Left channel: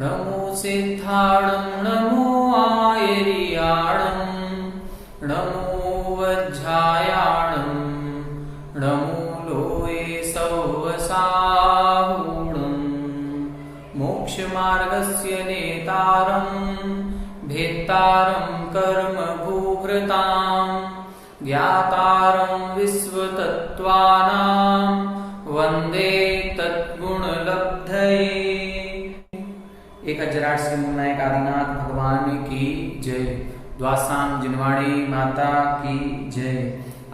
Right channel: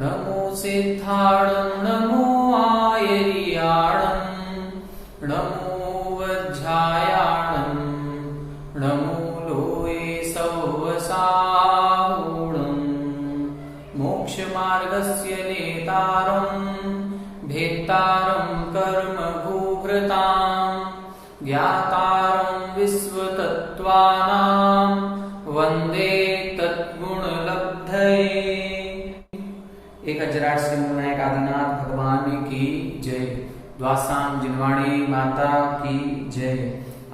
नमो सिद्धाणं नमो आयर्याणं नमो वज्रायाणं नमो लोये सौवसाहुणं मोक्षमार्गस्य नेतारं भेत्तारं कर्मभूभृतां ज्ञातारं विश्वतत्त्वानां वन्दे तद्गुणलब्धये। 1008 श्री मूलनायक आदिनाथ भगवान की जय। द्वासाम जिनवाणी माता की जय।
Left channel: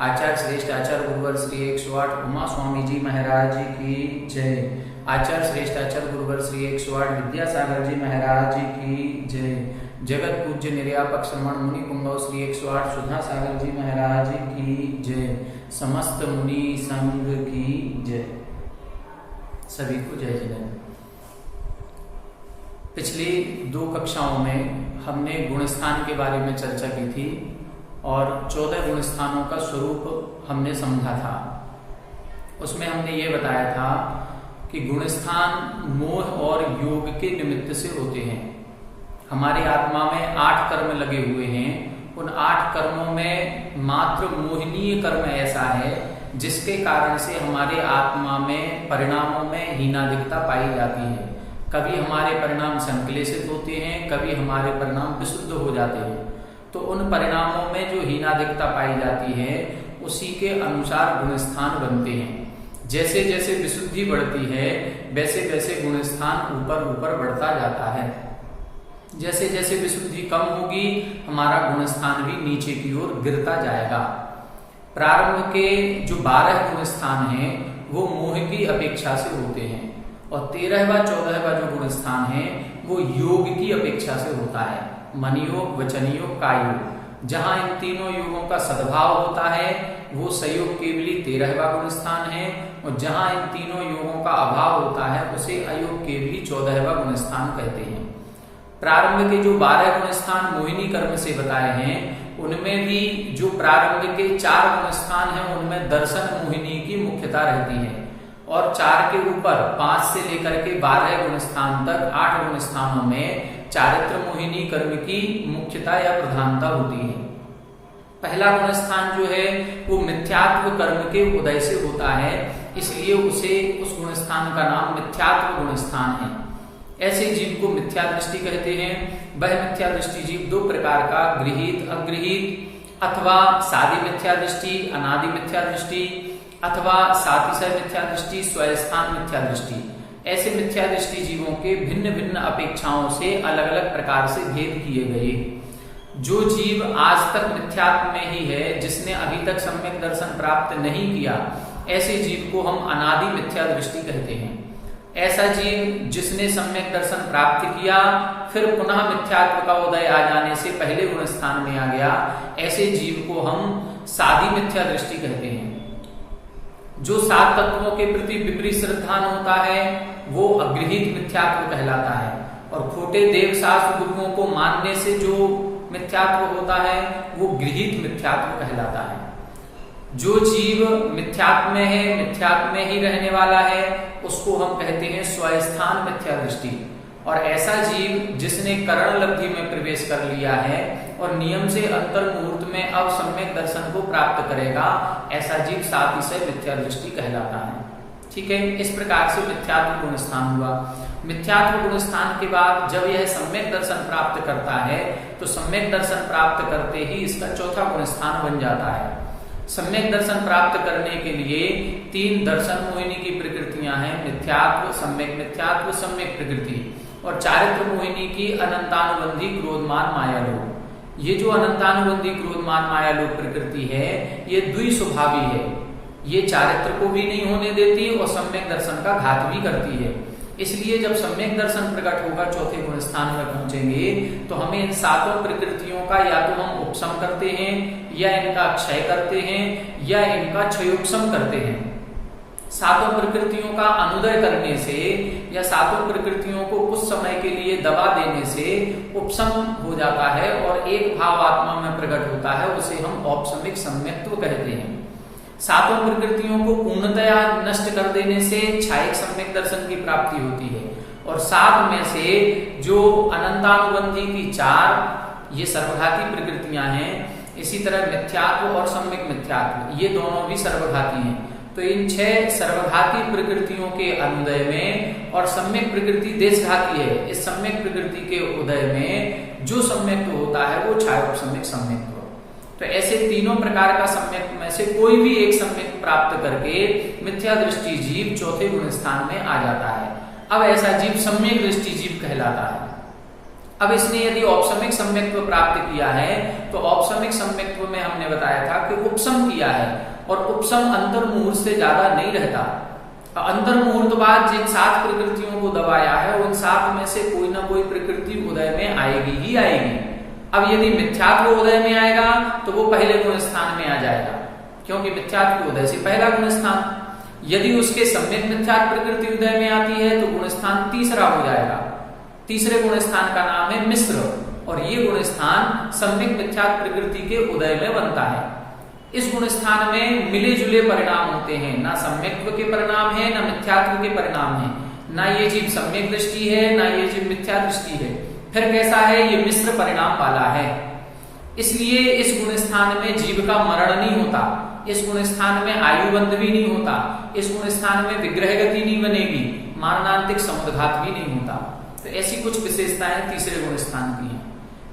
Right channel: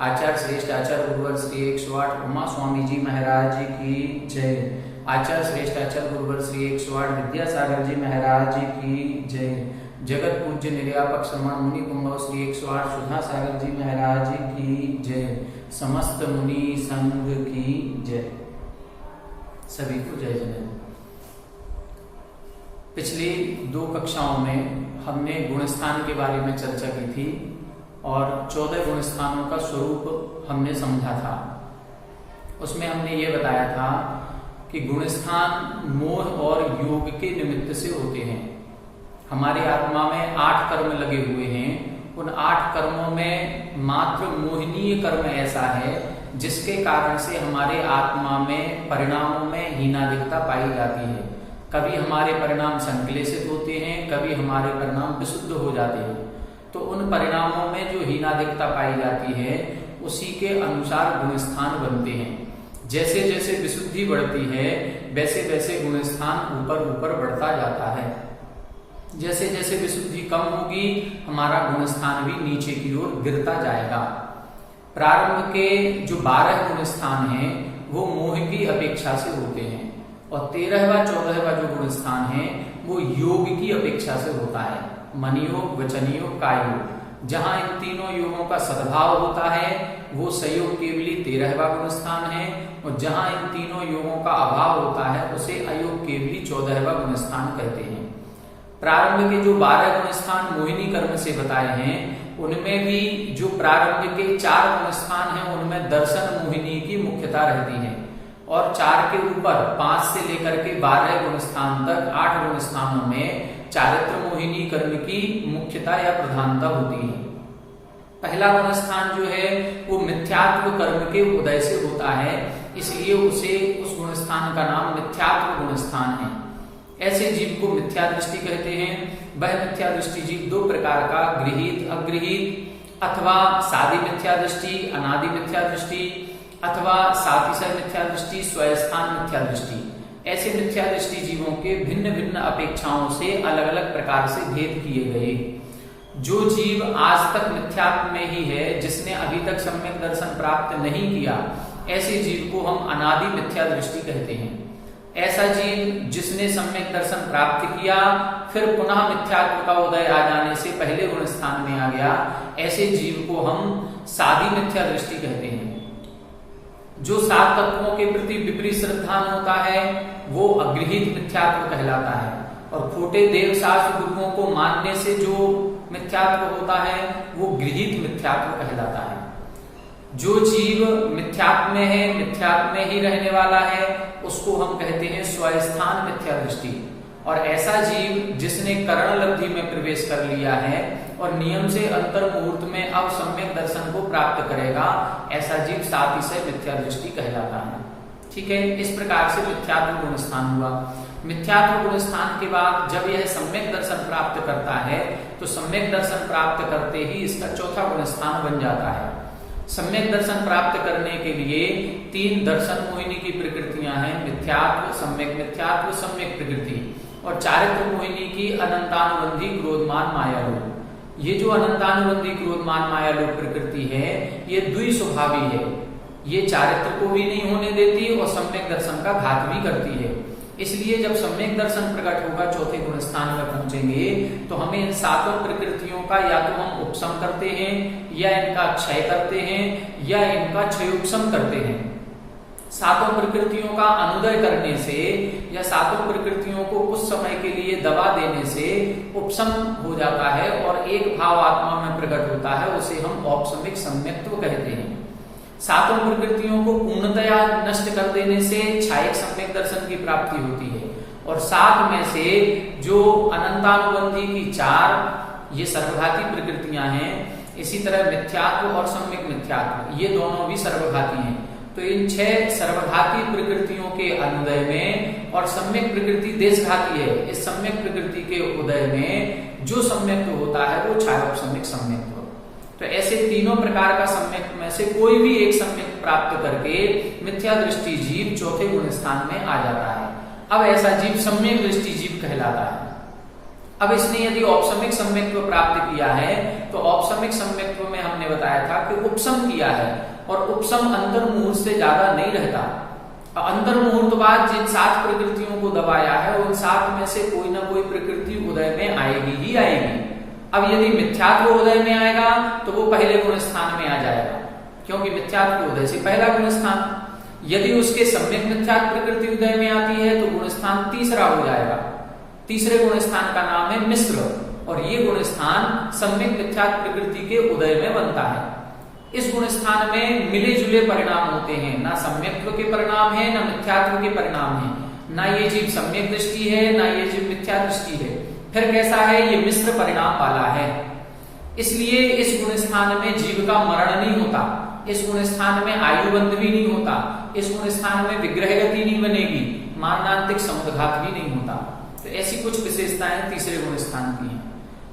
आचार्य श्रेष्ठ आचार्य गुरुवर श्री 108 उमा स्वामी जी महाराज की जय। आचार्य श्रेष्ठ आचार्य गुरुवर श्री 108 विद्यासागर जी महाराज की जय। जगत पूज्य निर्यापक श्रमण मुनि कुंभव श्री 108 सुधा सागर जी महाराज की जय। समस्त मुनि संघ की जय। सभी को जय जय। पिछली 2 कक्षाओं में हमने गुणस्थान के बारे में चर्चा की थी और 14 गुणस्थानों का स्वरूप हमने समझा था। उसमें हमने ये बताया था कि गुणस्थान मोह और योग के निमित्त से होते हैं। हमारी आत्मा में 8 कर्म लगे हुए हैं। उन 8 कर्मों में मात्र मोहनीय कर्म ऐसा है जिसके कारण से हमारे आत्मा में परिणामों में हीनाधिकता पाई जाती है। कभी हमारे परिणाम संक्लेशित होते हैं, कभी हमारे परिणाम विशुद्ध हो जाते हैं। तो उन परिणामों में जो हीनाधिकता पाई जाती है उसी के अनुसार गुणस्थान बनते हैं। जैसे जैसे विशुद्धि बढ़ती है वैसे वैसे गुणस्थान ऊपर ऊपर बढ़ता जाता है। जैसे जैसे विशुद्धि कम होगी हमारा गुणस्थान भी नीचे की ओर गिरता जाएगा। प्रारंभ के जो 12 गुणस्थान हैं वो मोह की अपेक्षा से होते हैं और 13वां 14वां जो गुणस्थान है वो योग की अपेक्षा से होता है। मन योग, वचन योग, काय योग। जहां इन तीनों योगों का सद्भाव होता है वो संयोग केवली 13वां गुणस्थान है और जहां इन तीनों योगों का अभाव होता है उसे अयोग केवली 14वां गुणस्थान कहते हैं। प्रारंभ के जो 12 गुणस्थान मोहिनी कर्म से बताए हैं उनमें भी जो प्रारंभ के 4 गुणस्थान हैं उनमें दर्शन मोहिनी की मुख्यता रहती है और 4 के ऊपर 5 से लेकर के 12 गुणस्थान तक 8 गुणस्थानों में चारित्र मोहिनी कर्म की मुख्यता या प्रधानता होती है। पहला गुणस्थान जो है वो मिथ्यात्व कर्म के उदय से होता है, इसलिए उसे उस गुणस्थान का नाम मिथ्यात्व गुणस्थान है। ऐसे जीव को मिथ्या दृष्टि कहते हैं। वह मिथ्या दृष्टि जीव 2 प्रकार का, गृहीत, अगृहीत अथवा सादी मिथ्या दृष्टि, अनादि मिथ्या दृष्टि अथवा सातिशय मिथ्या दृष्टि, स्वयस्थान मिथ्या दृष्टि। ऐसे मिथ्या दृष्टि जीवों के भिन्न भिन्न अपेक्षाओं से अलग अलग प्रकार से भेद किए गए। जो जीव आज तक मिथ्यात्व में ही है, जिसने अभी तक सम्यक दर्शन प्राप्त नहीं किया, ऐसे जीव को हम अनादि मिथ्या दृष्टि कहते हैं। ऐसा जीव जिसने सम्यक दर्शन प्राप्त किया फिर पुनः मिथ्यात्व का उदय आ जाने से पहले गुणस्थान में आ गया, ऐसे जीव को हम सादी मिथ्या दृष्टि कहते हैं। जो 7 तत्वों के प्रति विपरीत श्रद्धान होता है वो अगृहीत मिथ्यात्व कहलाता है और खोटे देव शास्त्र गुरुओं को मानने से जो मिथ्यात्व होता है वो गृहीत मिथ्यात्व कहलाता है। जो जीव मिथ्यात्व में है, मिथ्यात्व में ही रहने वाला है, उसको हम कहते हैं स्वयस्थान मिथ्या दृष्टि। और ऐसा जीव जिसने करण लब्धि में प्रवेश कर लिया है और नियम से अंतर मुहूर्त में अब सम्यक दर्शन को प्राप्त करेगा, ऐसा जीव सातिशय मिथ्या दृष्टि कहलाता है। ठीक है, इस प्रकार से मिथ्यात्व गुणस्थान हुआ। मिथ्यात्व गुणस्थान के बाद जब यह सम्यक दर्शन प्राप्त करता है तो सम्यक दर्शन प्राप्त करते ही इसका 4था गुणस्थान बन जाता है। सम्यक दर्शन प्राप्त करने के लिए 3 दर्शन मोहिनी की प्रकृतियां हैं, मिथ्यात्व, सम्यक मिथ्यात्व, सम्यक प्रकृति। और चारित्र मोहिनी की अनंतानुबंधी क्रोधमान मायालोक। ये जो अनंतानुबंधी क्रोधमान मायालोक प्रकृति है ये द्विस्वभावी है। ये चारित्र को भी नहीं होने देती और सम्यक दर्शन का घात भी करती है। इसलिए जब सम्यक दर्शन प्रकट होगा 4थे गुणस्थान में पहुंचेंगे तो हमें इन 7 प्रकृतियों का या तो हम उपशम करते हैं या इनका क्षय करते हैं या इनका क्षयोपशम करते हैं। 7 प्रकृतियों का अनुदय करने से या 7 प्रकृतियों को कुछ समय के लिए दबा देने से उपशम हो जाता है और एक भाव आत्मा में प्रकट होता है, उसे हम औपशमिक सम्यक्त्व कहते हैं। सातों प्रकृतियों को पूर्णतया नष्ट कर देने से छायक सम्यक दर्शन की प्राप्ति होती है। और सात में से जो अनंतानुबंधी की चार ये सर्वघाती प्रकृतियां हैं, इसी तरह मिथ्यात्व और सम्यक मिथ्यात्व ये दोनों भी सर्वघाती हैं। तो इन 6 सर्वघाती प्रकृतियों के अनुदय में, और सम्यक प्रकृति देशघाती है, इस सम्यक प्रकृति के उदय में जो सम्यक होता है वो छायोपसम्यक सम्यक। तो ऐसे तीनों प्रकार का सम्यक में से कोई भी एक सम्यक प्राप्त करके मिथ्या दृष्टि जीव चौथे गुण स्थान में आ जाता है। अब ऐसा जीव सम्यक दृष्टि जीव कहलाता है। अब इसने यदि औपसम्यक सम्यक्त्व प्राप्त किया है तो औपसम्यक सम्यक्त्व में हमने बताया था कि उपसम किया है, और उपसम अंतर्मुहूर्त से ज्यादा नहीं रहता। अंतर्मुहूर्त बाद जिन 7 प्रकृतियों को दबाया है उन 7 में से कोई ना कोई प्रकृति उदय में आएगी ही आएगी। अब यदि मिथ्यात्व उदय में आएगा तो वो पहले गुण स्थान में आ जाएगा, क्योंकि मिथ्यात्व उदय से पहला गुण स्थान। यदि उसके सम्यक मिथ्यात्व प्रकृति उदय में आती है तो गुण स्थान तीसरा हो जाएगा। तीसरे गुण स्थान का नाम है मिश्र, और ये गुण स्थान सम्यक मिथ्यात्व प्रकृति के उदय में बनता है। इस गुण स्थान में मिले जुले परिणाम होते हैं, ना सम्यक्त्व के परिणाम है ना मिथ्यात्व के परिणाम है, ना ये जीव सम्यक दृष्टि है ना ये जीव मिथ्या दृष्टि है। फिर कैसा है, ये मिश्र परिणाम वाला है। इसलिए इस गुण स्थान में जीव का मरण नहीं होता, इस गुण स्थान में आयुबंध भी नहीं होता, इस गुण स्थान में विग्रह गति नहीं बनेगी, मारणांतिक समुद्घात भी नहीं होता। तो ऐसी कुछ विशेषताएं तीसरे गुण स्थान की हैं।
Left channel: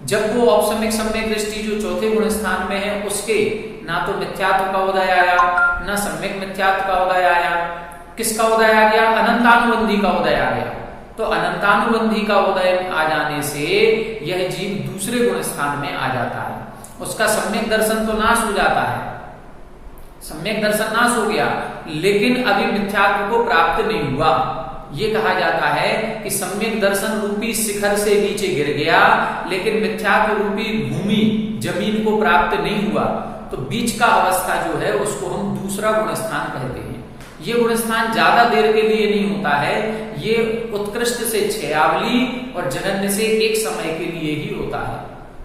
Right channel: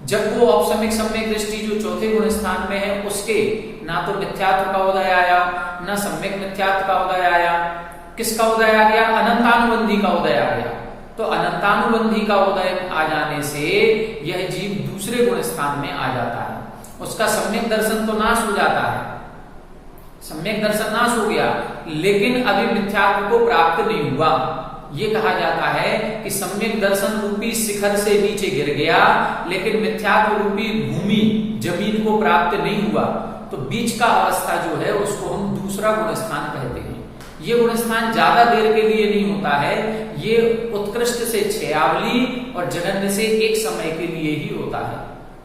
जब वो औपसम्यक सम्यक दृष्टि जो चौथे गुण स्थान में है उसके ना तो मिथ्यात्व का उदय आया ना सम्यक मिथ्यात्व का उदय आया, किसका उदय आ गया, अनंतानुबंधी का उदय आ गया। तो अनंतानुबंधी का उदय आ जाने से यह जीव दूसरे गुण स्थान में आ जाता है। उसका सम्यक दर्शन तो नाश हो जाता है, सम्यक दर्शन नाश हो गया, लेकिन अभी मिथ्यात्व को प्राप्त नहीं हुआ। ये कहा जाता है कि सम्यक दर्शन रूपी शिखर से नीचे गिर गया, लेकिन मिथ्यात्व रूपी भूमि जमीन को प्राप्त नहीं हुआ। तो बीच का अवस्था जो है उसको हम दूसरा गुण स्थान कहते हैं। ये गुण स्थान ज्यादा देर के लिए नहीं होता है, ये उत्कृष्ट से क्षयावली और जघन्य से एक समय के लिए ही होता है।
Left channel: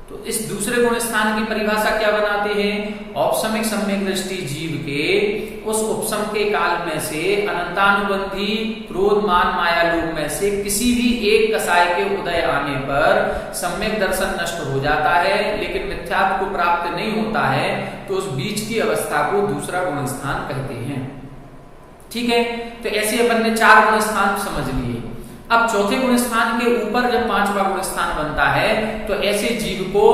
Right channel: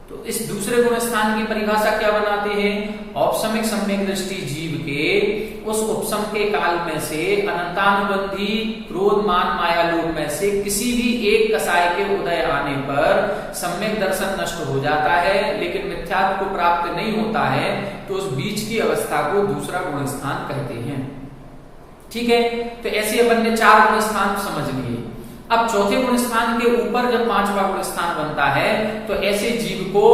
तो इस दूसरे गुण स्थान की परिभाषा क्या बनाते हैं, औपसम्यक सम्यक दृष्टि जीव के उस उपसम के काल में से अनंतानुबंधी क्रोध मान माया लोभ में से किसी भी एक कसाय के उदय आने पर सम्यक दर्शन नष्ट हो जाता है, लेकिन मिथ्यात्व को प्राप्त नहीं होता है। तो उस बीच की अवस्था को दूसरा गुण स्थान कहते हैं। ठीक है, तो ऐसे अपन ने 4 गुण स्थान समझ लिए। अब चौथे गुण स्थान के ऊपर जब 5वां गुण स्थान बनता है तो ऐसे जीव को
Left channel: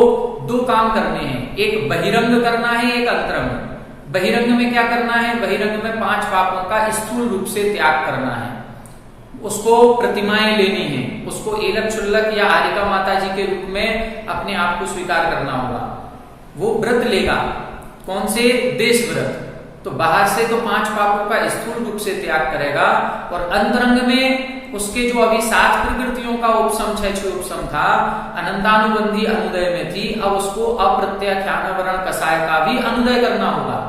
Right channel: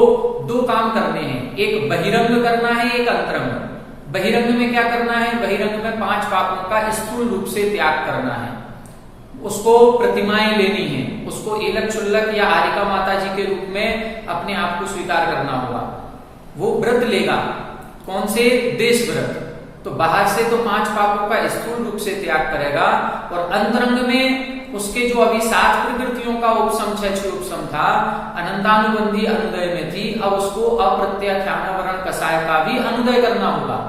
2 काम करने हैं, एक बहिरंग करना है, एक अंतरंग। बहिरंग में क्या करना है, बहिरंग में 5 पापों का स्थूल रूप से त्याग करना है, उसको प्रतिमाएं लेनी है, उसको एलक चुल्लक या आरिका माता जी के रूप में अपने आप को स्वीकार करना होगा। वो व्रत लेगा, कौन से, देश व्रत। तो बाहर से तो 5 पापों का स्थूल रूप से त्याग करेगा, और अंतरंग में उसके जो अभी 7 प्रकृतियों का उपसम 6 उपसम था, अनंतानुबंधी अनुदय में थी, अब उसको अप्रत्याख्यान कसाय का भी अनुदय करना होगा।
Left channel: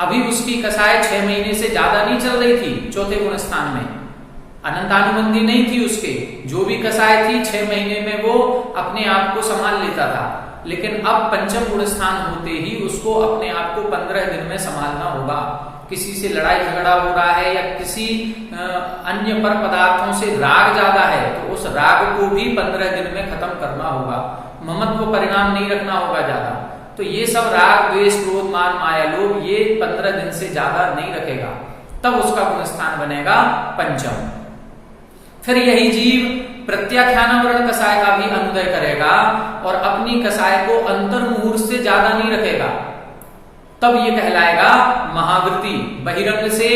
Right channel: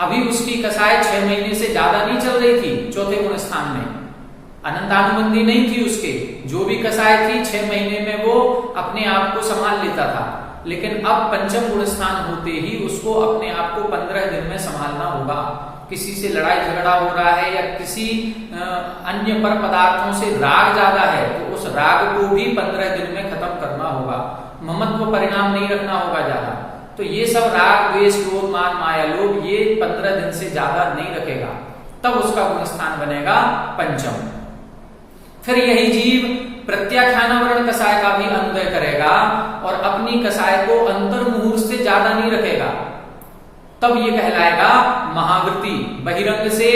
अभी उसकी कसाय 6 महीने से ज्यादा नहीं चल रही थी, चौथे गुण स्थान में अनंतानुबंधी नहीं थी उसके, जो भी कसाय थी 6 महीने में वो अपने आप को संभाल लेता था। लेकिन अब पंचम गुण स्थान होते ही उसको अपने आप को 15 दिन में संभालना होगा। किसी से लड़ाई झगड़ा हो रहा है या किसी अन्य पर पदार्थों से राग ज्यादा है तो उस राग को भी 15 दिन में खत्म करना होगा। ममत्व परिणाम नहीं रखना होगा ज्यादा। तो ये सब राग द्वेष क्रोध मान माया लोभ ये 15 दिन से ज्यादा नहीं रखेगा, तब उसका गुण स्थान बनेगा पंचम। फिर यही जीव प्रत्याख्यान कसाय का भी अनुदय करेगा और अपनी कसाय को अंतर्मुहूर्त से ज्यादा नहीं रखेगा, तब ये कहलाएगा महावृत्ति। बहिरंग से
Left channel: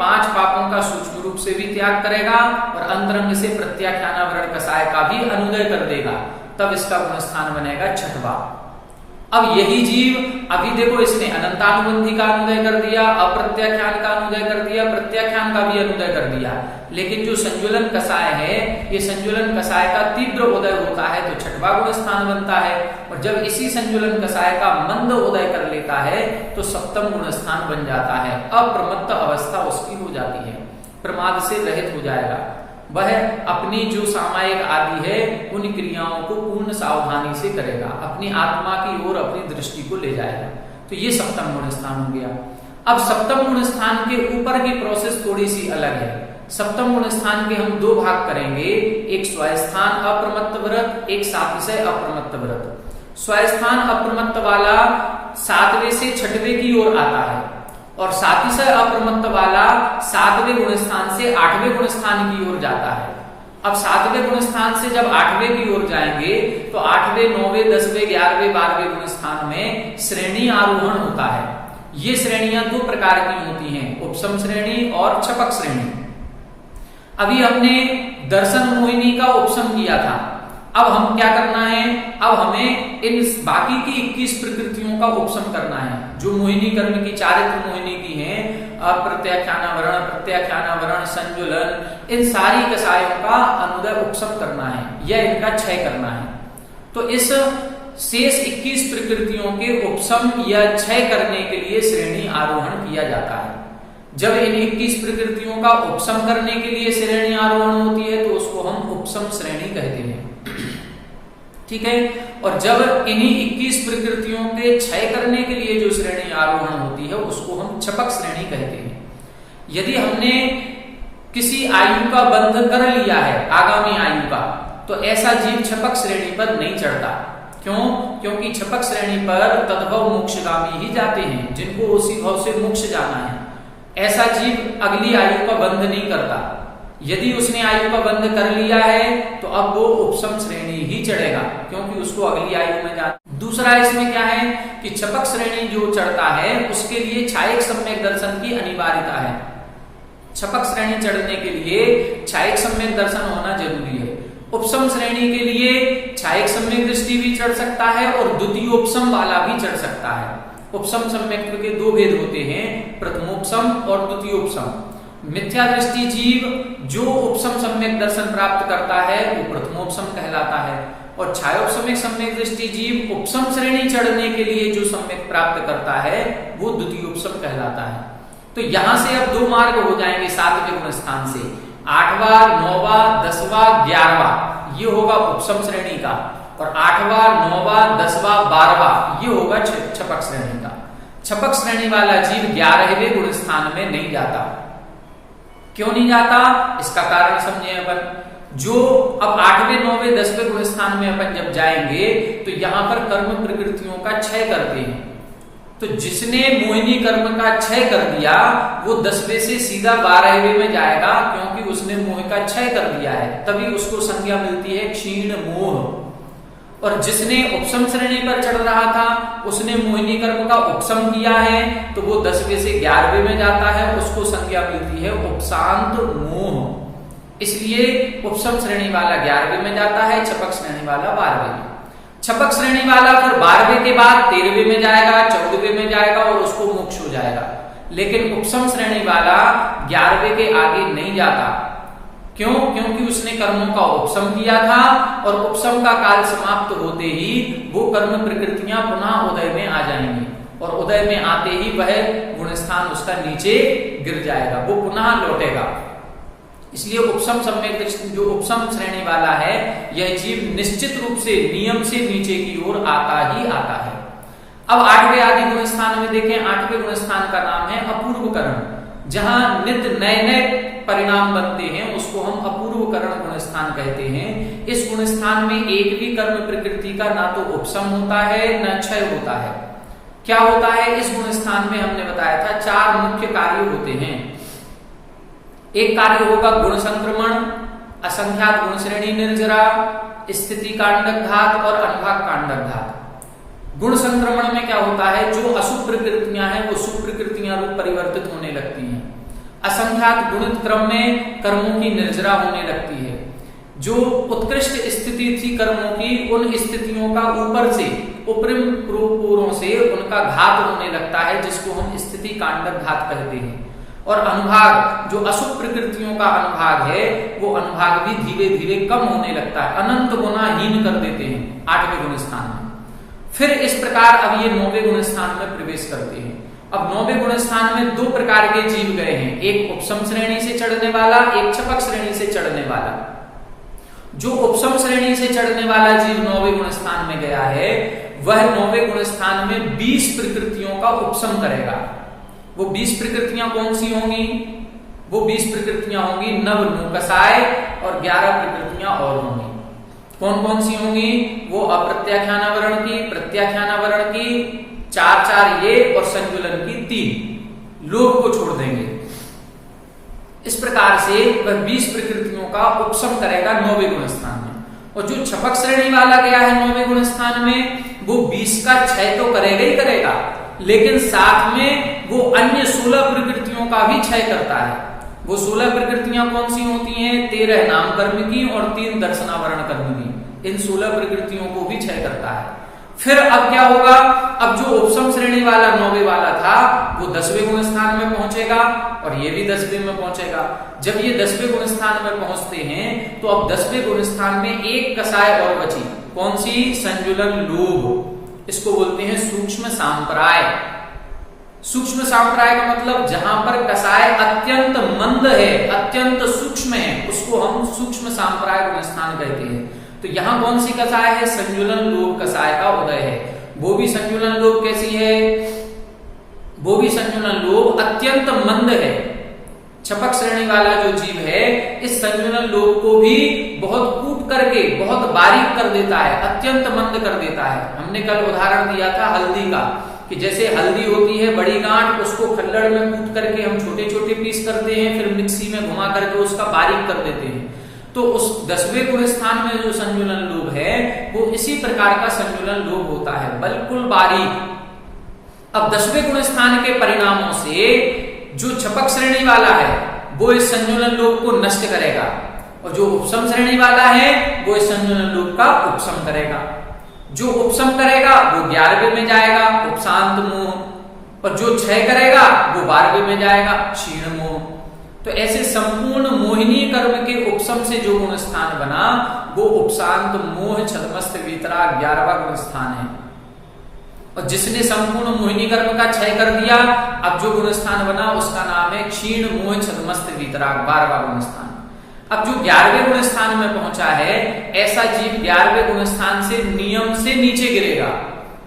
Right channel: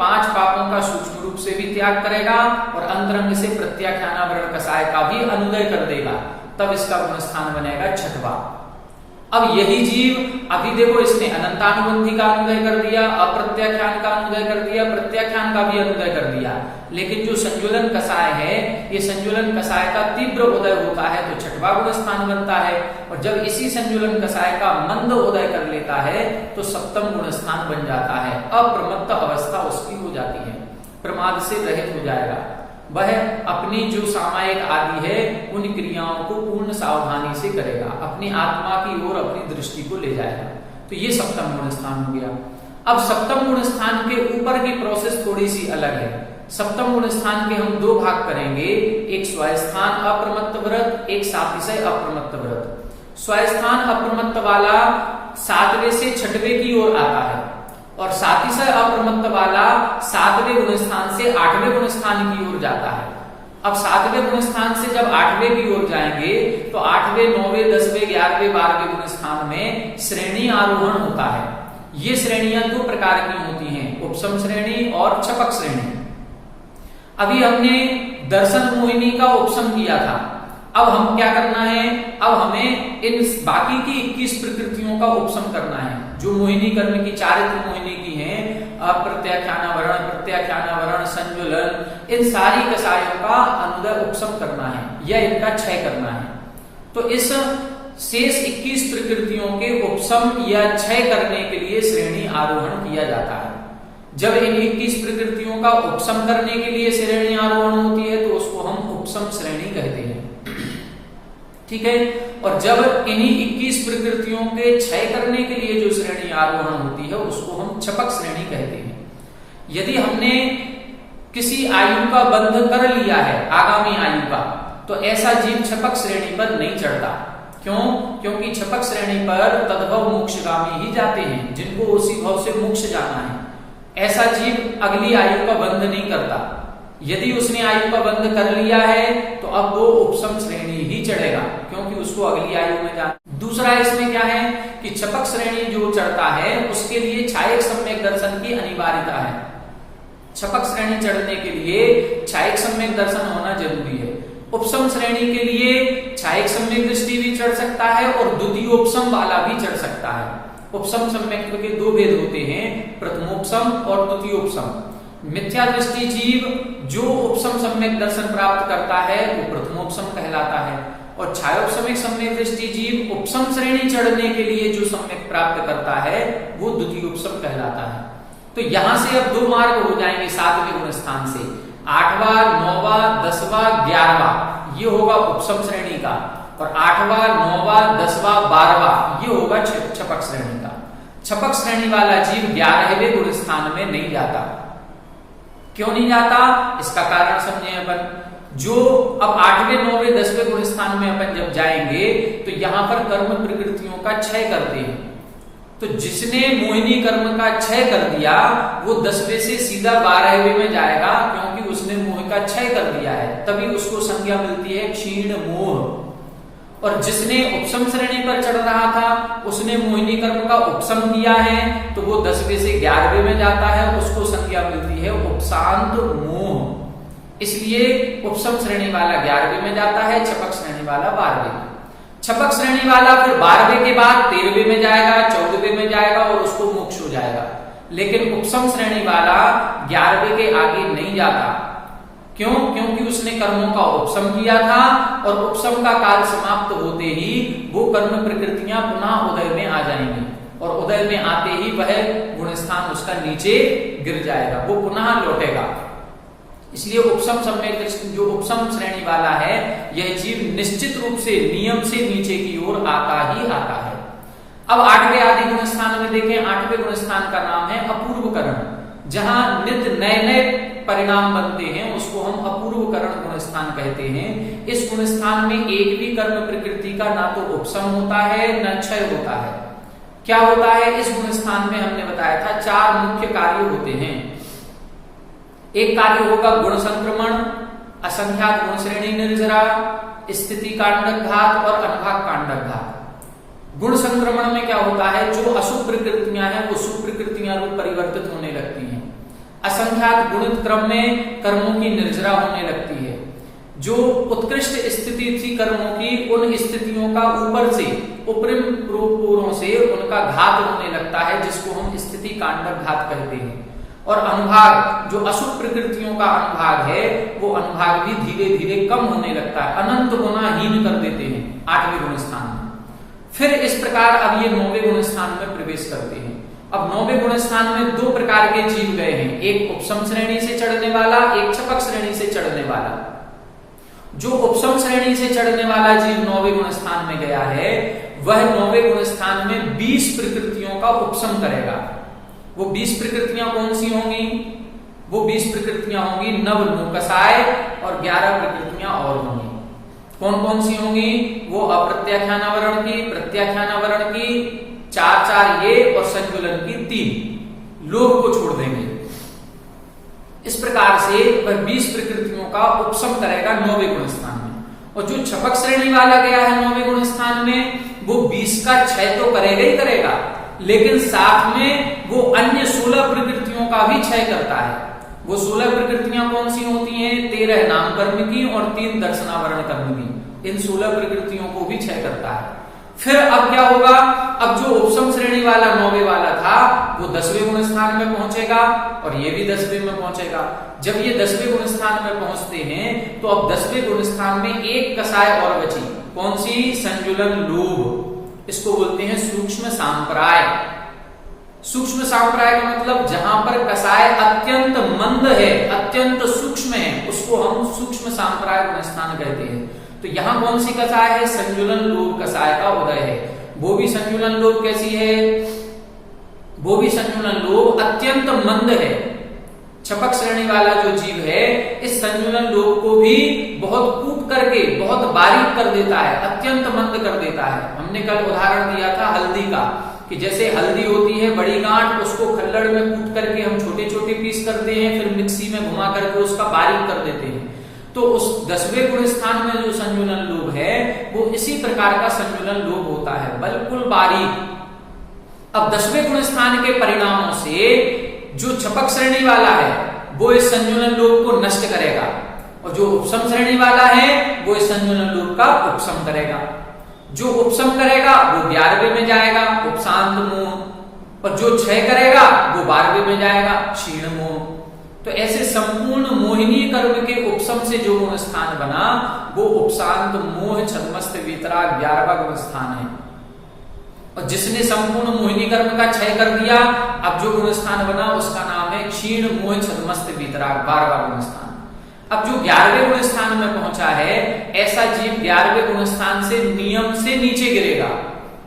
5 पापों का सूक्ष्म रूप से भी त्याग करेगा और अंतरंग से प्रत्याख्यान कसाय का भी अनुदय कर देगा, तब इसका गुण स्थान बनेगा 6वां। अब यही जीव अभी देखो इसने अनंतानुबंधी का अनुदय कर दिया, अप्रत्याख्यान का अनुदय कर दिया, प्रत्याख्यान का भी अनुदय कर दिया, लेकिन जो संजुलन कसाय है ये संजुलन कसाय का तीव्र उदय होता है तो 6वां गुण स्थान बनता है। और जब इसी संजुलन कसाय का मंद उदय कर लेता है तो 7वां गुण स्थान बन जाता है। अप्रमत्त अवस्था उसकी हो जाती है, प्रमाद से रहित हो जाएगा। वह अपनी जो सामायिक आदि है उन क्रियाओं को पूर्ण सावधानी से करेगा, अपनी आत्मा की ओर अपनी दृष्टि को ले जाएगा। तो ये 7वां गुण स्थान हो गया। अब सप्तम गुण स्थान के ऊपर की प्रोसेस थोड़ी सी अलग है। सप्तम गुण स्थान के हम दो भाग करेंगे, एक स्वास्थान अप्रमत्त व्रत, एक सातिशय अप्रमत्त व्रत। स्वास्थान अप्रमत्त वाला 7वें से 6वें की ओर आता है और सातिशय अप्रमत्त वाला 7वें गुण स्थान से 8वें गुण स्थान की ओर जाता है। अब 7वें गुण स्थान से जब 8वें की ओर जाएंगे तो 8वें, 9वें, 10वें, 11वें, 12वें गुण स्थान में श्रेणी आरोहण होता है। ये श्रेणियां दो प्रकार की होती हैं, उपसम श्रेणी और छपक श्रेणी। अभी हमने दर्शन मोहिनी का उपसम किया था, अब हम क्या करना है, अब हमें इन बाकी की 21 प्रकृतियों का उपसम करना है, जो मोहिनी कर्म की चारित्र मोहिनी की हैं, अप्रत्याख्यानावरण, प्रत्याख्यानावरण, संजुलन, इन सारी कसायों का अनुदय उपसम करना है या इनका क्षय करना है। तो इस शेष 21 प्रकृतियों के उपसम या क्षय करने के लिए श्रेणी आरोहण किया जाता है। जब इन 21 प्रकृतियों का उपसम करने के लिए श्रेणी आरोहण होती है तो उसको हम उपसम श्रेणी कहते हैं, ठीक है। और जब इन्हीं 21 प्रकृतियों के क्षय करने के लिए जो श्रेणी आरोहण होती है उसको हम छपक श्रेणी कहते हैं। यदि हमने किसी आयु का बंध कर लिया है, आगामी आयु का, तो ऐसा जीव छपक श्रेणी पर नहीं चढ़ता। क्यों? क्योंकि छपक श्रेणी पर तद्भव मोक्षगामी ही जाते हैं, जिनको उसी भाव से मोक्ष जाना है। ऐसा जीव अगली आयु का बंध नहीं करता। यदि उसने आयु का बंध कर लिया है तो अब वो उपसम श्रेणी ही चढ़ेगा, क्योंकि उसको अगली आयु में जाना। दूसरा इसमें क्या है कि छपक श्रेणी जो चढ़ता है उसके लिए छायक सम्यक दर्शन की अनिवार्यता है। छपक श्रेणी चढ़ने के लिए छायक सम्यक दर्शन होना जरूरी है। उपसम श्रेणी के लिए छायक सम्यक दृष्टि भी चढ़ सकता है और द्वितीय उपसम वाला भी चढ़ सकता है। उपसम सम्यक के दो भेद होते हैं, प्रथमोपसम और द्वितीयोपसम। मिथ्या दृष्टि जीव जो उपसम सम्यक दर्शन प्राप्त करता है वो प्रथमोपसम कहलाता है, और छायोपसमिक सम्यक दृष्टि जीव उपसम श्रेणी चढ़ने के लिए जो सम्यक प्राप्त करता है वो द्वितीयोपसम कहलाता है। तो यहां से अब दो मार्ग हो जाएंगे 7वें गुण स्थान से, 8वां, 9वां, 10वां, 11वां ये होगा उपसम श्रेणी का, और 8वां, 9वां, 10वां, 12वां ये होगा छपक श्रेणी का। छपक श्रेणी वाला जीव 11वें गुण स्थान में नहीं जाता। क्यों नहीं जाता? इसका कारण समझे अपन। जो अब 8वें, 9वें, 10वें गुण स्थान में अपन जब जाएंगे तो यहां पर कर्म प्रकृतियों का क्षय करते हैं। तो जिसने मोहिनी कर्म का क्षय कर दिया वो 10वें से सीधा 12वें में जाएगा, क्योंकि उसने मोह का क्षय कर दिया है, तभी उसको संज्ञा मिलती है क्षीण मोह। और जिसने उपसम श्रेणी पर चढ़ रहा था उसने मोहिनी कर्म का उपसम किया है तो वो 10वें से 11वें में जाता है, उसको संज्ञा मिलती है उपशांत मोह। इसलिए उपसम श्रेणी वाला 11वें में जाता है, छपक श्रेणी वाला 12वें। छपक श्रेणी वाला फिर 12वें के बाद 13वें में जाएगा, 14वें में जाएगा और उसको मोक्ष हो जाएगा। लेकिन उपसम श्रेणी वाला 11वें के आगे नहीं जाता। क्यों? क्योंकि उसने कर्मों का उपसम किया था और उपसम का काल समाप्त होते ही वो कर्म प्रकृतियां पुनः उदय में आ जाएंगी, और उदय में आते ही वह गुण स्थान उसका नीचे गिर जाएगा, वो पुनः लौटेगा। इसलिए उपसम सम्यक जो उपसम श्रेणी वाला है यह जीव निश्चित रूप से नियम से नीचे की ओर आता ही आता है। अब 8वें आदि गुण स्थान में देखें, 8वें गुण स्थान का नाम है अपूर्व करण। जहां नित्य नए नए परिणाम बनते हैं उसको हम अपूर्व करण गुण स्थान कहते हैं। इस गुण स्थान में एक भी कर्म प्रकृति का ना तो उपसम होता है न क्षय होता है। क्या होता है इस गुण स्थान में? हमने बताया था 4 मुख्य कार्य होते हैं। एक कार्य होगा गुण संक्रमण, असंख्यात गुण श्रेणी निर्जरा, स्थिति कांडघात और अनुभाग कांडघात। गुण संक्रमण में क्या होता है, जो अशुभ प्रकृतियां हैं वो शुभ प्रकृतियां रूप परिवर्तित होने लगती हैं। असंख्यात गुणित क्रम में कर्मों की निर्जरा होने लगती है। जो उत्कृष्ट स्थिति थी कर्मों की, उन स्थितियों का ऊपर से उपरिम पूर्वों से उनका घात होने लगता है, जिसको हम स्थिति कांडघात कहते हैं। और अनुभाग, जो अशुभ प्रकृतियों का अनुभाग है, वो अनुभाग भी धीरे धीरे कम होने लगता है, अनंत गुना हीन कर देते हैं 8वें गुण स्थान में। फिर इस प्रकार अब ये 9वें गुण स्थान में प्रवेश करते हैं। अब 9वें गुण स्थान में 2 प्रकार के जीव गए हैं, एक उपसम श्रेणी से चढ़ने वाला, एक छपक श्रेणी से चढ़ने वाला। जो उपसम श्रेणी से चढ़ने वाला जीव 9वें गुण स्थान में गया है, वह 9वें गुण स्थान में 20 प्रकृतियों का उपसम करेगा। वो 20 प्रकृतियां कौन सी होंगी? वो 20 प्रकृतियां होंगी नव नु कसाय और 11 प्रकृतियां और होंगी। कौन कौन सी होंगी? वो अप्रत्याख्यानावरण की, प्रत्याख्यानावरण की 4 ये और संजुलन की 3, लोभ को छोड़ देंगे। इस प्रकार से वह 20 प्रकृतियों का उपशम करेगा 9वें गुण स्थान में। और जो छपक श्रेणी वाला गया है 9वें गुण स्थान में, वो 20 का क्षय तो करेगा ही करेगा, लेकिन साथ में वो अन्य 16 प्रकृतियों का भी क्षय करता है। वो 16 प्रकृतियां कौन सी होती हैं? 13 नाम कर्म की और 3 दर्शनावरण कर्म की। इन 16 प्रकृतियों को भी क्षय करता है। फिर अब क्या होगा? अब जो उपशम श्रेणी वाला 9वें वाला था वो 10वें गुण स्थान में पहुंचेगा और ये भी 10वें में पहुंचेगा। जब ये 10वें गुण स्थान में पहुंचते हैं तो अब 10वें गुण स्थान में एक कसाय और बची। कौन सी? संजुलन लोभ। इसको बोलते हैं सूक्ष्म सांप्राय। सूक्ष्म सांप्राय का मतलब जहां पर कसाय अत्यंत मंद है, अत्यंत सूक्ष्म है, उसको हम सूक्ष्म सांप्राय गुण स्थान कहते हैं। तो यहां कौन सी कसाय है? संजुलन लोभ कसाय का उदय है। वो भी संजुलन लोभ कैसी है? वो भी संजुलन लोभ अत्यंत मंद है। छपक श्रेणी वाला जो जीव है इस संजुलन लोभ को भी बहुत कूट करके बहुत बारीक कर देता है, अत्यंत मंद कर देता है। हमने कल उदाहरण दिया था हल्दी का, कि जैसे हल्दी होती है बड़ी गांठ, उसको खल्लड़ में कूट करके हम छोटे छोटे पीस करते हैं, फिर मिक्सी में घुमा करके उसका बारीक कर देते हैं। तो उस 10वें गुण स्थान में जो संजुलन लोभ है वो इसी प्रकार का संजुलन लोभ होता है, बिल्कुल बारीक। अब 10वें गुण स्थान के परिणामों से जो छपक श्रेणी वाला है वो इस संजुलन लोभ को नष्ट करेगा और जो उपशम श्रेणी वाला है वो इस संजुलन लोभ का उपशम करेगा। जो उपशम करेगा वो 11वें में जाएगा, उपशांत मोह, और जो क्षय करेगा वो 12वें में जाएगा, क्षीण मोह। तो ऐसे संपूर्ण मोहिनी कर्म के उपशम से जो गुण स्थान बना वो उपशांत मोह छद्मस्त वीतराग 11वां गुण स्थान है। और जिसने संपूर्ण मोहिनी कर्म का क्षय कर दिया, अब जो गुण स्थान बना उसका नाम है क्षीण मोह छद्मस्त वीतराग 12वां गुण स्थान। अब जो 11वें गुण स्थान में पहुंचा है, ऐसा जीव 11वें गुण स्थान से नियम से नीचे गिरेगा।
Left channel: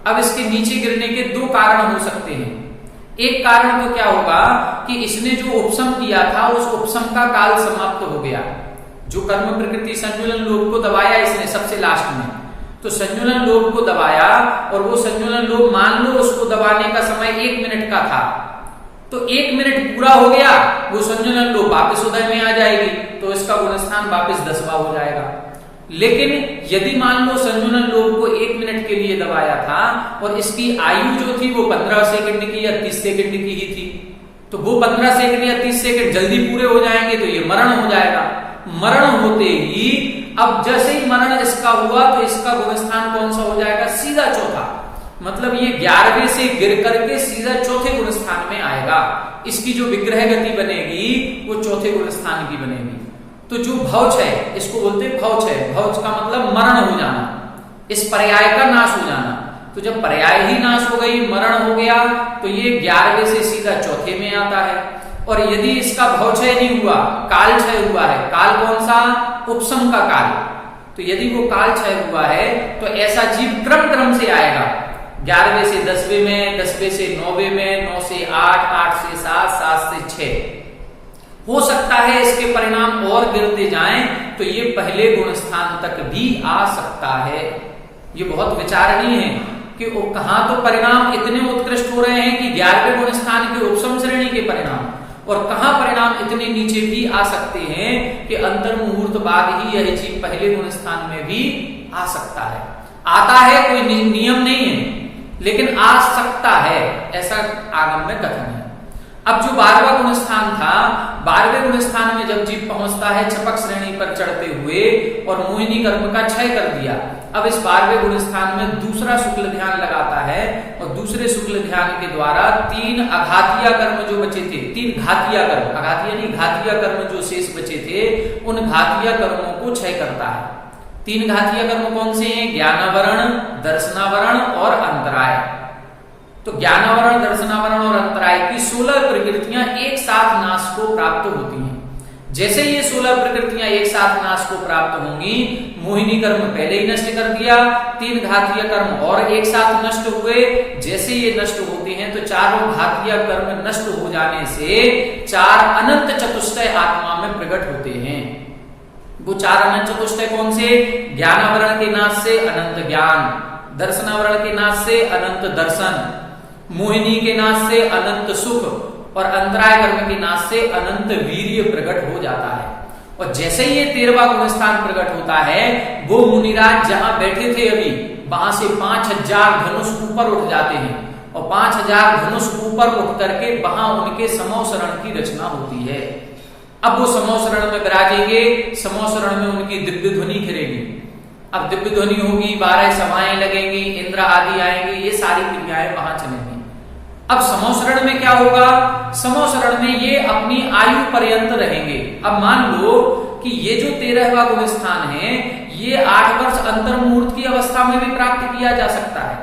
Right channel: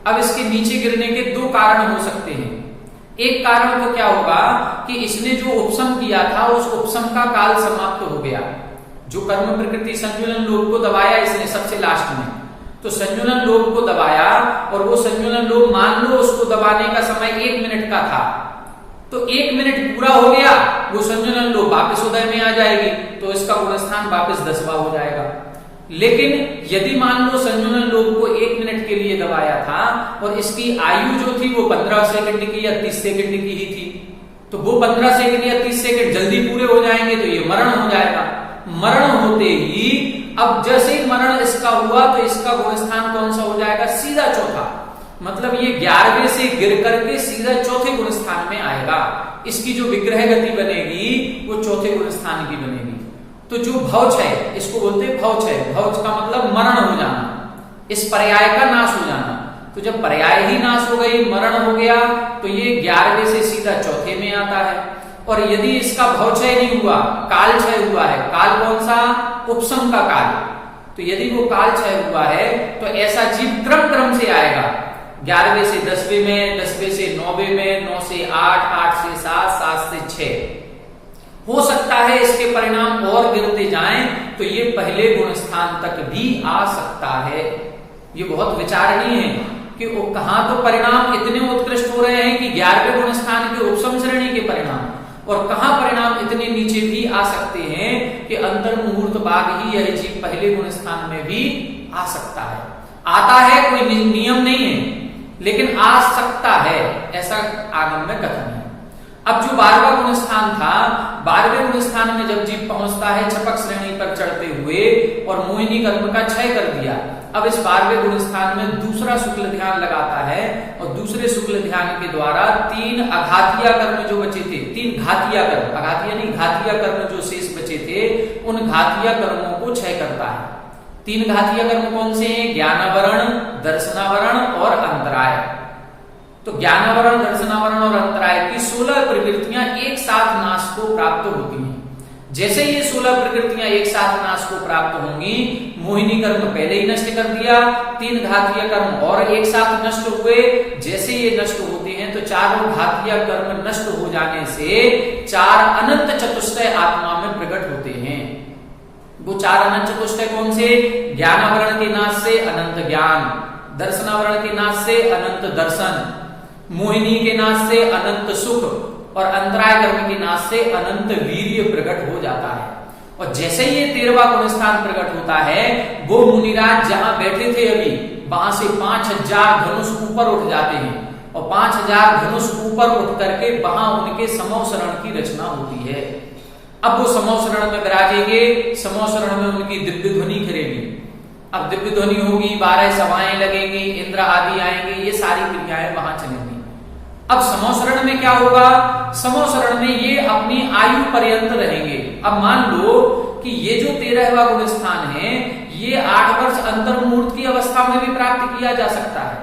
अब इसके नीचे गिरने के 2 कारण हो सकते हैं। एक कारण तो क्या होगा कि इसने जो उपशम किया था उस उपशम का काल समाप्त हो गया। जो कर्म प्रकृति संजुलन लोभ को दबाया इसने सबसे लास्ट में, तो संजुलन लोभ को दबाया और वो संजुलन लोभ मान लो उसको दबाने का समय 1 मिनट का था, तो 1 मिनट पूरा हो गया, वो संजुलन लोभ वापस उदय में आ जाएगी, तो इसका गुण स्थान वापस 10वां हो जाएगा। लेकिन यदि मान लो संजुलन लोभ को 1 मिनट के लिए दबाया था और इसकी आयु जो थी वो 15 सेकंड की या 30 सेकंड की ही थी, तो वो 15 सेकंड या 30 सेकंड जल्दी पूरे हो जाएंगे तो ये मरण हो जाएगा। मरण होते ही अब जैसे ही मरण इसका हुआ तो इसका गुण स्थान कौन सा हो जाएगा? सीधा चौथा। मतलब ये 11वें से गिर करके सीधा चौथे गुण स्थान में आएगा। इसकी जो विग्रह गति बनेगी वो चौथे गुण स्थान की बनेगी। तो जो भौच है इसको बोलते हैं भौच है। भौच का मतलब मरण हो जाना, इस पर्याय का नाश हो जाना। तो जब पर्याय ही नाश हो गई, मरण हो गया, तो ये 11वें से सीधा चौथे में आता है। और यदि इसका भौचय नहीं हुआ, काल क्षय हुआ है, काल कौन सा? उपशम का काल। तो यदि वो काल क्षय हुआ है तो ऐसा जीव क्रम से आएगा, 11वें से 10वें में, 10वें से 9वें में, 9 से 8, 8 से 7, 7 से 6। हो सकता है इसके परिणाम और गिरते जाएं तो ये पहले गुण स्थान तक भी आ सकता है। ये बहुत विचारणीय है कि वो कहां तो परिणाम इतने उत्कृष्ट हो रहे हैं कि 11वें गुण स्थान के उपशम श्रेणी के परिणाम, और कहां परिणाम इतने नीचे भी आ सकते हैं कि अंतर मुहूर्त बाद ही यह जीव पहले गुण स्थान में भी आ सकता है। आता है, कोई नियम नहीं है, लेकिन आ सकता है, ऐसा आगम में कथन है। अब जो 12वां गुण स्थान था, 12वें गुण स्थान में जब जीव पहुंचता है छपक श्रेणी पर चढ़ते हुए और मोहिनी कर्म का क्षय कर दिया, अब इस 12वें गुण स्थान में दूसरा शुक्ल ध्यान लगाता है और दूसरे शुक्ल ध्यान के द्वारा 3 अघातिया कर्म जो बचे थे, 3 घातिया कर्म, अघातिया नहीं घातिया कर्म जो शेष बचे थे, उन घातिया कर्मों को क्षय करता है। 3 घातिया कर्म कौन से हैं? ज्ञानावरण, दर्शनावरण और अंतराय। तो ज्ञानावरण, दर्शनावरण और अंतराय की 16 प्रकृतियां एक साथ नाश को प्राप्त होती हैं। जैसे ये 16 प्रकृतियां एक साथ नाश को प्राप्त होंगी, मोहिनी कर्म पहले ही नष्ट कर दिया, 3 घातीय कर्म और एक साथ नष्ट हुए, जैसे ये नष्ट होते हैं तो तो चारों घातीय कर्म नष्ट हो जाने से 4 अनंत चतुष्टय आत्मा में प्रकट होते हैं। वो 4 अनंत चतुष्टय कौन से? ज्ञान आवरण के नाश से अनंत ज्ञान, दर्शन आवरण के नाश से अनंत दर्शन, मोहिनी के नाश से अनंत सुख और अंतराय कर्म के नाश से अनंत वीर्य प्रकट हो जाता है। और जैसे ही ये 13वां गुण स्थान प्रकट होता है, वो मुनिराज जहां बैठे थे अभी, वहां से 5000 धनुष ऊपर उठ जाते हैं और 5000 धनुष ऊपर उठ करके वहां उनके समौ शरण की रचना होती है। अब वो समौ शरण में विराजेंगे, समौ शरण में उनकी दिव्य ध्वनि खिलेगी। अब दिव्य ध्वनि होगी, 12 सभाएं लगेंगी, इंद्र आदि आएंगे, ये सारी क्रियाएं वहां चलेंगी। अब समौ शरण में क्या होगा? समौ शरण में ये अपनी आयु पर्यंत रहेंगे। अब मान लो कि ये जो 13वां गुण स्थान है, ये 8 वर्ष अंतर मुहूर्त की अवस्था में भी प्राप्त किया जा सकता है।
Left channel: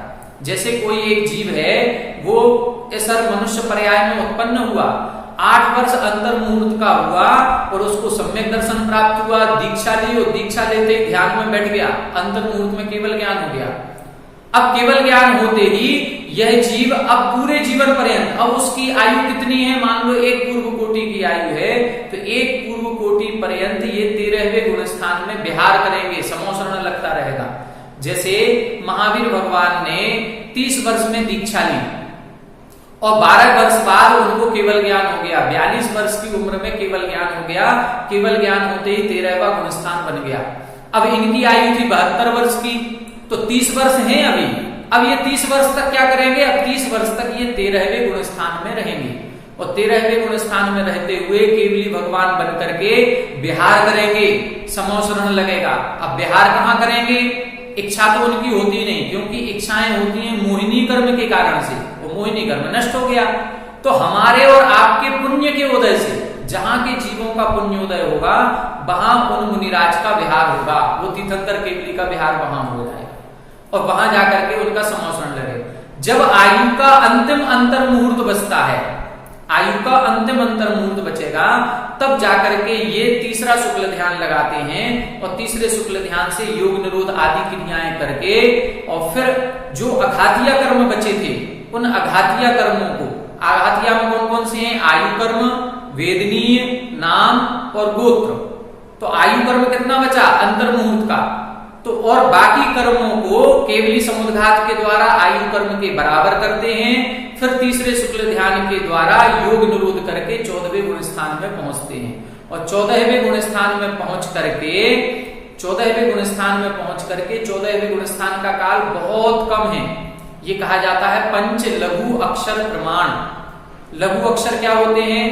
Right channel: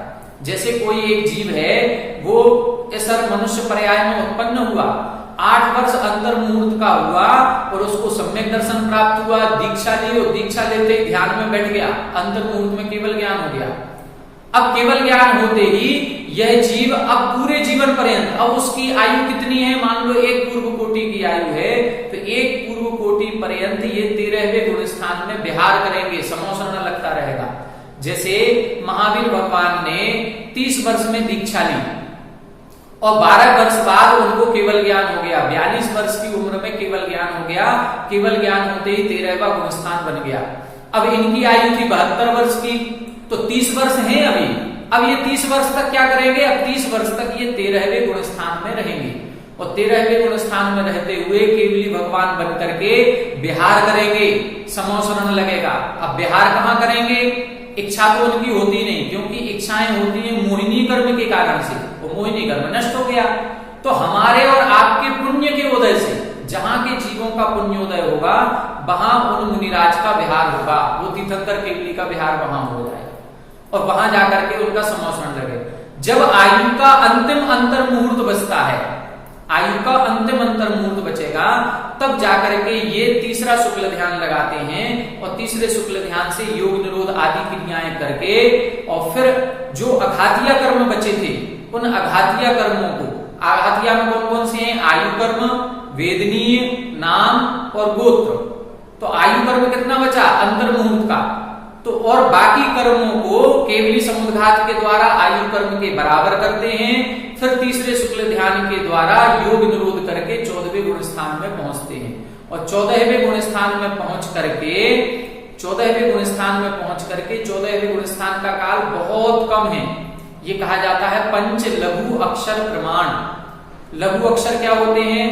जैसे कोई एक जीव है, वो सर मनुष्य पर्याय में उत्पन्न हुआ, 8 वर्ष अंतर मुहूर्त का हुआ और उसको सम्यक दर्शन प्राप्त हुआ, दीक्षा ली और दीक्षा लेते ही ध्यान में बैठ गया, अंतर मुहूर्त में केवल ज्ञान हो गया। अब केवल ज्ञान होते ही यह जीव अब पूरे जीवन पर्यंत, अब उसकी आयु कितनी है? मान लो 1 पूर्व कोटि की आयु है, तो 1 पूर्व कोटि पर्यंत ये 13वें गुण स्थान में विहार करेंगे, समौ शरण लगता रहेगा। जैसे महावीर भगवान ने 30 वर्ष में दीक्षा ली और 12 वर्ष बाद उनको केवल ज्ञान हो गया, 42 वर्ष की उम्र में केवल ज्ञान हो गया। केवल ज्ञान होते ही 13वां गुण स्थान बन गया। अब इनकी आयु थी 72 वर्ष की, तो 30 वर्ष है अभी। अब ये 30 वर्ष तक क्या करेंगे? अब 30 वर्ष तक ये 13वें गुण स्थान में रहेंगे और 13वें गुण स्थान में रहते हुए केवली भगवान बन करके विहार करेंगे, समौ शरण लगेगा। अब विहार कहाँ करेंगे? इच्छा तो उनकी होती नहीं, क्योंकि इच्छाएं होती हैं मोहिनी कर्म के कारण से, वो मोहिनी कर्म नष्ट हो गया। तो हमारे और आपके पुण्य के उदय से जहां के जीवों का पुण्योदय होगा, वहां उन मुनिराज का विहार होगा, वो तीर्थंकर केवली का विहार वहां हो जाए और वहां जाकर के उनका समौशरण लगे। जब आयु का अंतिम अंतर मुहूर्त बचता है, आयु का अंतिम अंतर मुहूर्त बचेगा, तब जाकर के ये तीसरा शुक्ल ध्यान लगाते हैं और तीसरे शुक्ल ध्यान से योग निरोध आदि क्रियाएं करके और फिर जो अघातीय कर्म बचे थे, उन अघातीय कर्मों को, अघातीय में कौन कौन से हैं? आयु कर्म, वेदनीय, नाम और गोत्र। तो आयु कर्म कितना बचा? अंतर मुहूर्त का। तो और बाकी कर्मों को केवली समुद्घात के द्वारा आयु कर्म के बराबर करते हैं। फिर तीसरे शुक्ल ध्यान के द्वारा योग निरोध करके 14वें गुण स्थान में पहुंचते हैं और 14वें गुण स्थान में पहुंच करके 14वें गुण स्थान में पहुंच करके 14वें गुण स्थान का काल बहुत कम है। ये कहा जाता है पंच लघु अक्षर प्रमाण। लघु अक्षर क्या होते हैं?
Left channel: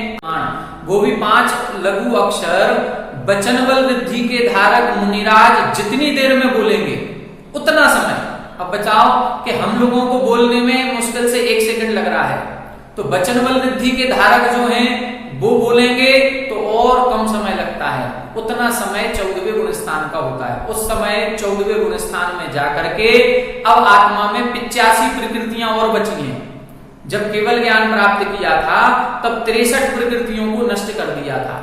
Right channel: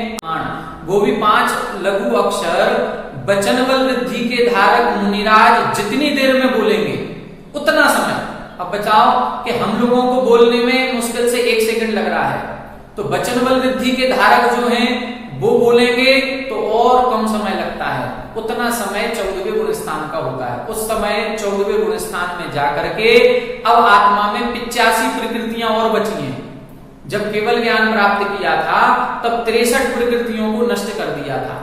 वो भी 5 लघु अक्षर वचन बल वृद्धि के धारक मुनिराज जितनी देर में बोलेंगे उतना समय। अब बचाओ कि हम लोगों को बोलने में मुश्किल से 1 सेकंड लग रहा है, तो वचन बल वृद्धि के धारक जो हैं वो बोलेंगे तो और कम समय लगता है। उतना समय 14वें गुण स्थान का होता है। उस समय 14वें गुण स्थान में जाकर के अब आत्मा में 85 प्रकृतियां और बची हैं। जब केवल ज्ञान प्राप्त किया था तब 63 प्रकृतियों को नष्ट कर दिया था।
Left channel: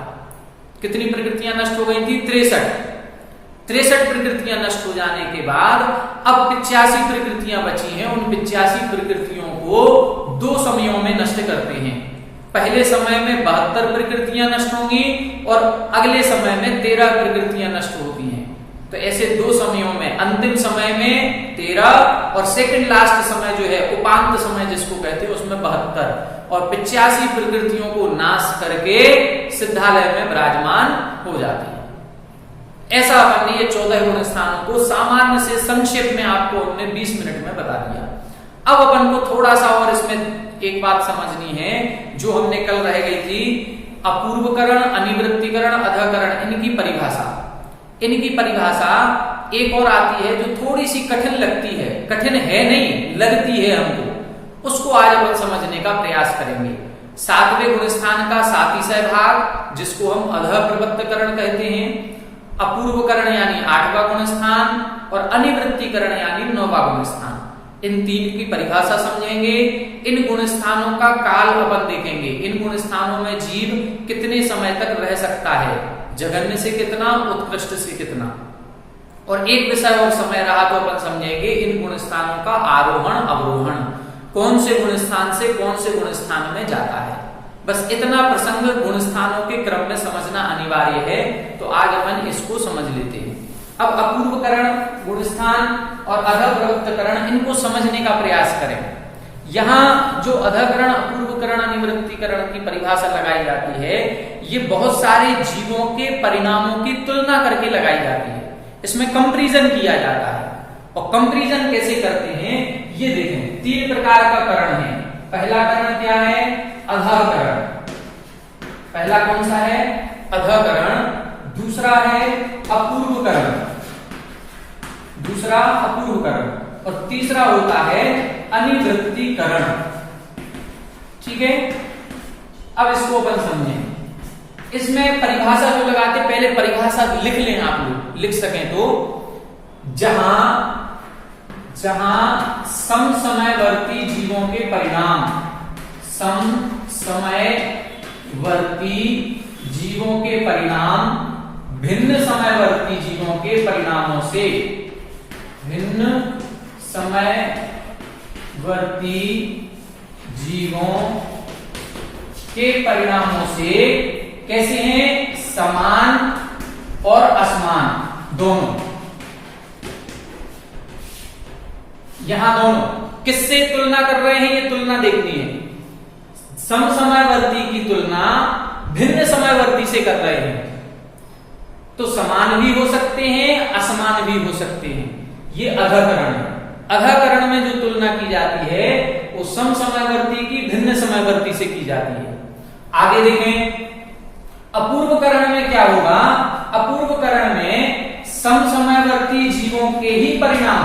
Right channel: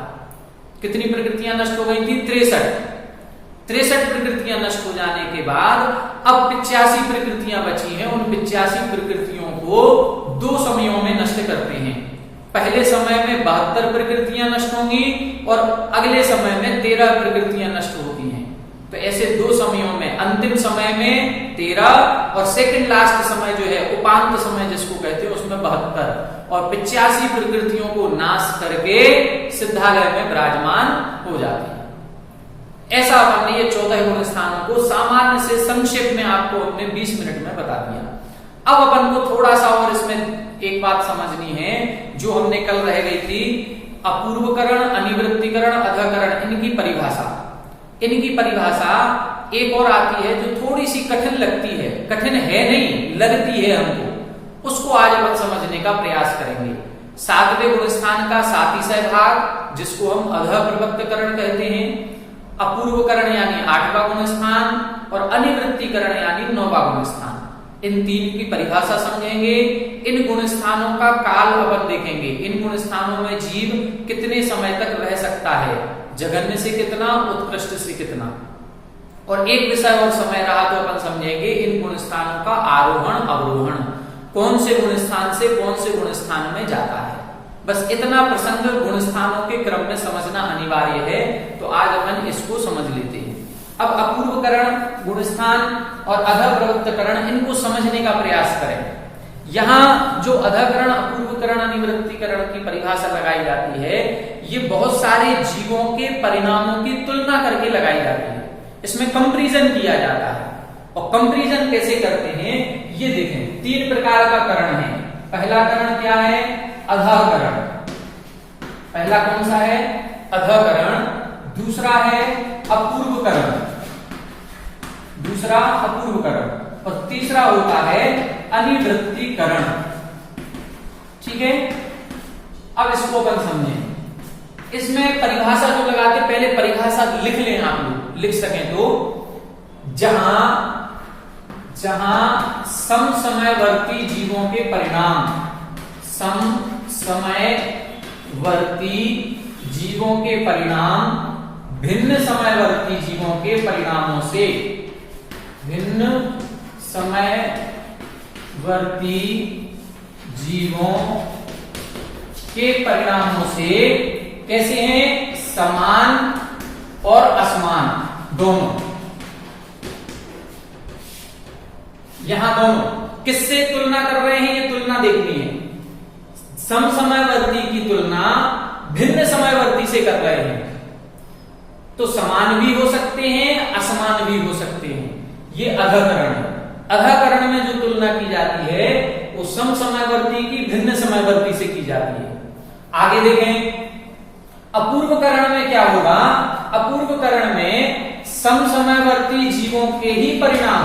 कितनी प्रकृतियां नष्ट हो गई थी? 63 प्रकृतियां नष्ट हो जाने के बाद अब 85 प्रकृतियां बची हैं। उन 85 प्रकृतियों को 2 समयों में नष्ट करते हैं। पहले समय में 72 प्रकृतियां नष्ट होंगी और अगले समय में 13 प्रकृतियां नष्ट होती हैं। तो ऐसे 2 समयों में, अंतिम समय में 13 और सेकंड लास्ट समय जो है उपांत समय जिसको कहते हैं उसमें 72 और 85 प्रकृतियों को नाश करके सिद्धालय में विराजमान हो जाती है। ऐसा हमने ये 14 गुण स्थानों को सामान्य से संक्षेप में आपको हमने 20 मिनट में बता दिया। अब अपन को थोड़ा सा और इसमें एक बात समझनी है जो हमने कल रह गई थी, अपूर्वकरण, अनिवृत्तिकरण, अधकरण, इनकी परिभाषा। इनकी परिभाषा एक और आती है जो थोड़ी सी कठिन लगती है, कठिन है नहीं, लगती है हमको, उसको आज हम समझने का प्रयास करेंगे। 7वें गुण स्थान का सातिशय भाग जिसको हम अध प्रवृत्तकरण कहते हैं, अपूर्वकरण यानी 8वां गुण स्थान और अनिवृत्तिकरण यानी 9वां गुण स्थान। इन 3 की परिभाषा समझेंगे। इन गुण स्थानों का काल अपन देखेंगे। इन गुण स्थानों में जीव कितने समय तक रह सकता है, जघन्य से कितना, उत्कृष्ट से कितना, और एक विषय और समय रहा तो अपन समझेंगे इन गुण स्थानों का आरोहण अवरोहण। कौन से गुण स्थान से कौन से गुण स्थान में जाता है। बस इतना प्रसंग गुण स्थानों के क्रम में समझना अनिवार्य है। तो आज अपन इसको समझ लेते हैं। अब अपूर्वकरण, गुणस्थान और अधप्रवृत्तकरण, इनको समझने का प्रयास करें। यहाँ जो अधकरण, अपूर्वकरण, अनिवृत्तिकरण की परिभाषा लगाई जाती है, ये बहुत सारे जीवों के परिणामों की तुलना करके लगाई जाती है। इसमें कंपैरिजन किया जाता है। और कंपैरिजन कैसे करते हैं ये देखें। 3 प्रकार का करण है। पहला करण क्या है? अधकरण। पहला कौन सा है? अधकरण। दूसरा है अपूर्वकरण, दूसरा अपूर्वकरण, और तीसरा होता है अनिवृत्तिकरण। ठीक है, अब इसको अपन समझें। इसमें परिभाषा जो लगाते, पहले परिभाषा लिख लें, आप लोग लिख सकें तो। जहां समसमयवर्ती जीवों के परिणाम, समसमयवर्ती जीवों के परिणाम भिन्न समयवर्ती जीवों के परिणामों से, भिन्न समयवर्ती जीवों के परिणामों से कैसे हैं? समान और असमान दोनों। यहां दोनों किससे तुलना कर रहे हैं? ये तुलना देखनी है। समसमयवर्ती की तुलना भिन्न समयवर्ती से कर रहे हैं। तो समान भी हो सकते हैं, असमान भी हो सकते हैं। ये अधकरण है। अधकरण में जो तुलना की जाती है वो समसमयवर्ती की भिन्न समयवर्ती से की जाती है। आगे देखें, अपूर्वकरण में क्या होगा? अपूर्वकरण में समसमयवर्ती जीवों के ही परिणाम,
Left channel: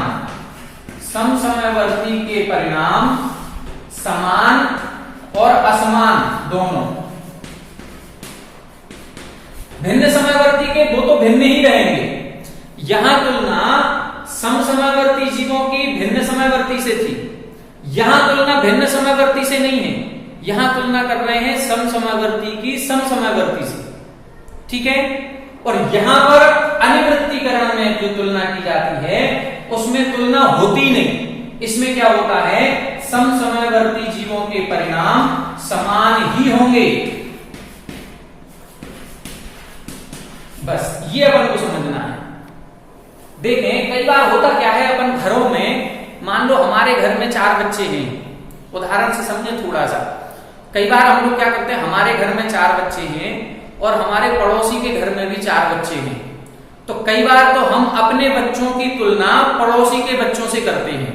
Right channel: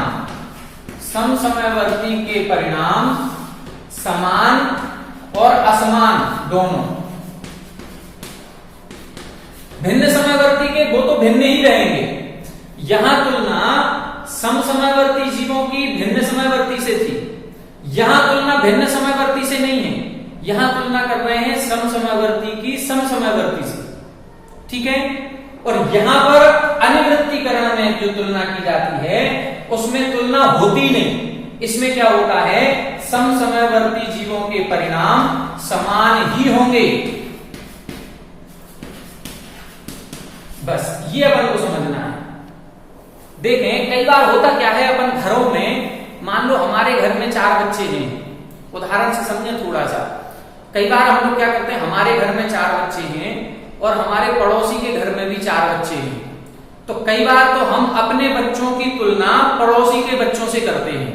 समसमयवर्ती के परिणाम समान और असमान दोनों। भिन्न समयवर्ती के वो तो भिन्न ही रहेंगे। यहां तुलना समसमयवर्ती जीवों की भिन्न समयवर्ती से थी, यहां तुलना भिन्न समयवर्ती से नहीं है। यहां तुलना कर रहे हैं समसमयवर्ती की समसमयवर्ती से। ठीक है, और यहां पर अनिवृत्तिकरण में जो तुलना की जाती है उसमें तुलना होती नहीं। इसमें क्या होता है? समसमयवर्ती जीवों के परिणाम समान ही होंगे। बस ये अपन को समझना है। देखें, कई बार होता क्या है, अपन घरों में, मान लो हमारे घर में 4 बच्चे हैं, उदाहरण से समझें थोड़ा सा। कई बार हम लोग क्या करते हैं, हमारे घर में 4 बच्चे हैं और हमारे पड़ोसी के घर में भी 4 बच्चे हैं। तो कई बार तो हम अपने बच्चों की तुलना पड़ोसी के बच्चों से करते हैं।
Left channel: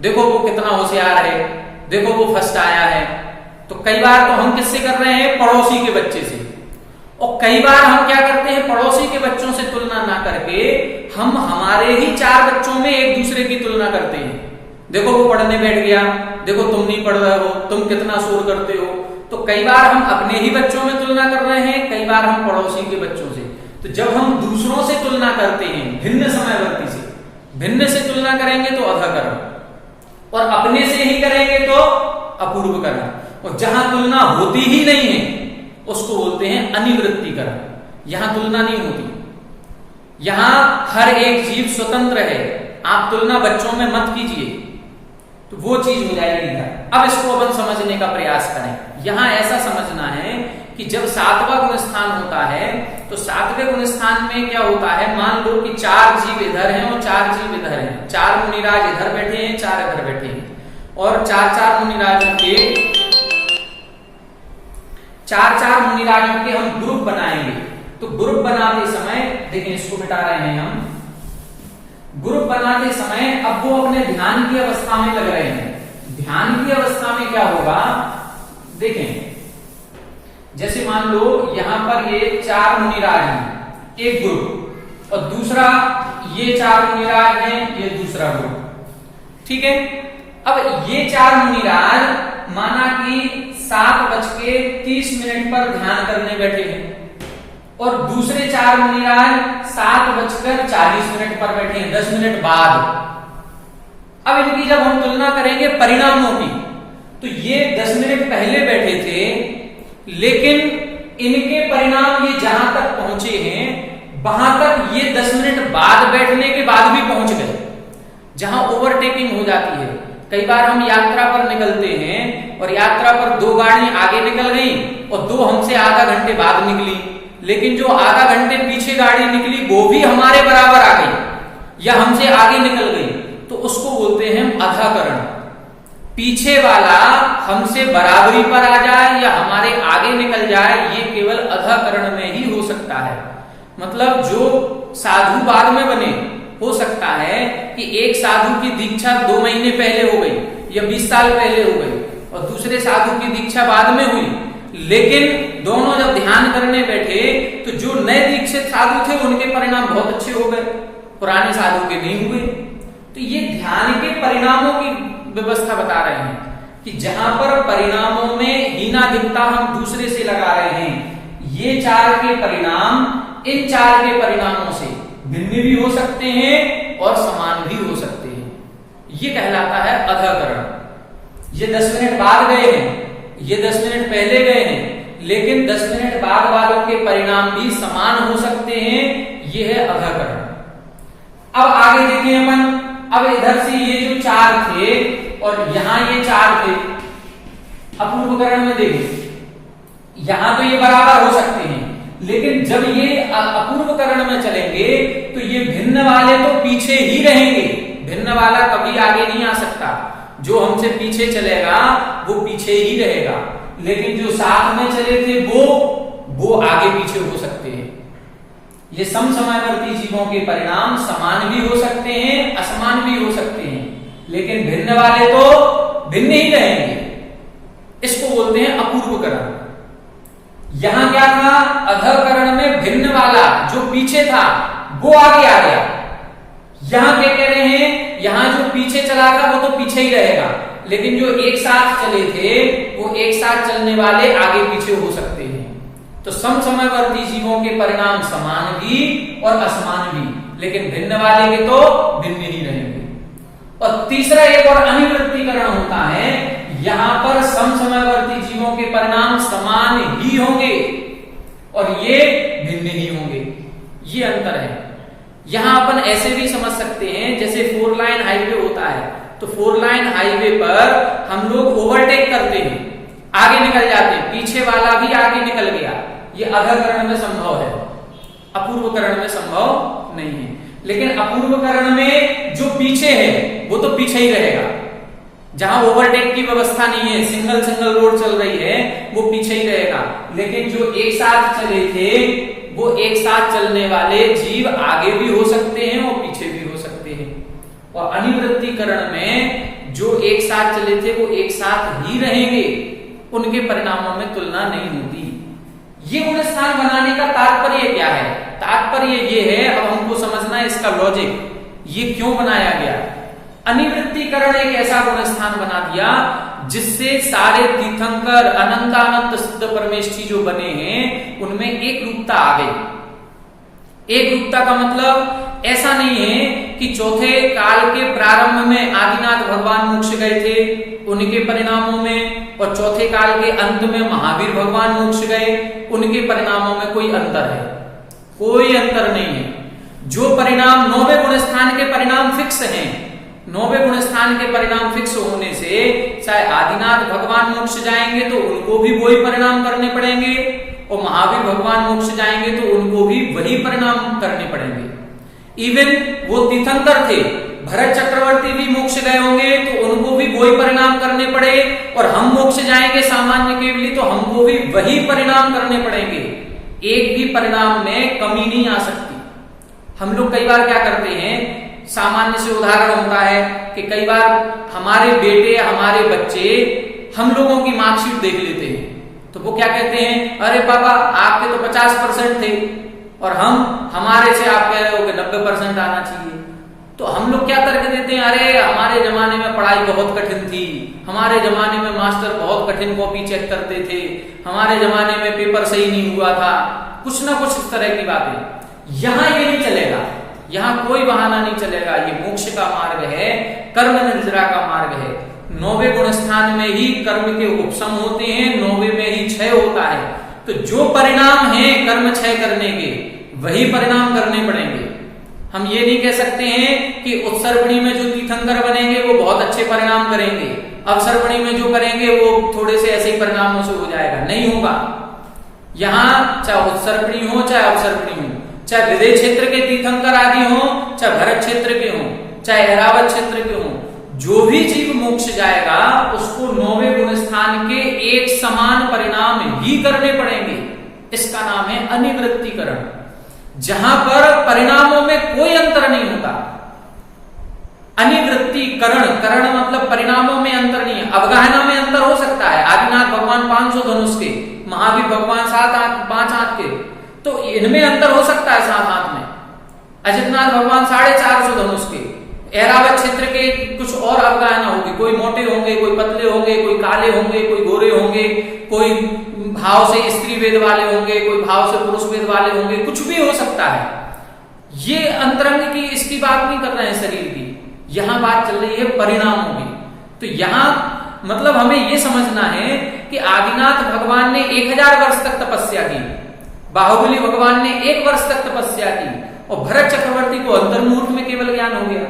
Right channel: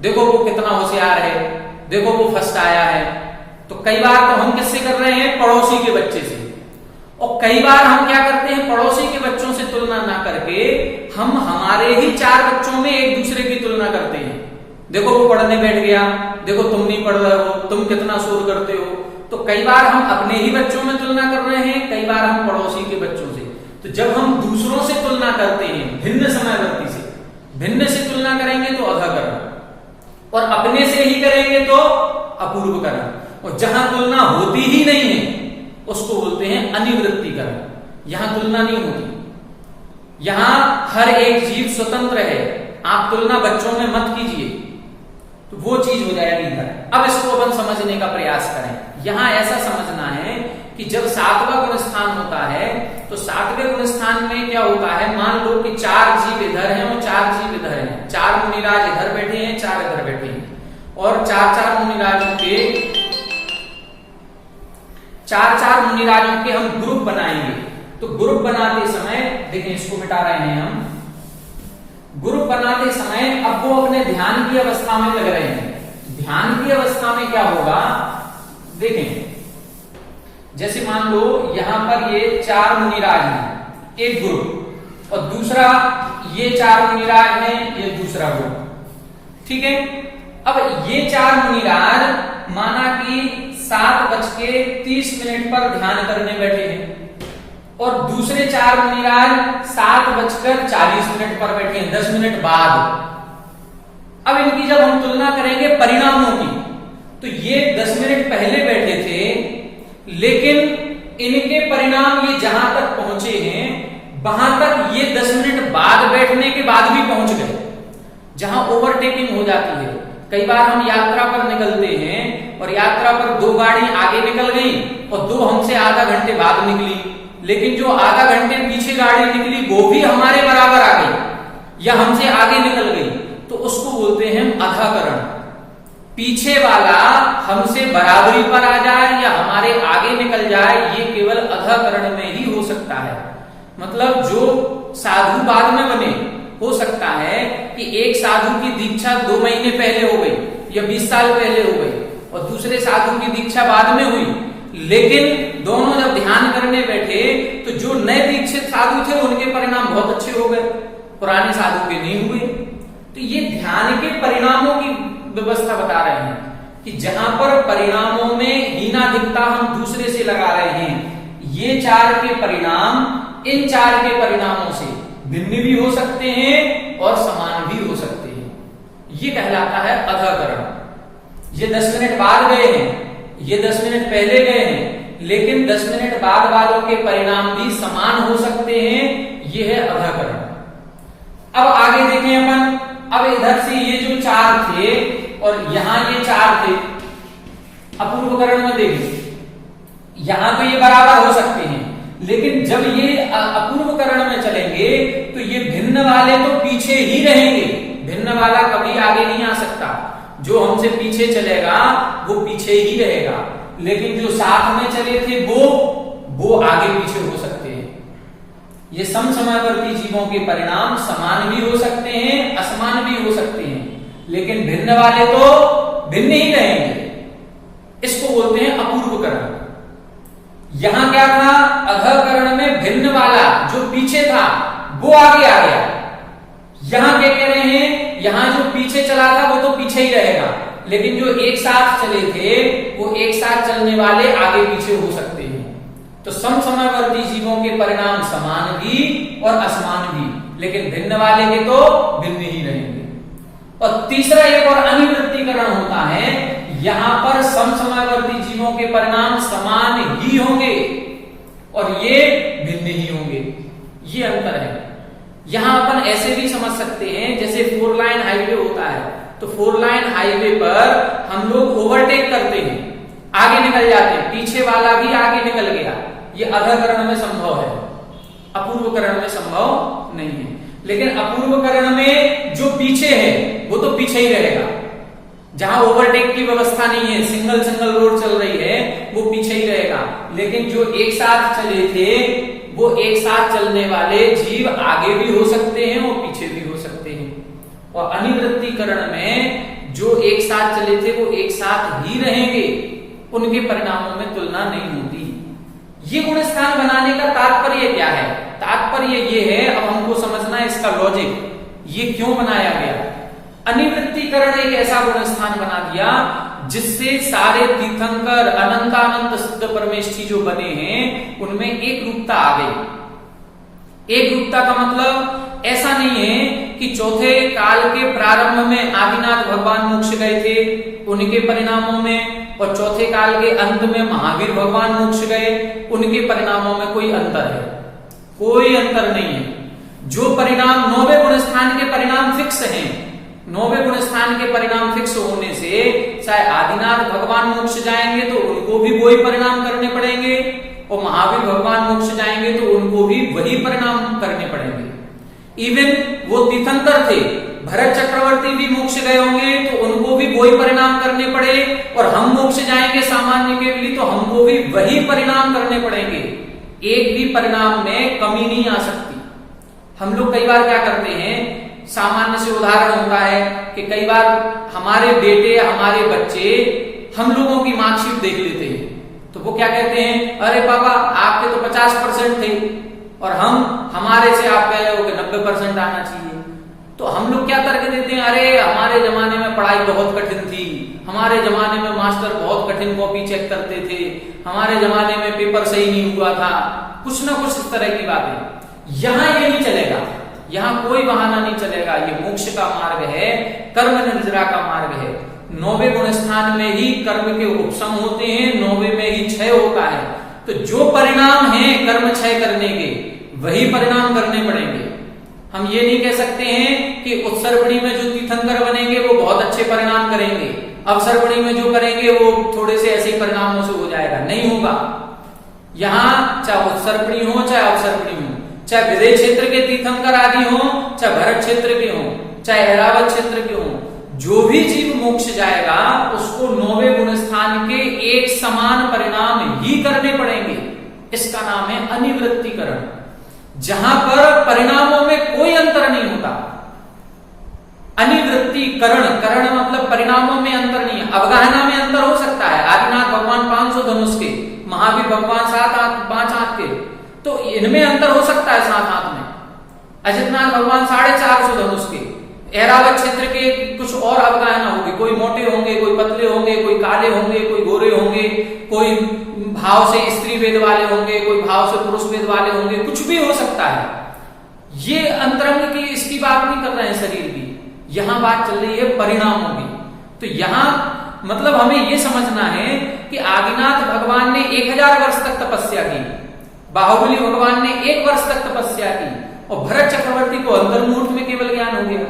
देखो वो कितना होशियार है, देखो वो फर्स्ट आया है। तो कई बार तो हम किससे कर रहे हैं? पड़ोसी के बच्चे से। और कई बार हम क्या करते हैं? पड़ोसी के बच्चों से तुलना ना करके हम हमारे ही 4 बच्चों में एक दूसरे की तुलना करते हैं। देखो वो पढ़ने बैठ गया, देखो तुम नहीं पढ़ रहे हो, तुम कितना शोर करते हो। तो कई बार हम अपने ही बच्चों में तुलना कर रहे हैं, कई बार हम पड़ोसी के बच्चों से। तो जब हम दूसरों से तुलना करते हैं भिन्न समयवर्ती से, भिन्न से तुलना करेंगे तो अधकरण, और अपने से ही करेंगे तो अपूर्वकरण। और जहां तुलना होती ही नहीं है उसको बोलते हैं अनिवृत्तिकरण। यहां तुलना नहीं होती। यहां हर एक जीव स्वतंत्र है। आप तुलना बच्चों में मत कीजिए, तो वो चीज हो जाएगी इधर। अब इसको अपन समझने का प्रयास करें। यहां ऐसा समझना है कि जब 7वां गुण स्थान होता है तो 7वें गुण स्थान में क्या होता है? मान लो कि 4 जीव इधर हैं और 4 जीव इधर हैं। 4 मुनिराज इधर बैठे हैं, 4 इधर बैठे हैं, और 4 मुनिराजों के हम ग्रुप बनाएंगे। तो ग्रुप बनाते समय देखिए, इसको मिटा रहे हैं हम। ग्रुप बनाते समय अब वो अपने ध्यान की अवस्था में लग रहे हैं। ध्यान की अवस्था में क्या होगा? देखें, जैसे मान लो यहां पर ये 4 मुनिराज हैं, एक ग्रुप, और दूसरा ये 4 मुनिराज हैं, ये दूसरा ग्रुप। ठीक है, अब ये 4 मुनिराज माना कि 7:30 पर ध्यान करने बैठे हैं, और दूसरे 4 मुनिराज 7:40 पर बैठे हैं, 10 मिनट बाद। अब इनकी जब हम तुलना करेंगे परिणामों की, तो ये 10 मिनट पहले बैठे थे, लेकिन इनके परिणाम ये जहां तक पहुंचे हैं वहां तक ये 10 मिनट बाद बैठने के बाद भी पहुंच गए। जहां ओवरटेकिंग हो जाती है, कई बार हम यात्रा पर निकलते हैं और यात्रा पर 2 गाड़ी आगे निकल गई और 2 हमसे आधा घंटे बाद निकली, लेकिन जो आधा घंटे पीछे गाड़ी निकली वो भी हमारे बराबर आ गई या हमसे आगे निकल गई, तो उसको बोलते हैं अधाकरण। पीछे वाला हमसे बराबरी पर आ जाए या हमारे आगे निकल जाए, ये केवल अधाकरण में ही हो सकता है। मतलब जो साधु बाद में बने, हो सकता है कि एक साधु की दीक्षा 2 महीने पहले हो गई या 20 साल पहले हो गई और दूसरे साधु की दीक्षा बाद में हुई, लेकिन दोनों जब ध्यान करने बैठे तो जो नए दीक्षित साधु थे उनके परिणाम बहुत अच्छे हो गए, पुराने साधु के नहीं हुए। तो ये ध्यान के परिणामों की व्यवस्था बता रहे हैं कि जहां पर परिणामों में हीनाधिकता हम दूसरे से लगा रहे हैं, ये 4 के परिणाम इन 4 के परिणामों से भिन्न भी हो सकते हैं और समान भी हो सकते हैं। ये कहलाता है अधाकरण। ये 10 मिनट बाद गए हैं, ये 10 मिनट पहले गए हैं, लेकिन 10 मिनट बाद वालों के परिणाम भी समान हो सकते हैं, ये है अधाकरण। अब आगे देखें अपन, अब इधर से ये जो 4 थे और यहां ये 4 थे, अपूर्वकरण में देखें, यहां तो ये बराबर हो सकते हैं, लेकिन जब ये अपूर्वकरण में चलेंगे तो ये भिन्न वाले तो पीछे ही रहेंगे, भिन्न वाला कभी आगे नहीं आ सकता। जो हमसे पीछे चलेगा वो पीछे ही रहेगा, लेकिन जो साथ में चले थे वो आगे पीछे हो सकते हैं। ये समसमयवर्ती जीवों के परिणाम समान भी हो सकते हैं, असमान भी हो सकते हैं, लेकिन भिन्न वाले तो भिन्न ही रहेंगे। इसको बोलते हैं अपूर्वकरण। यहां क्या था, अधाकरण में भिन्न वाला जो पीछे था वो आगे आ गया। यहां क्या कह रहे हैं, यहां जो पीछे चला था वो तो पीछे ही रहेगा, लेकिन जो एक साथ चले थे वो एक साथ चलने वाले आगे पीछे हो सकते हैं। तो समसमयवर्ती जीवों के परिणाम समान भी और असमान भी, लेकिन भिन्न वाले के तो भिन्न ही रहेंगे। और तीसरा एक और अनिवृत्तीकरण होता है, यहां पर समसमयवर्ती जीवों के परिणाम समान ही होंगे और ये भिन्न ही होंगे। ये अंतर है। यहां अपन ऐसे भी समझ सकते हैं, जैसे 4 लाइन हाईवे होता है, तो 4 लाइन हाईवे पर हम लोग ओवरटेक करते हैं, आगे निकल जाते हैं, पीछे वाला भी आगे निकल गया। ये अधाकरण में संभव है, अपूर्वकरण में संभव नहीं है। लेकिन अपूर्वकरण में जो पीछे है वो तो पीछे ही रहेगा। जहां ओवरटेक की व्यवस्था नहीं है, सिंगल रोड चल रही है, वो पीछे ही रहेगा। लेकिन जो एक साथ चले थे वो एक साथ चलने वाले जीव आगे भी हो सकते हैं और पीछे भी हो सकते हैं। और अनिवृत्तीकरण में जो एक साथ चले थे वो एक साथ ही रहेंगे, उनके परिणामों में तुलना नहीं होती। ये गुणस्थान बनाने का तात्पर्य क्या है? तात्पर्य ये है, अब हमको समझना है इसका लॉजिक, ये क्यों बनाया गया। अनिवृत्तीकरण एक ऐसा गुणस्थान बना दिया जिससे सारे तीर्थंकर अनंतानंत सिद्ध परमेष्ठी जो बने हैं उनमें एक रूपता आ गई। एक रूपता का मतलब ऐसा नहीं है कि चौथे काल के प्रारंभ में आदिनाथ भगवान मोक्ष गए थे उनके परिणामों में, और चौथे काल के अंत में महावीर भगवान मोक्ष गए उनके परिणामों में कोई अंतर है? कोई अंतर नहीं है। जो परिणाम 9वें गुणस्थान के परिणाम फिक्स हैं, 9वें गुणस्थान के परिणाम फिक्स होने से चाहे आदिनाथ भगवान मोक्ष जाएंगे तो उनको भी वही परिणाम करने पड़ेंगे, और महावीर भगवान मोक्ष जाएंगे तो उनको भी वही परिणाम करने पड़ेंगे। इवन वो तीर्थंकर थे, भरत चक्रवर्ती भी मोक्ष गए होंगे तो उनको भी वही परिणाम करने पड़े, और हम मोक्ष जाएंगे सामान्य के लिए तो हमको भी वही परिणाम करने पड़ेंगे। एक भी परिणाम में कमी नहीं आ सकती। हम लोग कई बार क्या करते हैं, सामान्य से उदाहरण होता है कि कई बार हमारे बेटे हमारे बच्चे हम लोगों की मार्कशीट देख लेते हैं तो वो क्या कहते हैं, अरे पापा आपके तो 50% थे और हमारे से आप कह रहे हो कि 90% आना चाहिए। तो हम लोग क्या तर्क देते हैं, अरे हमारे जमाने में पढ़ाई बहुत कठिन थी, हमारे जमाने में मास्टर बहुत कठिन कॉपी चेक करते थे, हमारे जमाने में पेपर सही नहीं हुआ था, कुछ ना कुछ इस तरह की बातें। यहां ये नहीं चलेगा, यहां कोई बहाना नहीं चलेगा। ये मोक्ष का मार्ग है, कर्म निर्जरा का मार्ग है। 9वें गुणस्थान में ही कर्म के उपशम होते हैं, 9वें में ही क्षय होता है। तो जो परिणाम है कर्म क्षय करने के वही परिणाम करने पड़ेंगे। हम ये नहीं कह सकते हैं कि कि उत्सर्पणी में जो तीर्थंकर बनेंगे वो बहुत अच्छे परिणाम करेंगे, अवसर्पणी में जो करेंगे वो थोड़े से ऐसे ही परिणामों से हो जाएगा, नहीं होगा। यहाँ चाहे उत्सर्पणी हो चाहे अवसर्पणी हो, चाहे विदेह क्षेत्र के तीर्थंकर आदि हो, चाहे भरत क्षेत्र के हो, चाहे ऐरावत क्षेत्र के हो, जो भी जीव मोक्ष जाएगा उसको 9वें गुण स्थान के एक समान परिणाम ही करने पड़ेंगे। इसका नाम है अनिवृत्तिकरण, जहां पर परिणामों में कोई अंतर नहीं होता। अनिवृत्तिकरण, करण मतलब परिणामों में अंतर नहीं है। अवगाहना में अंतर हो सकता है, आदिनाथ भगवान 500 धनुष के, महावीर भगवान 5 हाथ के, तो इनमें अंतर हो सकता है 7 हाथ में। अजितनाथ भगवान 450 धनुष के, ऐरावत क्षेत्र के कुछ और अवगाहना होगी, कोई मोटे होंगे, कोई पतले होंगे, कोई काले होंगे, कोई गोरे होंगे, कोई भाव से स्त्री वेद वाले होंगे, कोई भाव से पुरुष वेद वाले होंगे, कुछ भी हो सकता है। ये अंतरंग की इसकी बात नहीं कर रहे हैं शरीर की, यहां बात चल रही है परिणामों की। तो यहां मतलब हमें यह समझना है कि आदिनाथ भगवान ने 1000 वर्ष तक तपस्या की, बाहुबली भगवान ने 1 वर्ष तक तपस्या की, और भरत चक्रवर्ती को अंतर्मुहूर्त में केवल ज्ञान हो गया।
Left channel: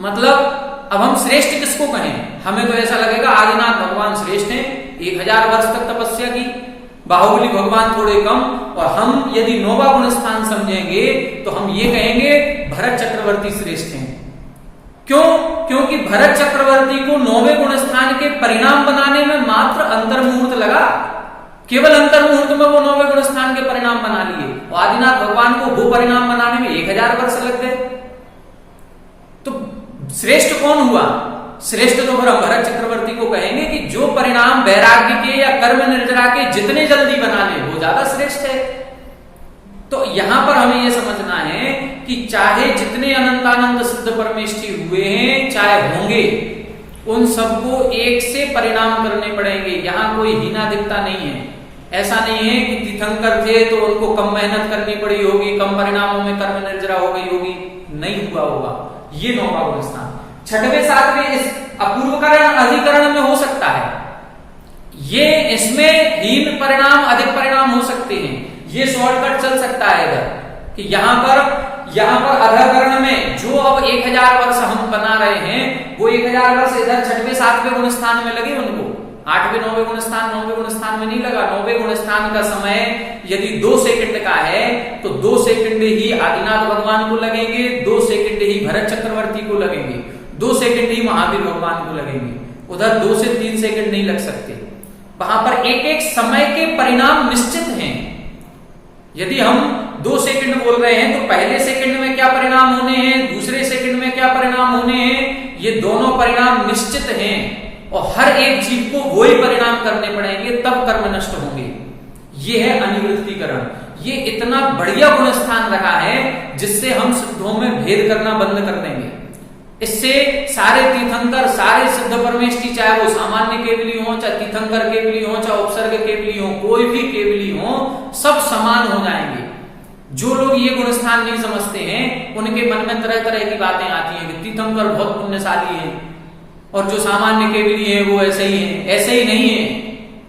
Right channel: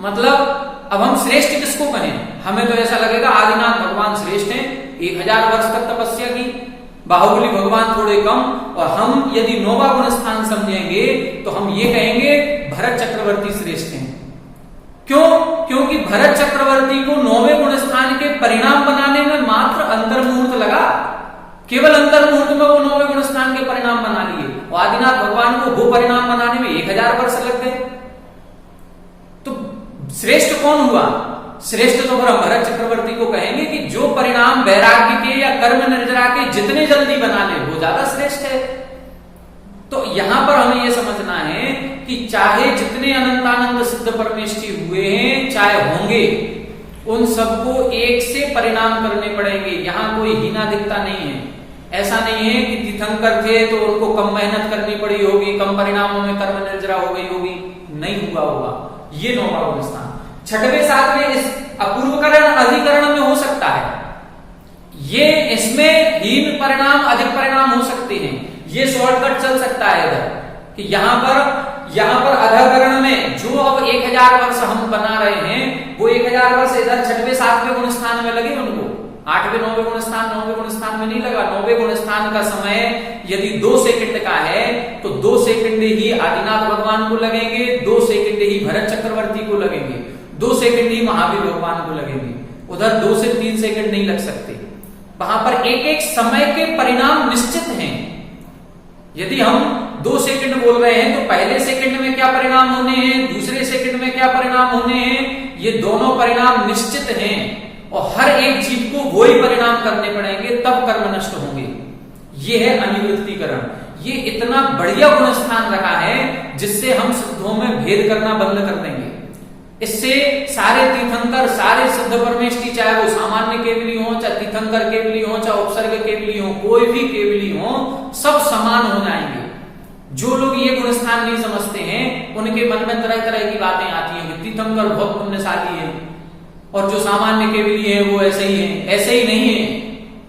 मतलब अब हम श्रेष्ठ किसको कहें? हमें तो ऐसा लगेगा आदिनाथ भगवान श्रेष्ठ हैं, 1000 वर्ष तक तपस्या की, बाहुबली भगवान थोड़े कम, और हम यदि 9वां गुण स्थान समझेंगे तो हम ये कहेंगे भरत चक्रवर्ती श्रेष्ठ हैं। क्यों? क्योंकि भरत चक्रवर्ती को 9वें गुण स्थान के परिणाम बनाने में मात्र अंतर्मुहूर्त लगा, केवल अंतर्मुहूर्त में वो 9वें गुण स्थान के परिणाम बना लिए, और आदिनाथ भगवान को वो परिणाम बनाने में 1000 वर्ष लग गए। तो श्रेष्ठ कौन हुआ? श्रेष्ठ तो फिर हम भरत चक्रवर्ती को कहेंगे कि जो परिणाम वैराग्य के या कर्म निर्जरा के जितने जल्दी बना ले वो ज्यादा श्रेष्ठ है। तो यहां पर हमें यह समझना है कि चाहे जितने अनंतानंद सिद्ध परमेष्ठी हुए हैं, चाहे होंगे, उन सबको एक से परिणाम करने पड़ेंगे। यहां कोई हीना दिखता नहीं है। ऐसा नहीं है कि तीर्थंकर थे तो उनको कम मेहनत करनी पड़ी होगी, कम परिणामों में कर्म निर्जरा हो गई होगी, नहीं हुआ होगा। ये 9वां गुण स्थान 6वें 7वें इस अपूर्वकरण अधिकरण में हो सकता है। ये इसमें हीन परिणाम अधिक परिणाम हो सकते हैं। ये शॉर्टकट चल सकता है इधर कि यहां पर अधकरण में जो अब 1000 वर्ष हम बना रहे हैं, वो 1000 वर्ष इधर 6वें 7वें गुण स्थान में लगे उनको। 8वें 9वें गुण स्थान 9वें गुण स्थान में नहीं लगा। 9वें गुण स्थान का समय यदि 2 सेकंड का है तो 2 सेकंड ही आदिनाथ भगवान को लगेंगे, 2 सेकंड ही भरत चक्रवर्ती को लगेंगे, 2 सेकंड ही महावीर भगवान को लगेंगे। उधर 2 से 3 सेकंड नहीं लग सकते। वहां पर एक एक समय के परिणाम निश्चित हैं। यदि हम 2 सेकंड बोल रहे हैं तो पहले सेकंड में क्या परिणाम होने हैं, दूसरे सेकंड में क्या परिणाम होने हैं, ये दोनों परिणाम निश्चित हैं और हर एक जीव को वही परिणाम करने पड़ेंगे, तब कर्म नष्ट होंगे। ये है अनिवृत्तिकरण। ये इतना बढ़िया गुण स्थान रखा है जिससे हम सिद्धों में भेद करना बंद कर देंगे। इससे सारे तीर्थंकर, सारे सिद्ध परमेष्ठी, चाहे वो सामान्य केवली हो, चाहे तीर्थंकर केवली हो, चाहे उपसर्ग केवली हो, कोई भी केवली हो, सब समान हो जाएंगे। जो लोग ये गुण स्थान नहीं समझते हैं उनके मन में तरह तरह की बातें आती हैं कि तीर्थंकर बहुत पुण्यशाली है और जो सामान्य केवली है वो ऐसे ही है। ऐसे ही नहीं है,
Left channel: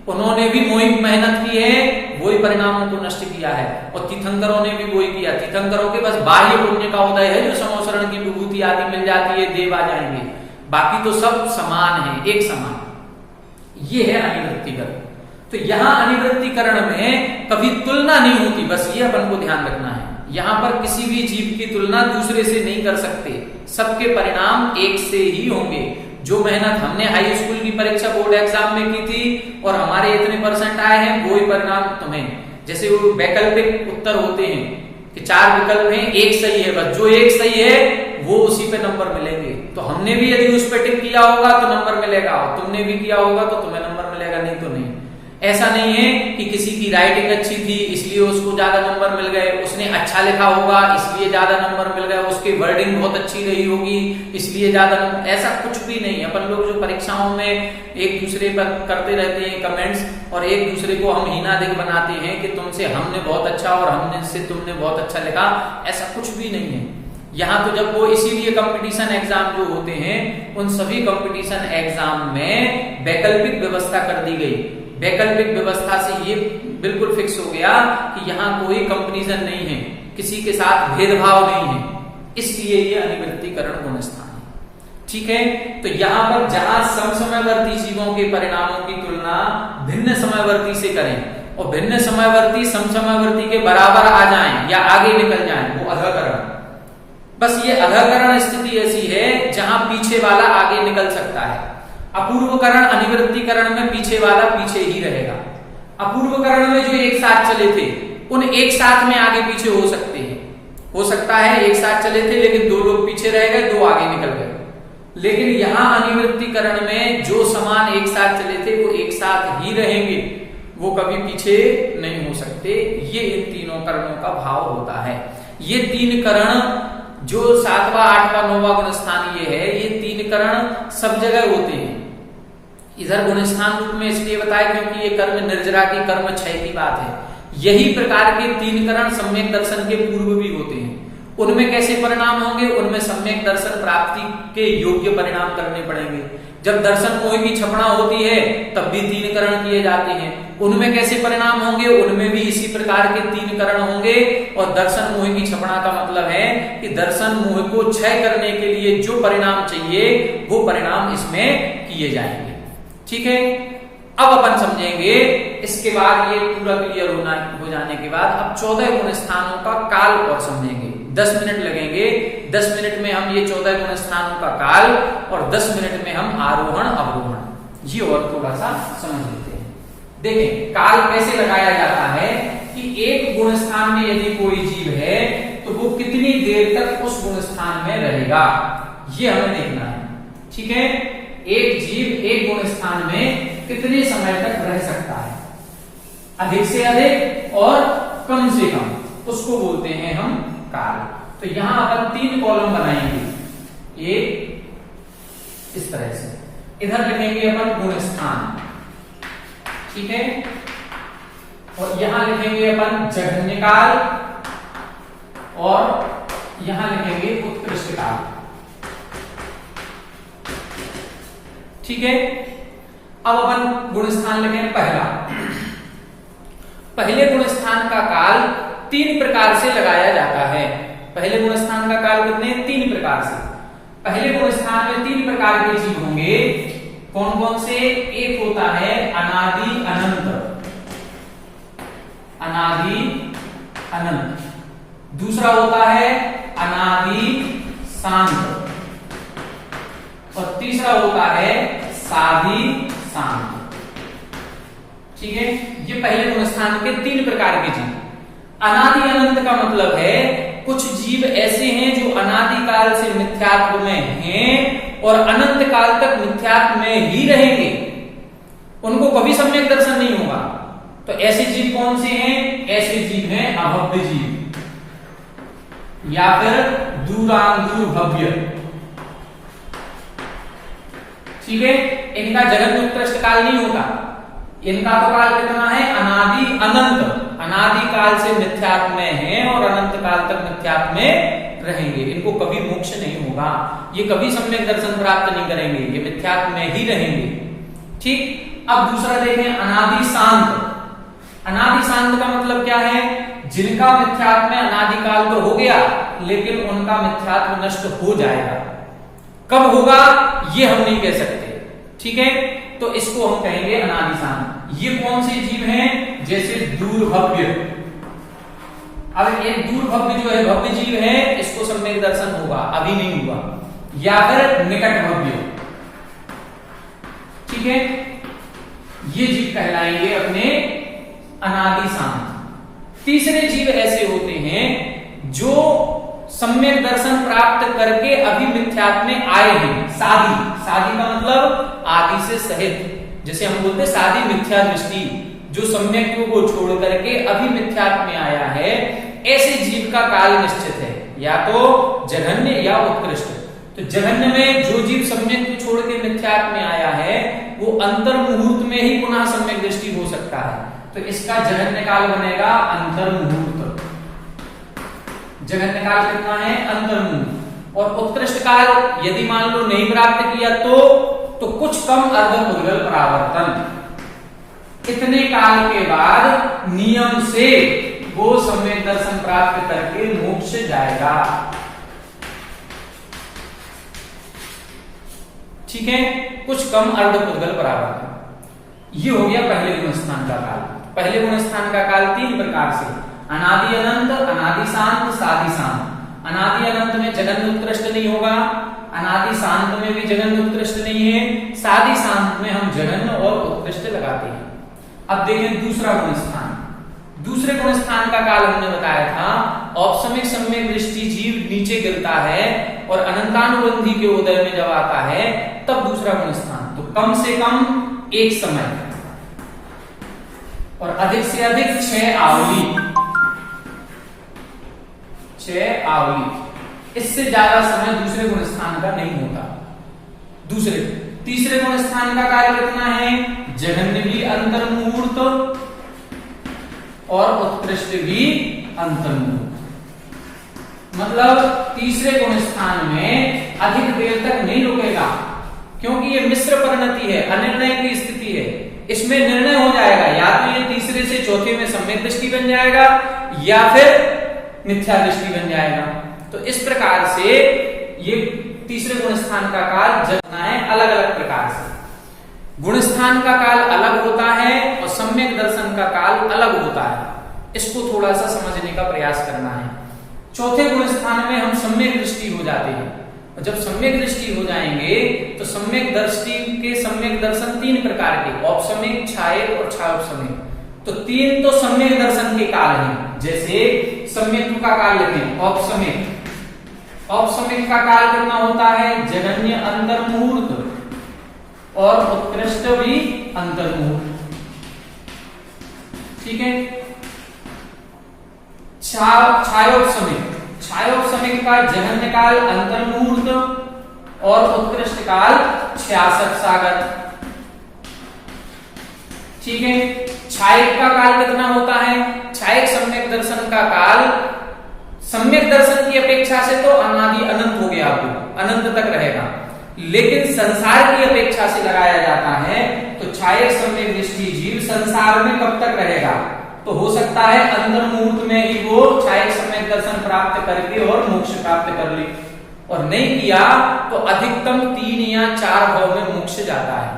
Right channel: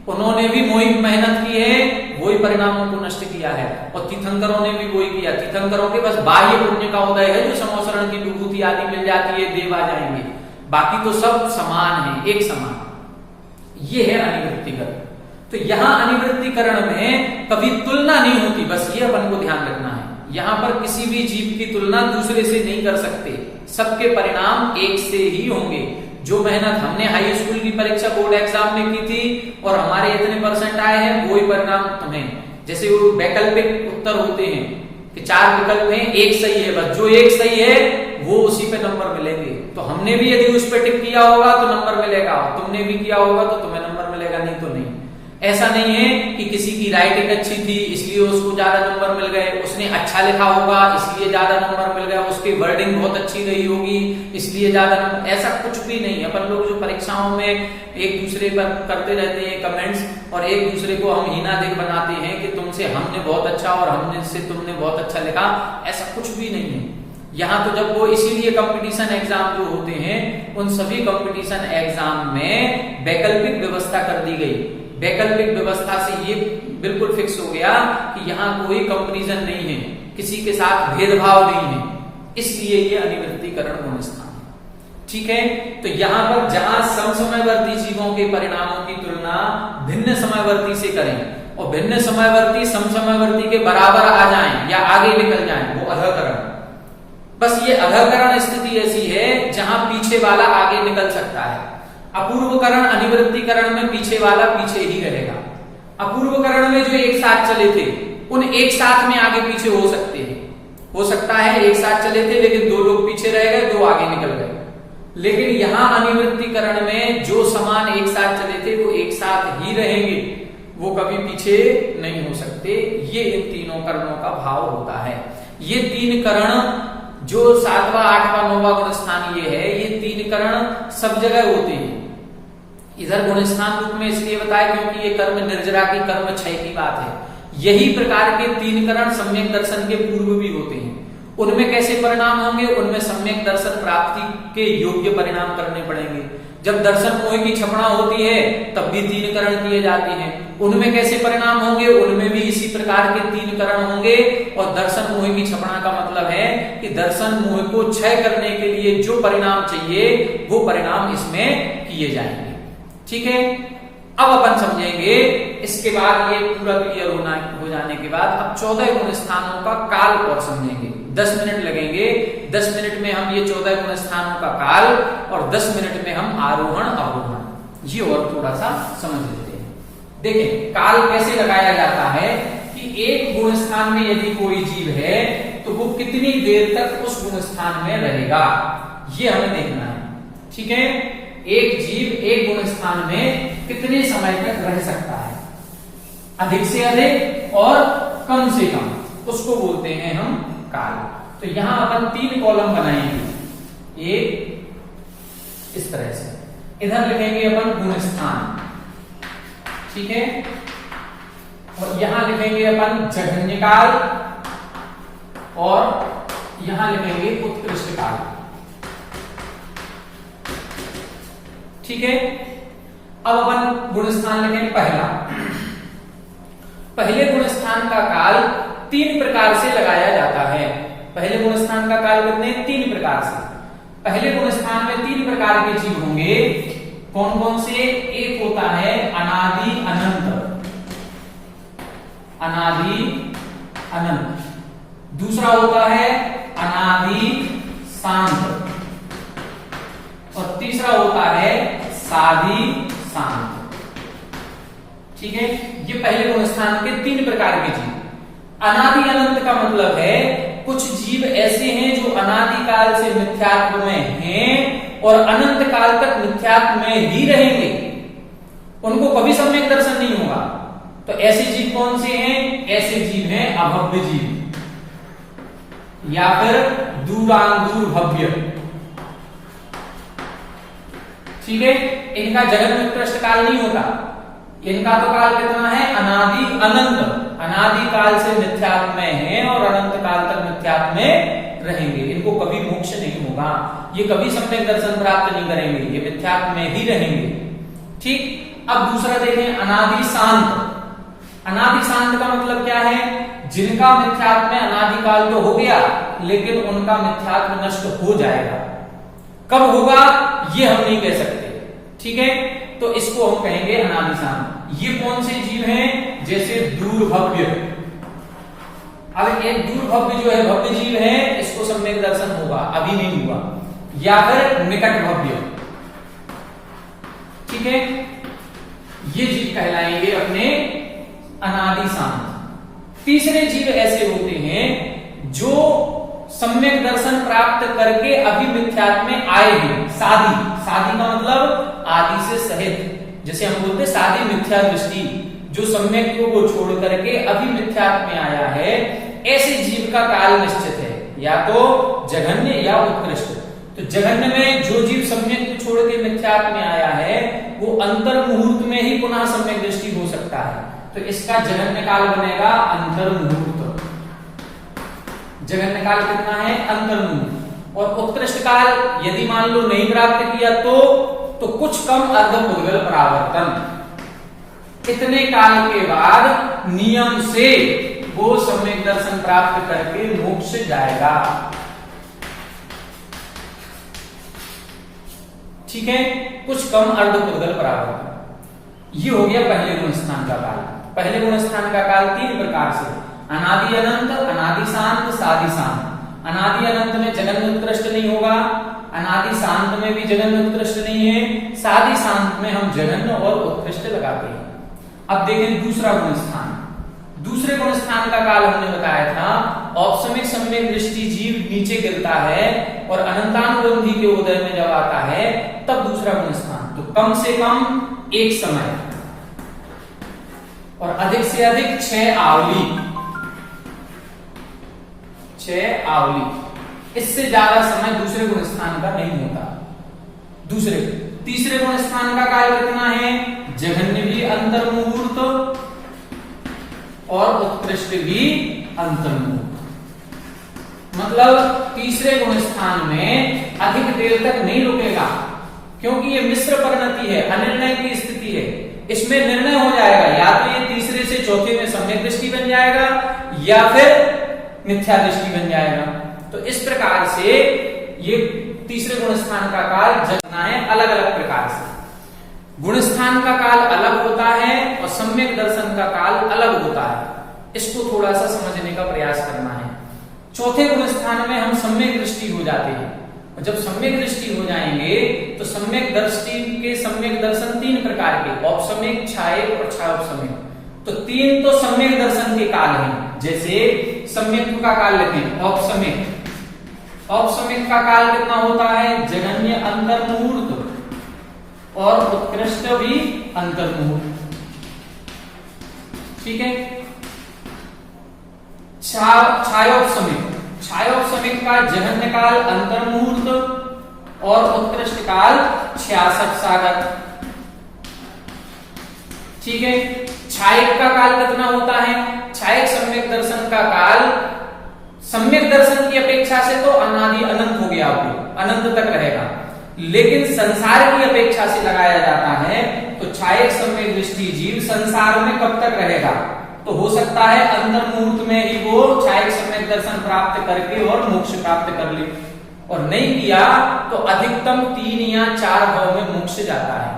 उन्होंने भी वही मेहनत की है, वही परिणामों को नष्ट किया है, और तीर्थंकरों ने भी वही किया। तीर्थंकरों के बस बाह्य पुण्य का उदय है, जो समोसरण की विभूति आदि मिल जाती है, देव आ जाएंगे, बाकी तो सब समान है, एक समान। ये है अनिवृत्तिकरण। तो यहां अनिवृत्तिकरण में कभी तुलना नहीं होती, बस ये अपन को ध्यान रखना है। यहां पर किसी भी जीव की तुलना दूसरे से नहीं कर सकते, सबके परिणाम एक से ही होंगे। जो मेहनत हमने हाई स्कूल की परीक्षा बोर्ड एग्जाम में की थी और हमारे इतने परसेंट आए हैं, वही परिणाम तुम्हें, जैसे वो वैकल्पिक उत्तर होते हैं कि 4 विकल्प में एक सही है, बस जो एक सही है वो उसी पे नंबर मिलेंगे। तो हमने भी यदि उस पे टिक किया होगा तो नंबर मिलेगा, और तुमने भी किया होगा तो तुम्हें नंबर मिलेगा, नहीं तो नहीं। ऐसा नहीं है कि किसी की राइटिंग अच्छी थी इसलिए उसको ज्यादा नंबर मिल गए, उसने अच्छा लिखा होगा इसलिए ज्यादा नंबर मिल गया, उसकी वर्डिंग बहुत अच्छी रही होगी इसलिए ज्यादा नंबर, ऐसा कुछ भी नहीं है। अपन लोग जो परीक्षाओं में एक दूसरे पर करते रहते हैं कमेंट्स, और एक दूसरे को हम हीनादिक बनाते हैं कि तुमसे हमने बहुत अच्छा और हमने से तुमने बहुत अच्छा लिखा, ऐसा कुछ भी नहीं है। यहाँ तो जब वो इसीलिए कंपटीशन एग्जाम जो होते हैं उन सभी कंपटीशन एग्जाम में वैकल्पिक व्यवस्था कर दी गई। वैकल्पिक व्यवस्था से ये बिल्कुल फिक्स हो गया कि यहाँ कोई कंपैरिजन नहीं है, किसी के साथ भेदभाव नहीं है, इसलिए ये अनिवृत्तीकरण गुण स्थान है। ठीक है, तो यहां पर जहां समसमयवर्ती जीवों के परिणामों की तुलना भिन्न समयवर्ती से करें और भिन्न समयवर्ती समसमयवर्ती के बराबर आ जाएं या आगे निकल जाएं, वो अधःकरण। बस ये अधःकरण स्थिति ऐसी है जहां पीछे वाला आगे निकल सकता है। अपूर्वकरण अनिवृत्तीकरण में पीछे वाला पीछे ही रहेगा। अपूर्वकरण में जो एक साथ चले थे उन एक साथ में आगे पीछे हो सकते हैं, हो सकता है एक साथ चले थे लेकिन दो लोग पीछे रह गए, दो आगे निकल गए। लेकिन यहां अनिवृत्तीकरण में जो समान एक साथ चले थे वो एक साथ ही रहेंगे, वो कभी पीछे नहीं हो सकते। ये इन तीनों करणों का भाव होता है। ये तीन करण जो 7वां 8वां 9वां गुण स्थान ये है, ये तीन करण सब जगह होते हैं। इधर गुण स्थान रूप में इसलिए बताया क्योंकि ये कर्म निर्जरा की कर्म क्षय की बात है। यही प्रकार के तीन करण सम्यक दर्शन के पूर्व भी होते हैं। उनमें कैसे परिणाम होंगे? उनमें सम्यक दर्शन प्राप्ति के योग्य परिणाम करने पड़ेंगे। जब दर्शन मोह की छपड़ा होती है तब भी तीन करण किए जाते हैं। उनमें कैसे परिणाम होंगे? उनमें भी इसी प्रकार के तीन करण होंगे। और दर्शन मोह की छपड़ा का मतलब है कि दर्शन मोह को क्षय करने के लिए जो परिणाम चाहिए वो परिणाम इसमें किए जाएंगे। ठीक है, अब अपन समझेंगे इसके बाद ये पूरा क्लियर हो जाने के बाद अब 14 गुण स्थानों का काल और समझेंगे। 10 मिनट लगेंगे। 10 मिनट में हम ये 14 गुण स्थानों का काल और 10 मिनट में हम आरोहण अवरोहण ये और थोड़ा सा समझ लेते हैं। देखें काल कैसे लगाया जाता है कि एक गुण स्थान में यदि कोई जीव है तो वो कितनी देर तक उस गुण स्थान में रहेगा, ये हमें देखना है। ठीक है, एक जीव एक गुण स्थान में कितने समय तक रह सकता है, अधिक से अधिक और कम से कम, उसको बोलते हैं हम काल। तो यहां अपन 3 कॉलम बनाएंगे। एक इस तरह से इधर लिखेंगे अपन गुण स्थान, ठीक है, और यहां लिखेंगे अपन जघन्य काल और यहां लिखेंगे उत्कृष्ट काल। ठीक है, अब अपन गुण स्थान लिखेंगे पहला। पहले गुण स्थान का काल 3 प्रकार से लगाया जाता है। पहले गुण स्थान का काल कितने? 3 प्रकार से। पहले गुण स्थान में 3 प्रकार के जीव होंगे। कौन कौन से? एक होता है अनादि अनंत, अनादि अनंत। दूसरा होता है अनादि शांत और तीसरा होता है साधि शांत। ठीक है, ये पहले गुण स्थान के 3 प्रकार के जीव। अनादि अनंत का मतलब है कुछ जीव ऐसे हैं जो अनादि काल से मिथ्यात्व में हैं और अनंत काल तक मिथ्यात्व में ही रहेंगे, उनको कभी सम्यक दर्शन नहीं होगा। तो ऐसे जीव कौन से हैं? ऐसे जीव हैं अभव्य जीव या फिर दूरांदूर भव्य। ठीक है, इनका जगत उत्कृष्ट काल नहीं होता। इनका तो काल कितना है? अनादि अनंत। अनादि काल से मिथ्यात्व में है और अनंत काल तक मिथ्यात्व में रहेंगे। इनको कभी मोक्ष नहीं होगा, ये कभी सम्यक दर्शन प्राप्त नहीं करेंगे, ये मिथ्यात्व में ही रहेंगे। ठीक, अब दूसरा देखें अनादि शांत। अनादि शांत का मतलब क्या है? जिनका मिथ्यात्व में अनादि काल तो हो गया लेकिन उनका मिथ्यात्व नष्ट हो जाएगा। कब होगा ये हम नहीं कह सकते। ठीक है, तो इसको हम कहेंगे अनादि शांत। ये कौन से जीव हैं? जैसे दूरभव्य। अब एक दूरभव्य जो है भव्य जीव है, इसको सम्यक दर्शन होगा, अभी नहीं हुआ। या फिर निकट भव्य। ठीक है, ये जीव कहलाएंगे अपने अनादि शांत। तीसरे जीव ऐसे होते हैं जो सम्यक दर्शन प्राप्त करके अभी मिथ्यात्व में आए हैं। साधी, साधी का मतलब आदि से सहित, जैसे हम बोलते हैं साधी मिथ्या दृष्टि, जो सम्यक को छोड़ करके अभी मिथ्यात्व में आया है, ऐसे जीव का काल निश्चित है, या तो जघन्य या उत्कृष्ट। तो जघन्य में जो जीव सम्यक को छोड़ के मिथ्यात्व में आया है वो अंतर मुहूर्त में ही पुनः सम्यक दृष्टि हो सकता है, तो इसका जघन्य काल बनेगा अंतर मुहूर्त। जघन्य काल कितना है? अंतर मुहूर्त। और उत्कृष्ट काल यदि मान लो नहीं प्राप्त किया तो कुछ कम अर्धपूर्वल परावर्तन। इतने काल के बाद नियम से वो सम्यक दर्शन प्राप्त करके मोक्ष जाएगा। ठीक है, कुछ कम अर्धपुद्गल परावर्तन। ये हो गया पहले गुण स्थान का काल। पहले गुण स्थान का काल 3 प्रकार से, अनादि अनंत, अनादि शांत, सादि शांत। अनादि अनंत में जगन उत्कृष्ट नहीं होगा, अनादि शांत में भी जगन उत्कृष्ट नहीं है, सादि शांत में हम जगन और उत्कृष्ट लगाते हैं। अब देखें दूसरा गुण स्थान। दूसरे गुण स्थान का काल हमने बताया था, औपसमिक सम्यक दृष्टि जीव नीचे गिरता है और अनंतानुबंधी के उदय में जब आता है तब दूसरा गुण स्थान। तो कम से कम एक समय और अधिक से अधिक 6 आवली, 6 आवली, इससे ज्यादा समय दूसरे गुण स्थान का नहीं होता। तीसरे गुण स्थान का काल कितना है? जघन्य भी अंतर्मुहूर्त और उत्कृष्ट भी अंतर्मुहूर्त। मतलब तीसरे गुण स्थान में अधिक देर तक नहीं रुकेगा, क्योंकि ये मिश्र परिणति है, अनिर्णय की स्थिति है। इसमें निर्णय हो जाएगा, या तो ये तीसरे से चौथे में सम्यक दृष्टि बन जाएगा या फिर मिथ्या दृष्टि बन जाएगा। तो इस प्रकार से ये तीसरे गुण स्थान का काल जगना है अलग अलग प्रकार से। गुण स्थान का काल अलग होता है और सम्यक दर्शन का काल अलग होता है। इसको थोड़ा सा समझने का प्रयास करना है। चौथे गुण स्थान में हम सम्यक दृष्टि हो जाते हैं, और जब सम्यक दृष्टि हो जाएंगे तो सम्यक दृष्टि के सम्यक दर्शन 3 प्रकार के, औपसमिक, छायक और छायोपसमिक। तो 3 तो सम्यक दर्शन के काल हैं। जैसे सम्यक का काल लेंगे औपसमिक। औपसमिक का काल कितना होता है? जघन्य अंतर्मुहूर्त और उत्कृष्ट भी अंतर्मुहूर्त। ठीक है। छायोपसमिक, छायोपसमिक का जघन्य काल अंतर्मुहूर्त और उत्कृष्ट काल 66 सागर। ठीक है। छायक का काल कितना होता है? छायक सम्यक दर्शन का काल सम्यक दर्शन की अपेक्षा से तो अनादि अनंत हो गया, आपको अनंत तक रहेगा, लेकिन संसार की अपेक्षा से लगाया जाता है तो छायक सम्यक दृष्टि जीव संसार में कब तक रहेगा? तो हो सकता है अंतर मुहूर्त में ही वो छायक सम्यक दर्शन प्राप्त करके और मोक्ष प्राप्त कर ले, और नहीं किया तो अधिकतम 3 या 4 भाव में मोक्ष जाता है।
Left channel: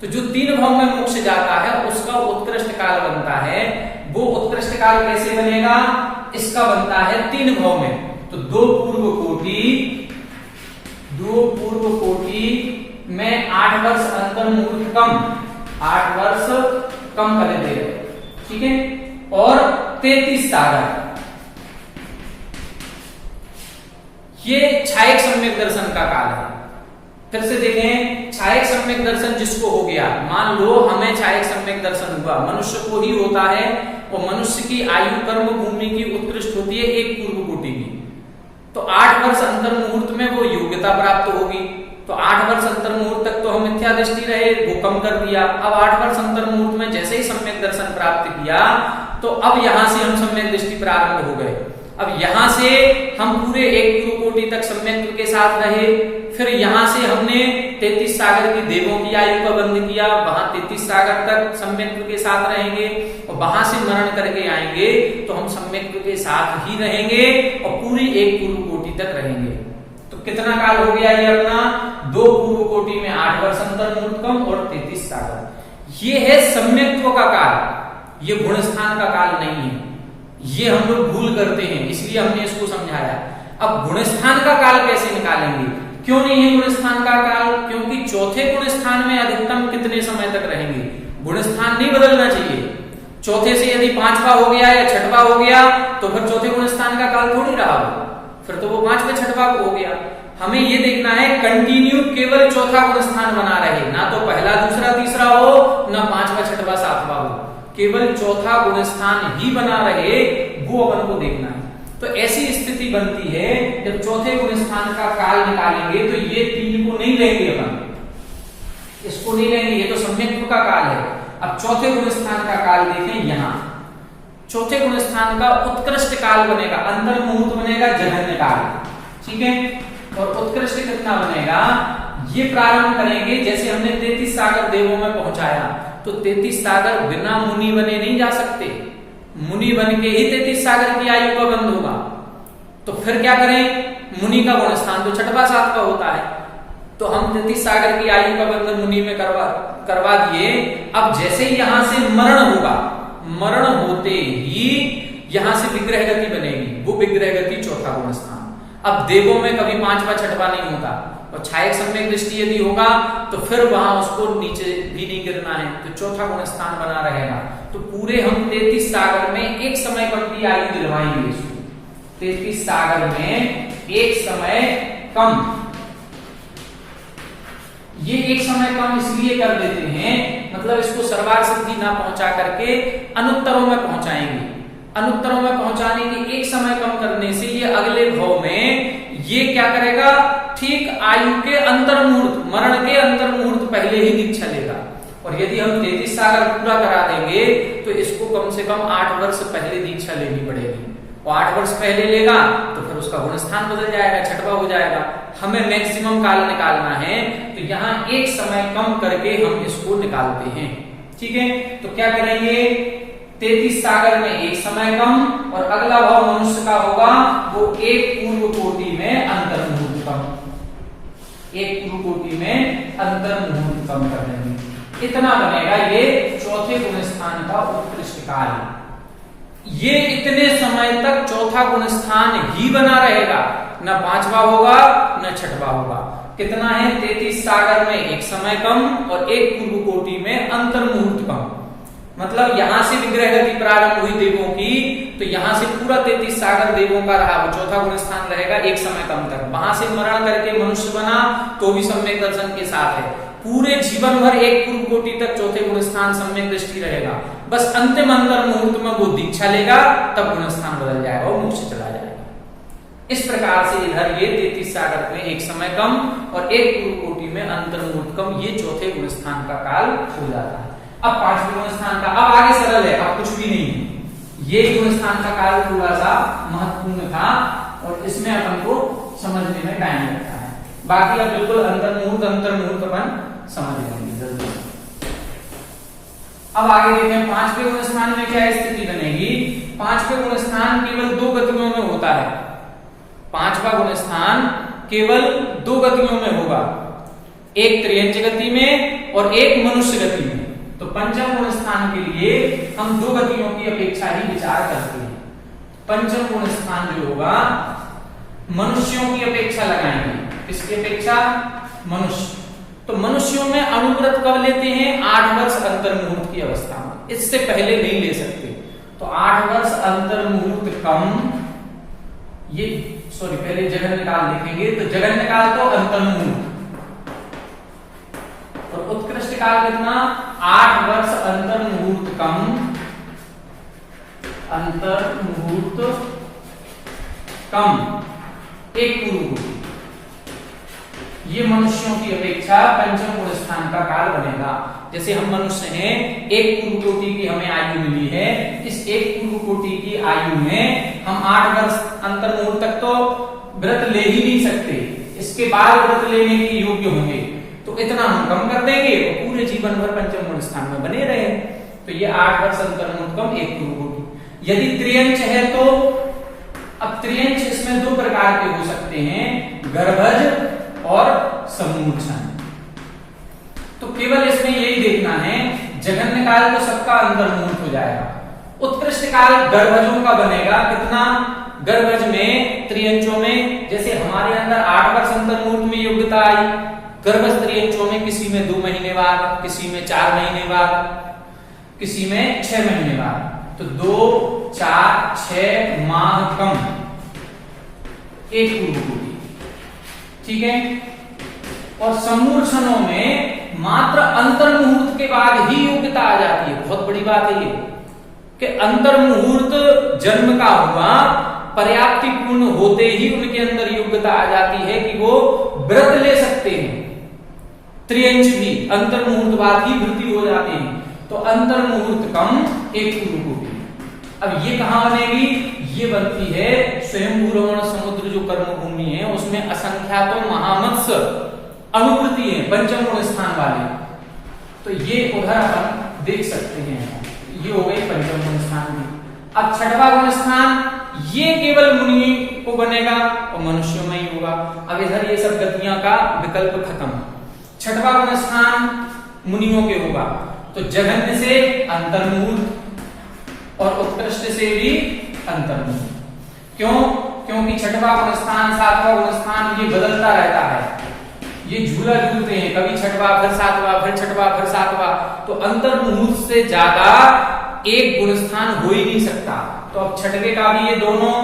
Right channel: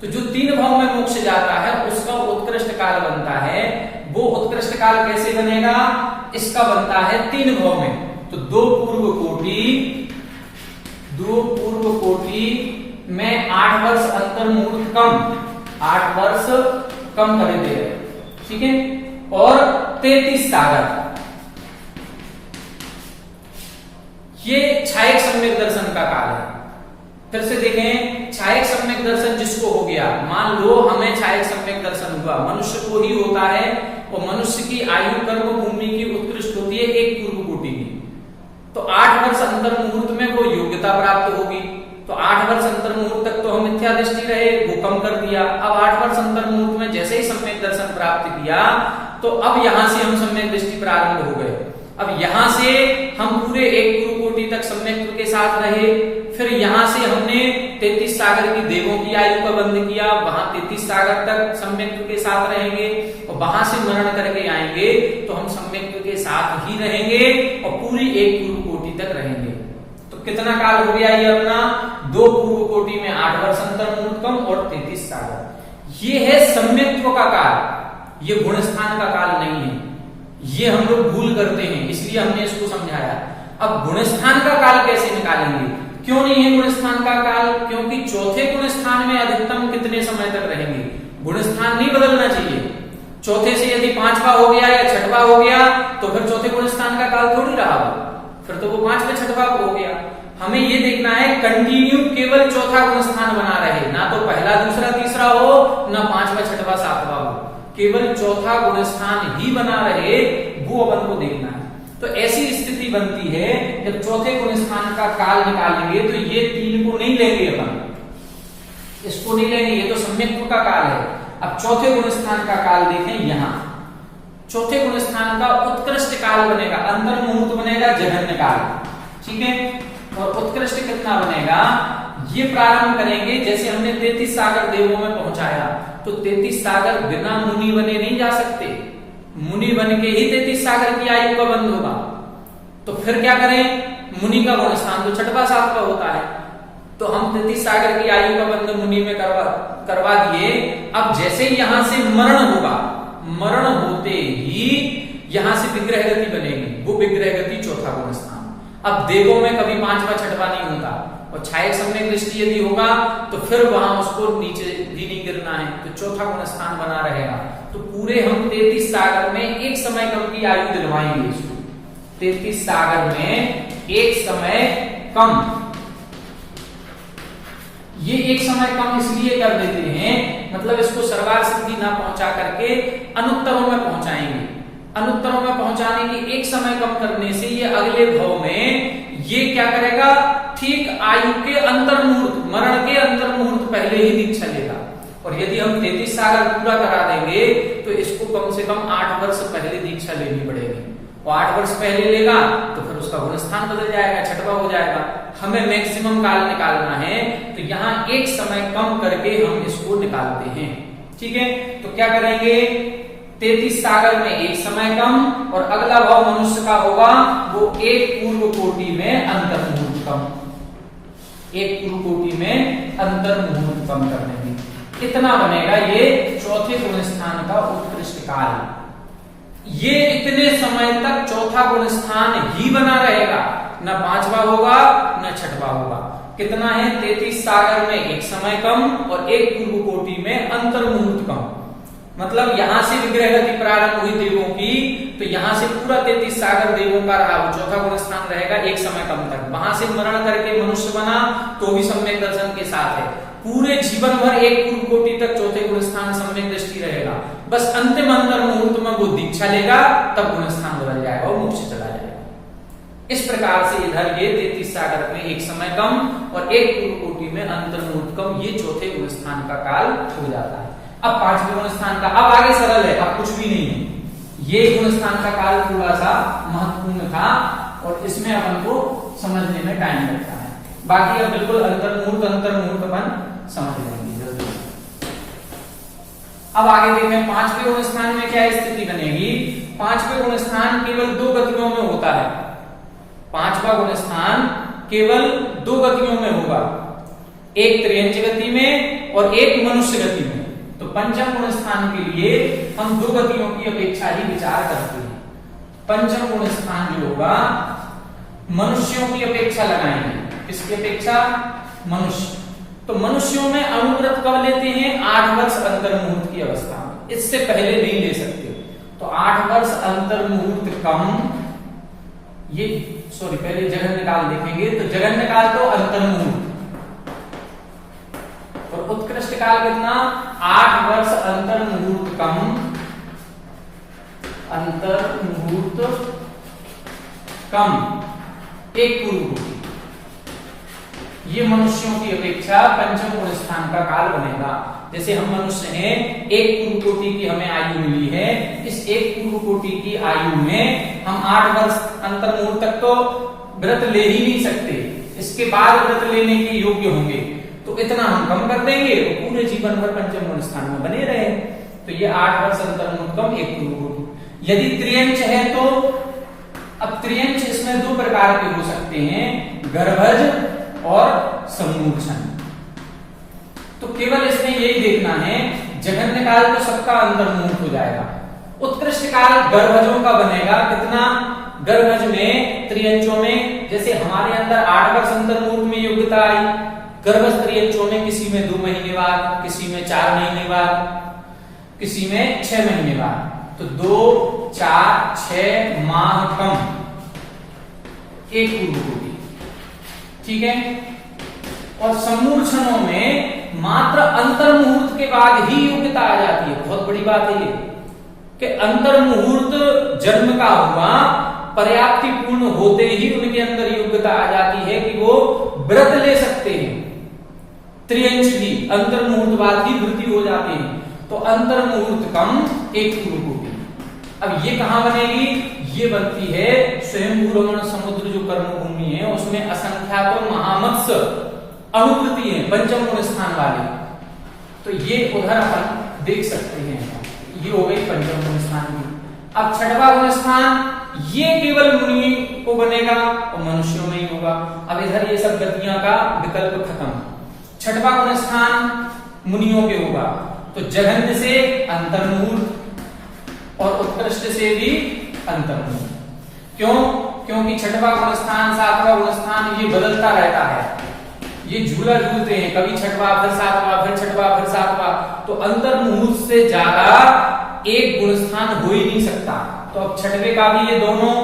तो जो 3 भाव में मोक्ष जाता है उसका उत्कृष्ट काल बनता है। वो उत्कृष्ट काल कैसे बनेगा? इसका बनता है 3 भाव में। तो 2 पूर्व कोटि में 8 वर्ष अंतर मुहूर्त कम, 8 वर्ष कम कर दे रहे, ठीक है, और 33 सागर। ये छायक सम्यक दर्शन का काल है। फिर से देखें, छायक सम्यक दर्शन जिसको हो गया, मान लो हमें छायक सम्यक दर्शन हुआ, मनुष्य को ही होता है, और मनुष्य की आयु कर्म भूमि की उत्कृष्ट होती है 1 पूर्व कोटि की। तो 8 वर्ष अंतर मुहूर्त में वो योग्यता प्राप्त होगी। तो 8 वर्ष अंतर मुहूर्त तक तो हम मिथ्या दृष्टि रहे, वो कम कर दिया। अब 8 वर्ष अंतर मुहूर्त में जैसे ही सम्यक दर्शन प्राप्त किया तो अब यहां से हम सम्यक दृष्टि प्रारंभ हो गए। अब यहां से हम पूरे 1 पूर्व कोटि तक सम्यक के साथ रहे। फिर यहां से हमने 33 सागर की देवों की आयु का बंद किया, वहां 33 सागर तक सम्यक के साथ रहेंगे, और वहां से मरण करके आएंगे तो हम सम्यक के साथ ही रहेंगे और पूरी 1 पूर्व कोटि तक रहेंगे। तो कितना काल हो गया ये अपना? 2 पूर्व कोटि में 8 वर्ष अंतर मुहूर्त कम और 33 सागर। ये है सम्यक्त्व का काल, ये गुण स्थान का काल नहीं है। ये हम लोग भूल करते हैं, इसलिए हमने इसको समझाया। अब गुण स्थान का काल कैसे निकालेंगे? क्यों नहीं है गुण स्थान का काल? क्योंकि चौथे गुण स्थान में अधिकतम कितने समय तक रहेंगे? गुण स्थान नहीं बदलना चाहिए। चौथे से यदि 5वां हो गया या 6वां हो गया तो फिर चौथे गुण स्थान का काल थोड़ी रहा, फिर तो वो 5वां 6वां हो गया। हमें ये देखना है कंटिन्यू केवल चौथा गुण स्थान बना रहे, ना तो पहला दूसरा तीसरा हो, ना 5वां 6वां 7वां हो, केवल चौथा गुण स्थान ही बना रहे, वो अपन को देखना है। तो ऐसी स्थिति बनती है जब चौथे गुण स्थान का काल निकालेंगे तो ये 3 को नहीं लेंगे अपन, इसको नहीं लेंगे, ये तो सम्यक्त्व का काल है। अब चौथे गुण स्थान का काल देखें, यहां चौथे गुण स्थान का उत्कृष्ट काल बनेगा, अंतर मुहूर्त बनेगा जघन्य काल, ठीक है। और उत्कृष्ट कितना बनेगा? ये प्रारंभ करेंगे जैसे हमने 33 सागर देवों में पहुंचाया, तो 33 सागर बिना मुनि बने नहीं जा सकते, मुनि बन के ही 33 सागर की आयु का बंद होगा। तो फिर क्या करें? मुनि का गुण स्थान तो 6वां 7वां होता है, तो हम 33 सागर की आयु का बंधन मुनि में करवा दिए। अब जैसे ही यहां से मरण होगा, मरण होते ही यहां से विग्रह गति बनेगी, वो विग्रह गति चौथा गुण स्थान। अब देवों में कभी पांचवा छठवा नहीं होता, और छायक सम्यक दृष्टि यदि होगा तो फिर वहां उसको नीचे भी नहीं गिरना है, तो चौथा गुण स्थान बना रहेगा। तो पूरे हम 33 सागर में एक समय कम की आयु दिलवाएंगे इसको। 33 सागर में एक समय कम, ये एक समय कम इसलिए कर देते हैं, मतलब इसको सर्वार्थ सिद्धि ना पहुंचा करके अनुत्तरों में पहुंचाएंगे। अनुत्तरों में पहुंचाने के एक समय कम करने से ये अगले भाव में ये क्या करेगा, ठीक आयु के अंतर मुहूर्त, मरण के अंतर मुहूर्त पहले ही दीक्षा लेगा। और यदि हम 33 साल पूरा करा देंगे तो इसको कम से कम 8 वर्ष पहले दीक्षा लेनी पड़ेगी, और 8 वर्ष पहले लेगा तो फिर उसका गुण स्थान बदल जाएगा, छठवा हो जाएगा। हमें मैक्सिमम काल निकालना है, तो यहाँ एक समय कम करके हम इसको निकालते हैं। ठीक है, तो क्या करेंगे, 33 सागर में एक समय कम, और अगला भाव मनुष्य का होगा वो एक पूर्व कोटि में अंतर मुहूर्त कम, एक पूर्व कोटि में अंतर मुहूर्त कम कर देंगे। इतना बनेगा ये चौथे गुण स्थान का उत्कृष्ट काल। ये इतने समय तक चौथा गुण स्थान ही बना रहेगा, न पांचवा होगा न छठवा होगा। कितना है, 33 सागर में एक समय कम और एक पूर्व कोटि में अंतर मुहूर्त कम। मतलब यहां से विग्रह गति प्रारंभ हुई देवों की, तो यहां से पूरा 33 सागर देवों का रहा, चौथा गुण स्थान रहेगा एक समय कम तक। वहां से मरण करके मनुष्य बना तो भी सम्यक दर्शन के साथ है। पूरे जीवन भर एक पूर्व कोटि तक चौथे गुण स्थान सम्यक दृष्टि रहेगा, बस अंतिम अंतर मुहूर्त में वो दीक्षा लेगा, तब गुण स्थान बदल जाएगा और मोक्ष चला जाएगा। इस प्रकार से इधर ये 33 सागर में एक समय कम और एक पूर्व कोटि में अंतर मुहूर्त कम, ये चौथे गुण स्थान का काल हो जाता है। अब पांचवें गुण स्थान का, अब आगे सरल है, अब कुछ भी नहीं है। ये गुण स्थान का काल थोड़ा सा महत्वपूर्ण था और इसमें अपन को समझने में टाइम लगता है। बाकी अब बिल्कुल अंतर मुहूर्त अपन समझ लेंगे जल्दी। अब आगे देखें पांचवें गुण स्थान में क्या स्थिति बनेगी। पांचवें गुण स्थान केवल 2 गतियों में होता है। पांचवा गुण स्थान केवल 2 गतियों में होगा, एक त्रियंच गति में और एक मनुष्य गति में। तो पंचम गुण स्थान के लिए हम 2 गतियों की अपेक्षा ही विचार करते हैं। पंचम गुण स्थान जो होगा मनुष्यों की अपेक्षा लगाएंगे। किसकी अपेक्षा, मनुष्य। तो मनुष्यों में अनुव्रत कब लेते हैं, 8 वर्ष अंतर मुहूर्त की अवस्था में, इससे पहले नहीं ले सकते। तो 8 वर्ष अंतर मुहूर्त कम, ये पहले जगन काल देखेंगे, तो जगन काल तो अंतर मुहूर्त, और उत्कृष्ट काल कितना, 8 वर्ष अंतर मुहूर्त कम, अंतर मुहूर्त कम, एक पूर्व कोटि। ये मनुष्यों की अपेक्षा पंचम गुण स्थान का काल बनेगा। जैसे हम मनुष्य हैं, एक पूर्व कोटि की हमें आयु मिली है, इस एक पूर्व कोटि की आयु में हम 8 वर्ष अंतर मुहूर्त तक तो व्रत ले ही नहीं सकते, इसके बाद व्रत लेने के योग्य होंगे, तो इतना हम कम कर देंगे और पूरे जीवन भर पंचम गुण स्थान में बने रहे। तो ये 8 वर्ष अंतर मुहूर्त कम, एक पूर्व कोटि। यदि त्रियंच है तो, अब त्रियंच इसमें 2 प्रकार के हो सकते हैं, गर्भज और समूर्छन। तो केवल इसमें यही देखना है, जघन्य काल तो सबका अंतर मुहूर्त हो जाएगा। उत्कृष्ट काल गर्भजों का बनेगा, कितना, गर्भज में त्रियंचों में, जैसे हमारे अंदर 8 वर्ष अंतर मुहूर्त में योग्यता आई, गर्भज त्रियंचों में किसी में 2 महीने बाद, किसी में 4 महीने बाद, किसी में 6 महीने बाद। तो 2, 4, 6 माह कम, एक पूर्व कोटि। ठीक है, और समूर्छनों में मात्र अंतर मुहूर्त के बाद ही योग्यता आ जाती है। बहुत बड़ी बात है ये कि अंतर मुहूर्त जन्म का हुआ, पर्याप्ति पूर्ण होते ही उनके अंदर योग्यता आ जाती है कि वो व्रत ले सकते हैं। त्रियंच भी अंतर मुहूर्त बाद ही वृद्धि हो जाती है। तो अंतर मुहूर्त कम, एक पूर्व कोटि। अब ये कहां बनेगी, ये बनती है स्वयंभू रमण समुद्र जो कर्मभूमि है, उसमें असंख्यात महामत्स्य अनुवृत्ति है पंचम गुण स्थान वाली। तो ये उधर अपन देख सकते हैं। ये हो गई पंचम गुण स्थान की। अब छठवा गुण स्थान ये केवल मुनि को बनेगा और मनुष्यों में ही होगा। अब इधर ये सब गतियां का विकल्प खत्म। छठवां गुण स्थान मुनियों के होगा, तो जघन्य से अंतर्मूर्त और उत्कृष्ट से भी अंतर्मूर्त। क्यों? क्योंकि छठवां गुण स्थान, सातवां गुण स्थान ये बदलता रहता है, ये झूला झूलते हैं, कभी छठवां फिर सातवां फिर छठवां फिर सातवां। तो अंतर्मुहूर्त से ज्यादा एक गुण स्थान हो ही नहीं सकता। तो अब छठवें का भी ये दोनों,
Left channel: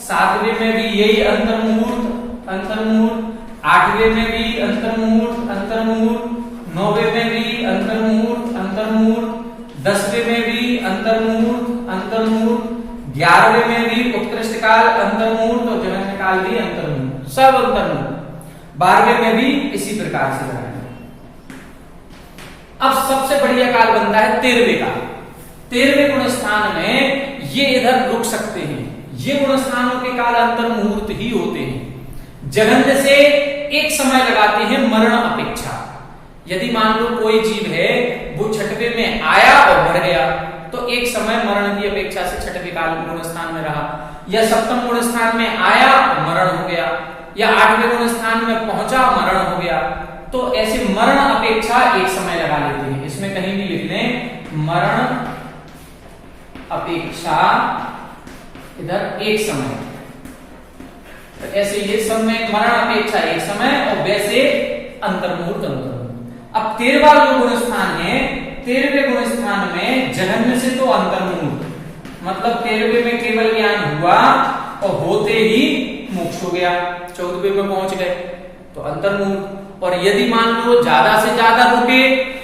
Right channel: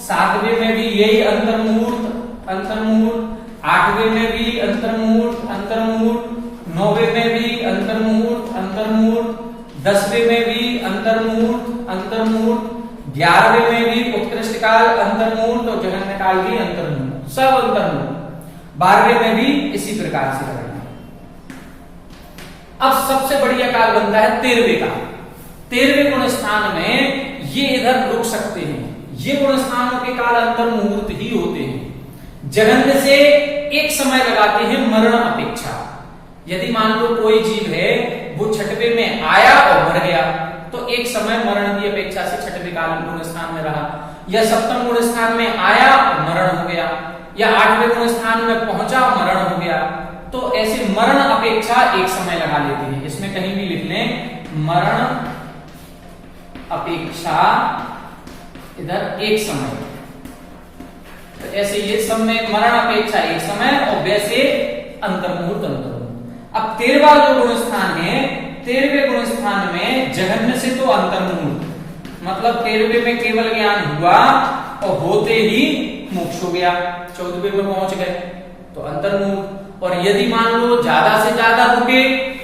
सातवें में भी यही अंतर्मुहूर्त अंतर्मुहूर्त, आठवें में भी अंतर्मुहूर्त अंतर्मुहूर्त, नौवें में भी अंतर्मुहूर्त अंतर्मुहूर्त, 10वें में भी अंतर्मुहूर्त अंतर्मुहूर्त, 11वें में भी उत्कृष्ट काल अंतर्मुहूर्त और जघन्य काल भी अंतर्मुहूर्त, सब अंतर्मुहूर्त। 12वें में भी इसी प्रकार से लगाएंगे। अब सबसे बढ़िया काल बनता है 13वें काल। 13वें गुण स्थान में ये इधर रुक सकते हैं, ये गुण स्थानों के काल अंतर्मुहूर्त ही होते हैं। जघन्य से एक समय लगाते हैं मरण अपेक्षा। यदि मान लो कोई जीव है वो छठवें में आया और बढ़ गया, तो एक समय मरण की अपेक्षा से छठवें काल गुण स्थान में रहा, या सप्तम गुण स्थान में आया मरण हो गया, या 8वें गुण स्थान में पहुंचा मरण हो गया। तो ऐसे मरण अपेक्षा एक समय लगा लेते हैं। इसमें कहीं भी लिख लें मरण अपेक्षा, इधर एक समय। तो ऐसे ये सब में मरण अपेक्षा एक समय और वैसे अंतर्मुहूर्त अंतर्मुहूर्त। अब 13वां जो गुण स्थान है, 13वें गुण स्थान में जघन्य से तो अंतर्मुहूर्त, मतलब 13वें में केवल ज्ञान हुआ और होते ही मोक्ष हो गया, 14वें में पहुंच गए तो अंतर्मुहूर्त। और यदि मान लो ज्यादा से ज्यादा रुके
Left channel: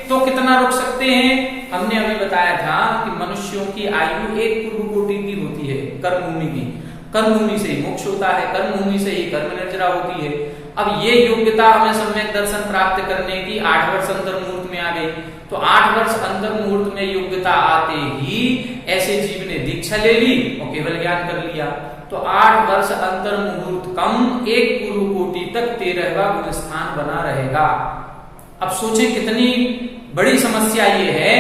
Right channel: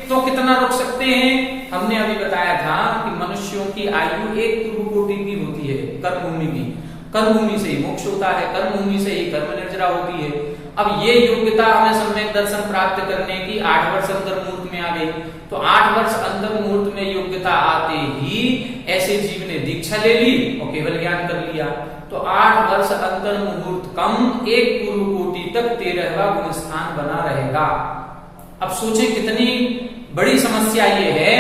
तो कितना रुक सकते हैं? हमने अभी बताया था कि मनुष्यों की आयु एक पूर्व कोटि की होती है, कर्मभूमि की। कर्मभूमि से ही मोक्ष होता है, कर्मभूमि से ही कर्म निर्जरा होती है। अब ये योग्यता हमें सम्यक दर्शन प्राप्त करने की 8 वर्ष अंतर्मुहूर्त में आ गई। तो 8 वर्ष अंतर्मुहूर्त में योग्यता आते ही ऐसे जीव ने दीक्षा ले ली और केवल ज्ञान कर लिया। तो 8 वर्ष अंतर्मुहूर्त कम एक पूर्व कोटि तक 13वां गुण स्थान बना रहेगा। अब सोचें कितनी बड़ी समस्या ये है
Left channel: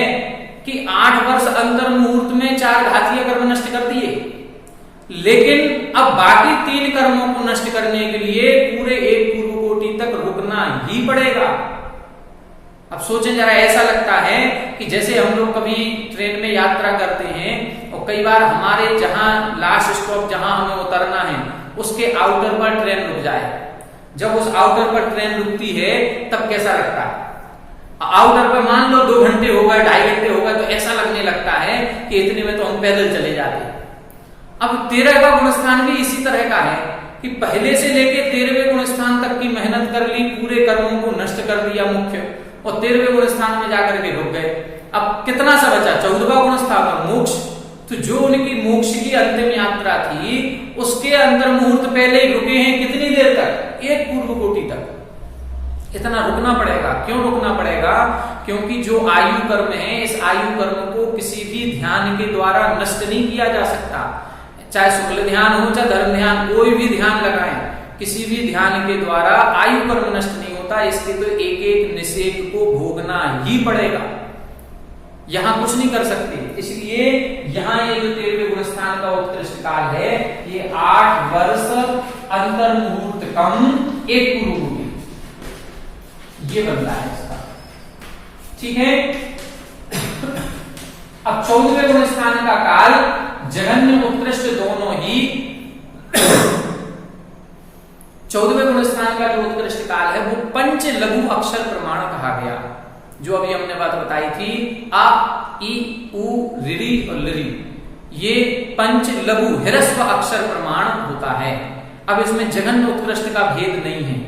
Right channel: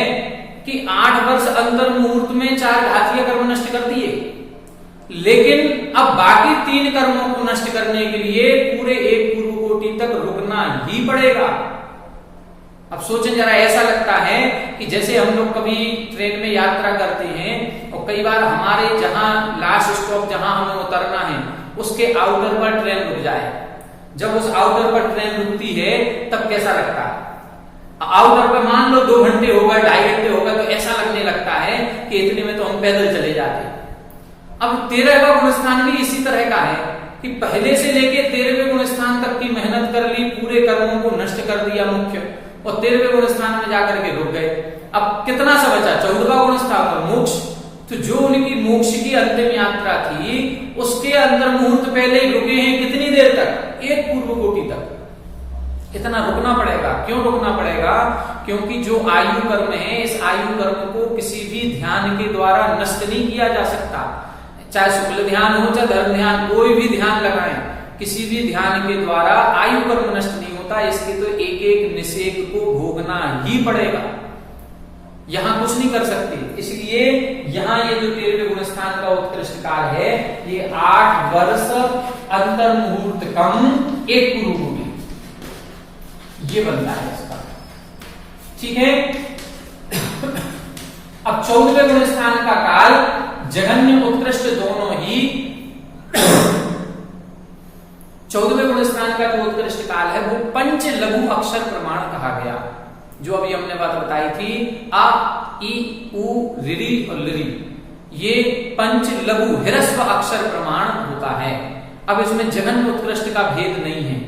कि 8 वर्ष अंतर्मुहूर्त में 4 घातीय कर्म नष्ट कर दिए, लेकिन अब बाकी 3 कर्मों को नष्ट करने के लिए पूरे एक पूर्व कोटि तक रुकना ही पड़ेगा। अब सोचें जरा, ऐसा लगता है कि जैसे हम लोग कभी ट्रेन में यात्रा करते हैं और कई बार हमारे जहां लास्ट स्टॉप जहां हमें उतरना है उसके आउटर पर ट्रेन रुक जाए। जब उस आउटर पर ट्रेन रुकती है तब कैसा लगता है? आउटर पर मान लो 2 घंटे हो गए, 2.5 घंटे हो गए, तो ऐसा लगने लगता है कि इतने में तो हम पैदल चले जाते। अब 13वां गुण स्थान भी इसी तरह का है कि पहले से लेके 13वें गुण स्थान तक की मेहनत कर ली, पूरे कर्मों को नष्ट कर दिया मुख्य, और 13वें गुण स्थान में जाकर के रुक गए। अब कितना सा बचा? 14वां गुण स्थान मोक्ष। तो जो उनकी मोक्ष की अंतिम यात्रा थी उसके अंतर्मुहूर्त पहले ही रुके हैं। कितनी देर तक? एक पूर्व कोटि तक। इतना रुकना पड़ेगा। क्यों रुकना पड़ेगा? क्योंकि जो आयु कर्म है, इस आयु कर्म को किसी भी ध्यान के द्वारा नष्ट नहीं किया जा सकता। चाहे शुक्ल ध्यान हो चाहे धर्म ध्यान, कोई भी ध्यान लगाएं, किसी भी ध्यान के द्वारा आयु कर्म नष्ट नहीं होता। इसके तो एक एक निषेध को भोगना ही पड़ेगा, यहां कुछ नहीं कर सकते। इसलिए यहां ये जो 13वें गुण स्थान का उत्कृष्ट काल है, ये 8 वर्ष अंतर्मुहूर्त कम एक पूर्व कोटि, ये बनता है इसका। ठीक है। अब 14वें गुण स्थान का काल जघन्य उत्कृष्ट दोनों ही 14वें गुण स्थान का जो उत्कृष्ट काल है वो पंच लघु अक्षर प्रमाण कहा गया। जो अभी हमने बात बताई थी, आ ई उ ऋ और लृ, ये पंच लघु ह्रस्व अक्षर प्रमाण होता है। अब इसमें जघन्य उत्कृष्ट का भेद नहीं है।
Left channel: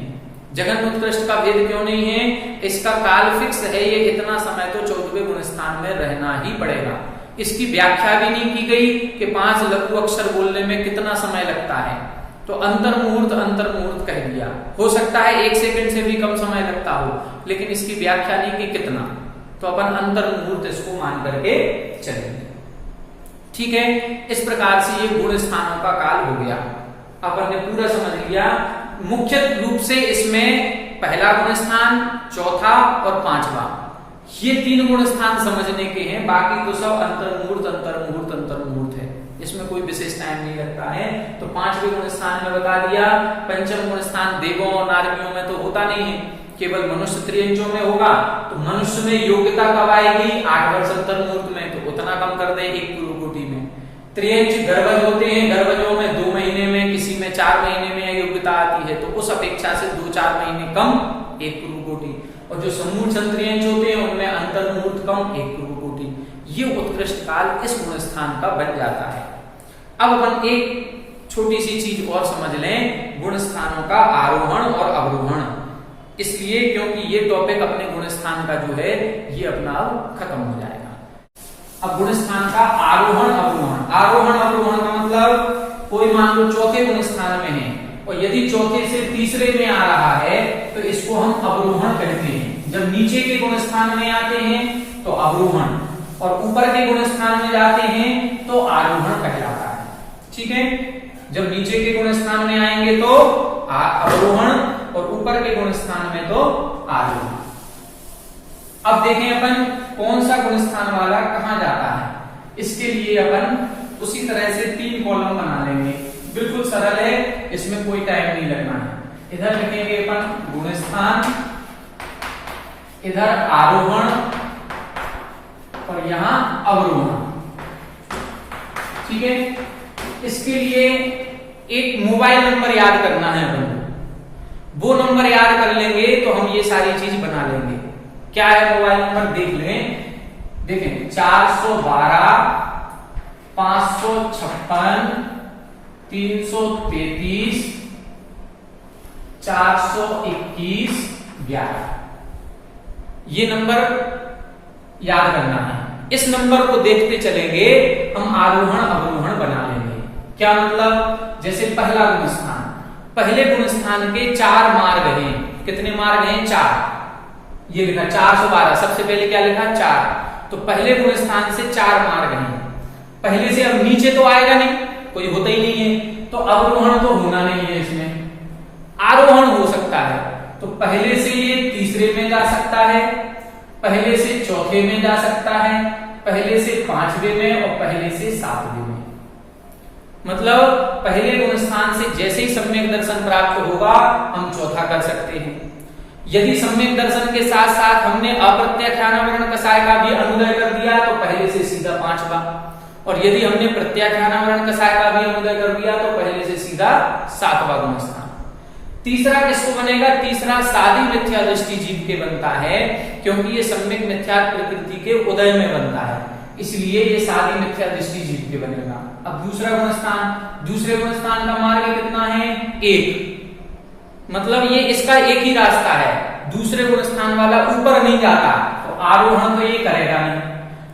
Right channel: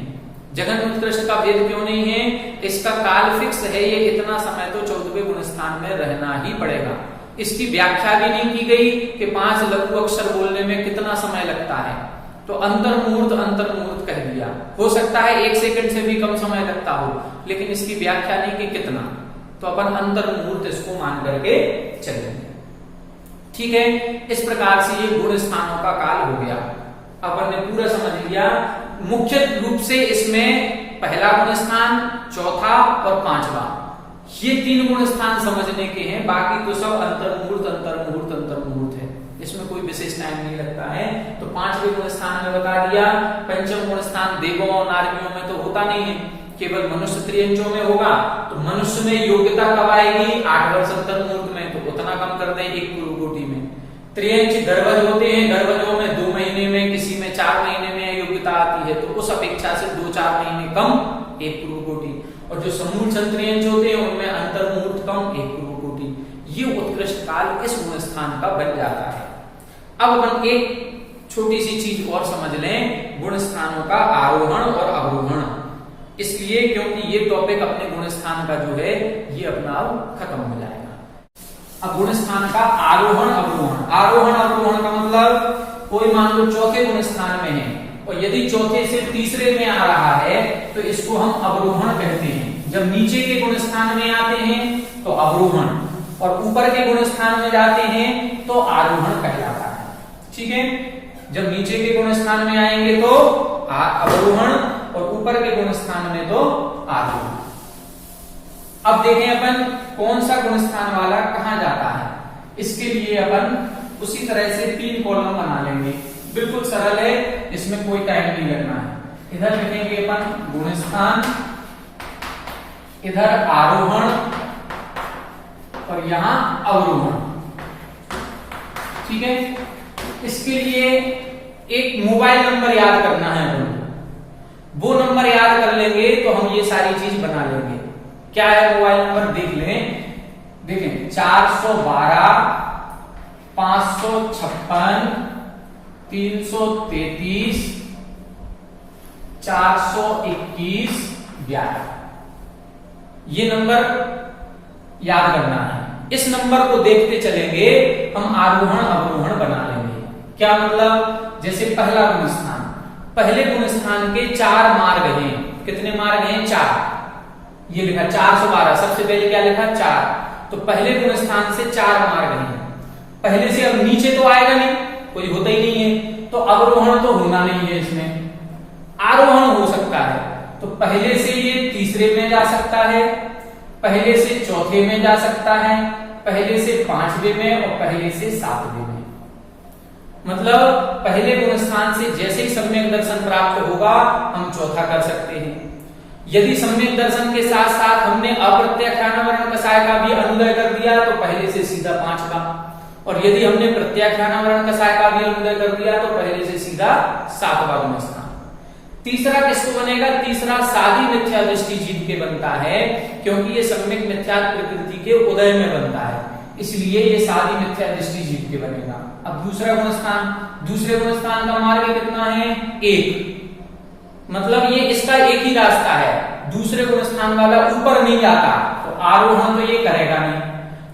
जघन्य उत्कृष्ट का भेद क्यों नहीं है? इसका काल फिक्स है, ये इतना समय तो 14वें गुण स्थान में रहना ही पड़ेगा। इसकी व्याख्या भी नहीं की गई कि 5 लघु अक्षर बोलने में कितना समय लगता है। तो अंतर्मुहूर्त कह दिया। हो सकता है 1 सेकंड से भी कम समय लगता हो, लेकिन इसकी व्याख्या नहीं की कितना, तो अपन अंतर्मुहूर्त इसको मान करके चलेंगे। ठीक है। इस प्रकार से ये गुण स्थानों का काल हो गया। अपन ने पूरा समझ लिया। मुख्य रूप से इसमें पहला गुण स्थान, चौथा और 5वां, ये 3 गुण स्थान समझने के हैं। बाकी तो सब अंतर्मुहूर्त अंतर्मुहूर्त अंतर्मुहूर्त है। इसमें कोई विशेष टाइम नहीं लगता है। तो 5वें गुण स्थान में बता दिया। पंचम गुण स्थान देवों और नारियों में तो होता नहीं है, केवल मनुष्य त्रियंचों में होगा। तो मनुष्य में योग्यता कब आएगी? 8 वर्ष तक मुहूर्त में, तो उतना कम कर दे 1 पूर्व कोटि में। त्रियंच गर्भज होते हैं, गर्भजों में 2 महीने में, किसी में 4 महीने में योग्यता आती है, तो उस अपेक्षा से 2-4 महीने कम 1 पूर्व कोटि। और जो समूह संत्रियंच होते हैं उनमें अंतर मुहूर्त कम 1 पूर्व कोटि। ये उत्कृष्ट काल इस गुण स्थान का बन जाता है। अब अपन एक छोटी सी चीज और समझ लें, गुण स्थानों का आरोहण और अवरोहण। इसलिए क्योंकि ये टॉपिक अपने गुण स्थान का जो है ये अपना अब खत्म हो जाएगा। अब गुण स्थान का आरोहण अवरोहण। आरोहण अवरोहण का मतलब कोई मान लो चौथे गुण स्थान में है और यदि चौथे से तीसरे में आ रहा है तो इसको हम अवरोहण कहते हैं। जब नीचे के गुण स्थान में आते हैं तो अवरोहण, और ऊपर के गुण स्थान में जाते हैं तो आरोहण कहलाता है। ठीक है, जब नीचे के गुण स्थान में आएंगे तो अवरोहण और ऊपर के गुण स्थान में तो आरोहण। अब देखें अपन कौन सा गुण स्थान वाला कहां जाता है। इसके लिए अपन उसी तरह से 3 कॉलम बना लेंगे, बिल्कुल सरल है, इसमें कोई टाइम नहीं लगना है। इधर लिखेंगे अपन गुण स्थान, इधर आरोहण और यहां अवरोहण। ठीक है, इसके लिए एक मोबाइल नंबर याद करना है अपन को। वो नंबर याद कर लेंगे तो हम ये सारी चीज बना लेंगे। क्या है मोबाइल नंबर देख लें। देखें 412 556 333 421 11। ये नंबर याद करना है। इस नंबर को देखते चलेंगे हम आरोहण अवरोहण बना लेंगे। क्या मतलब, जैसे पहला गुण स्थान, पहले गुण स्थान के 4 मार्ग हैं। कितने मार्ग हैं? 4। ये लिखा 412, सबसे पहले क्या लिखा? 4। तो पहले गुण स्थान से 4 मार्ग हैं। पहले से अब नीचे तो आएगा नहीं, कोई होता ही नहीं है, तो अवरोहण तो होना नहीं है इसमें, आरोहण हो सकता है। तो पहले से ये तीसरे में जा सकता है, पहले से चौथे में जा सकता है, पहले से 5वें में और पहले से 7वें में। मतलब पहले गुण स्थान से जैसे ही सम्यक दर्शन प्राप्त होगा हम चौथा कर सकते हैं। यदि सम्यक दर्शन के साथ साथ हमने अप्रत्याख्यानावरण कषाय का भी अनुदय कर दिया तो पहले से सीधा 5वां, और यदि हमने प्रत्याख्यानावरण कषाय का भी अनुदय कर दिया तो पहले से सीधा 7वां गुण स्थान। तीसरा किसको बनेगा? तीसरा सादी मिथ्या दृष्टि जीव के बनता है, क्योंकि ये सम्यक मिथ्या प्रकृति के उदय में बनता है, इसलिए ये सादी मिथ्या दृष्टि जीव के बनेगा। अब दूसरा गुण स्थान, दूसरे गुण स्थान का मार्ग कितना है? 1। मतलब ये इसका एक ही रास्ता है, दूसरे गुण स्थान वाला ऊपर नहीं जाता, तो आरोहण तो ये करेगा नहीं,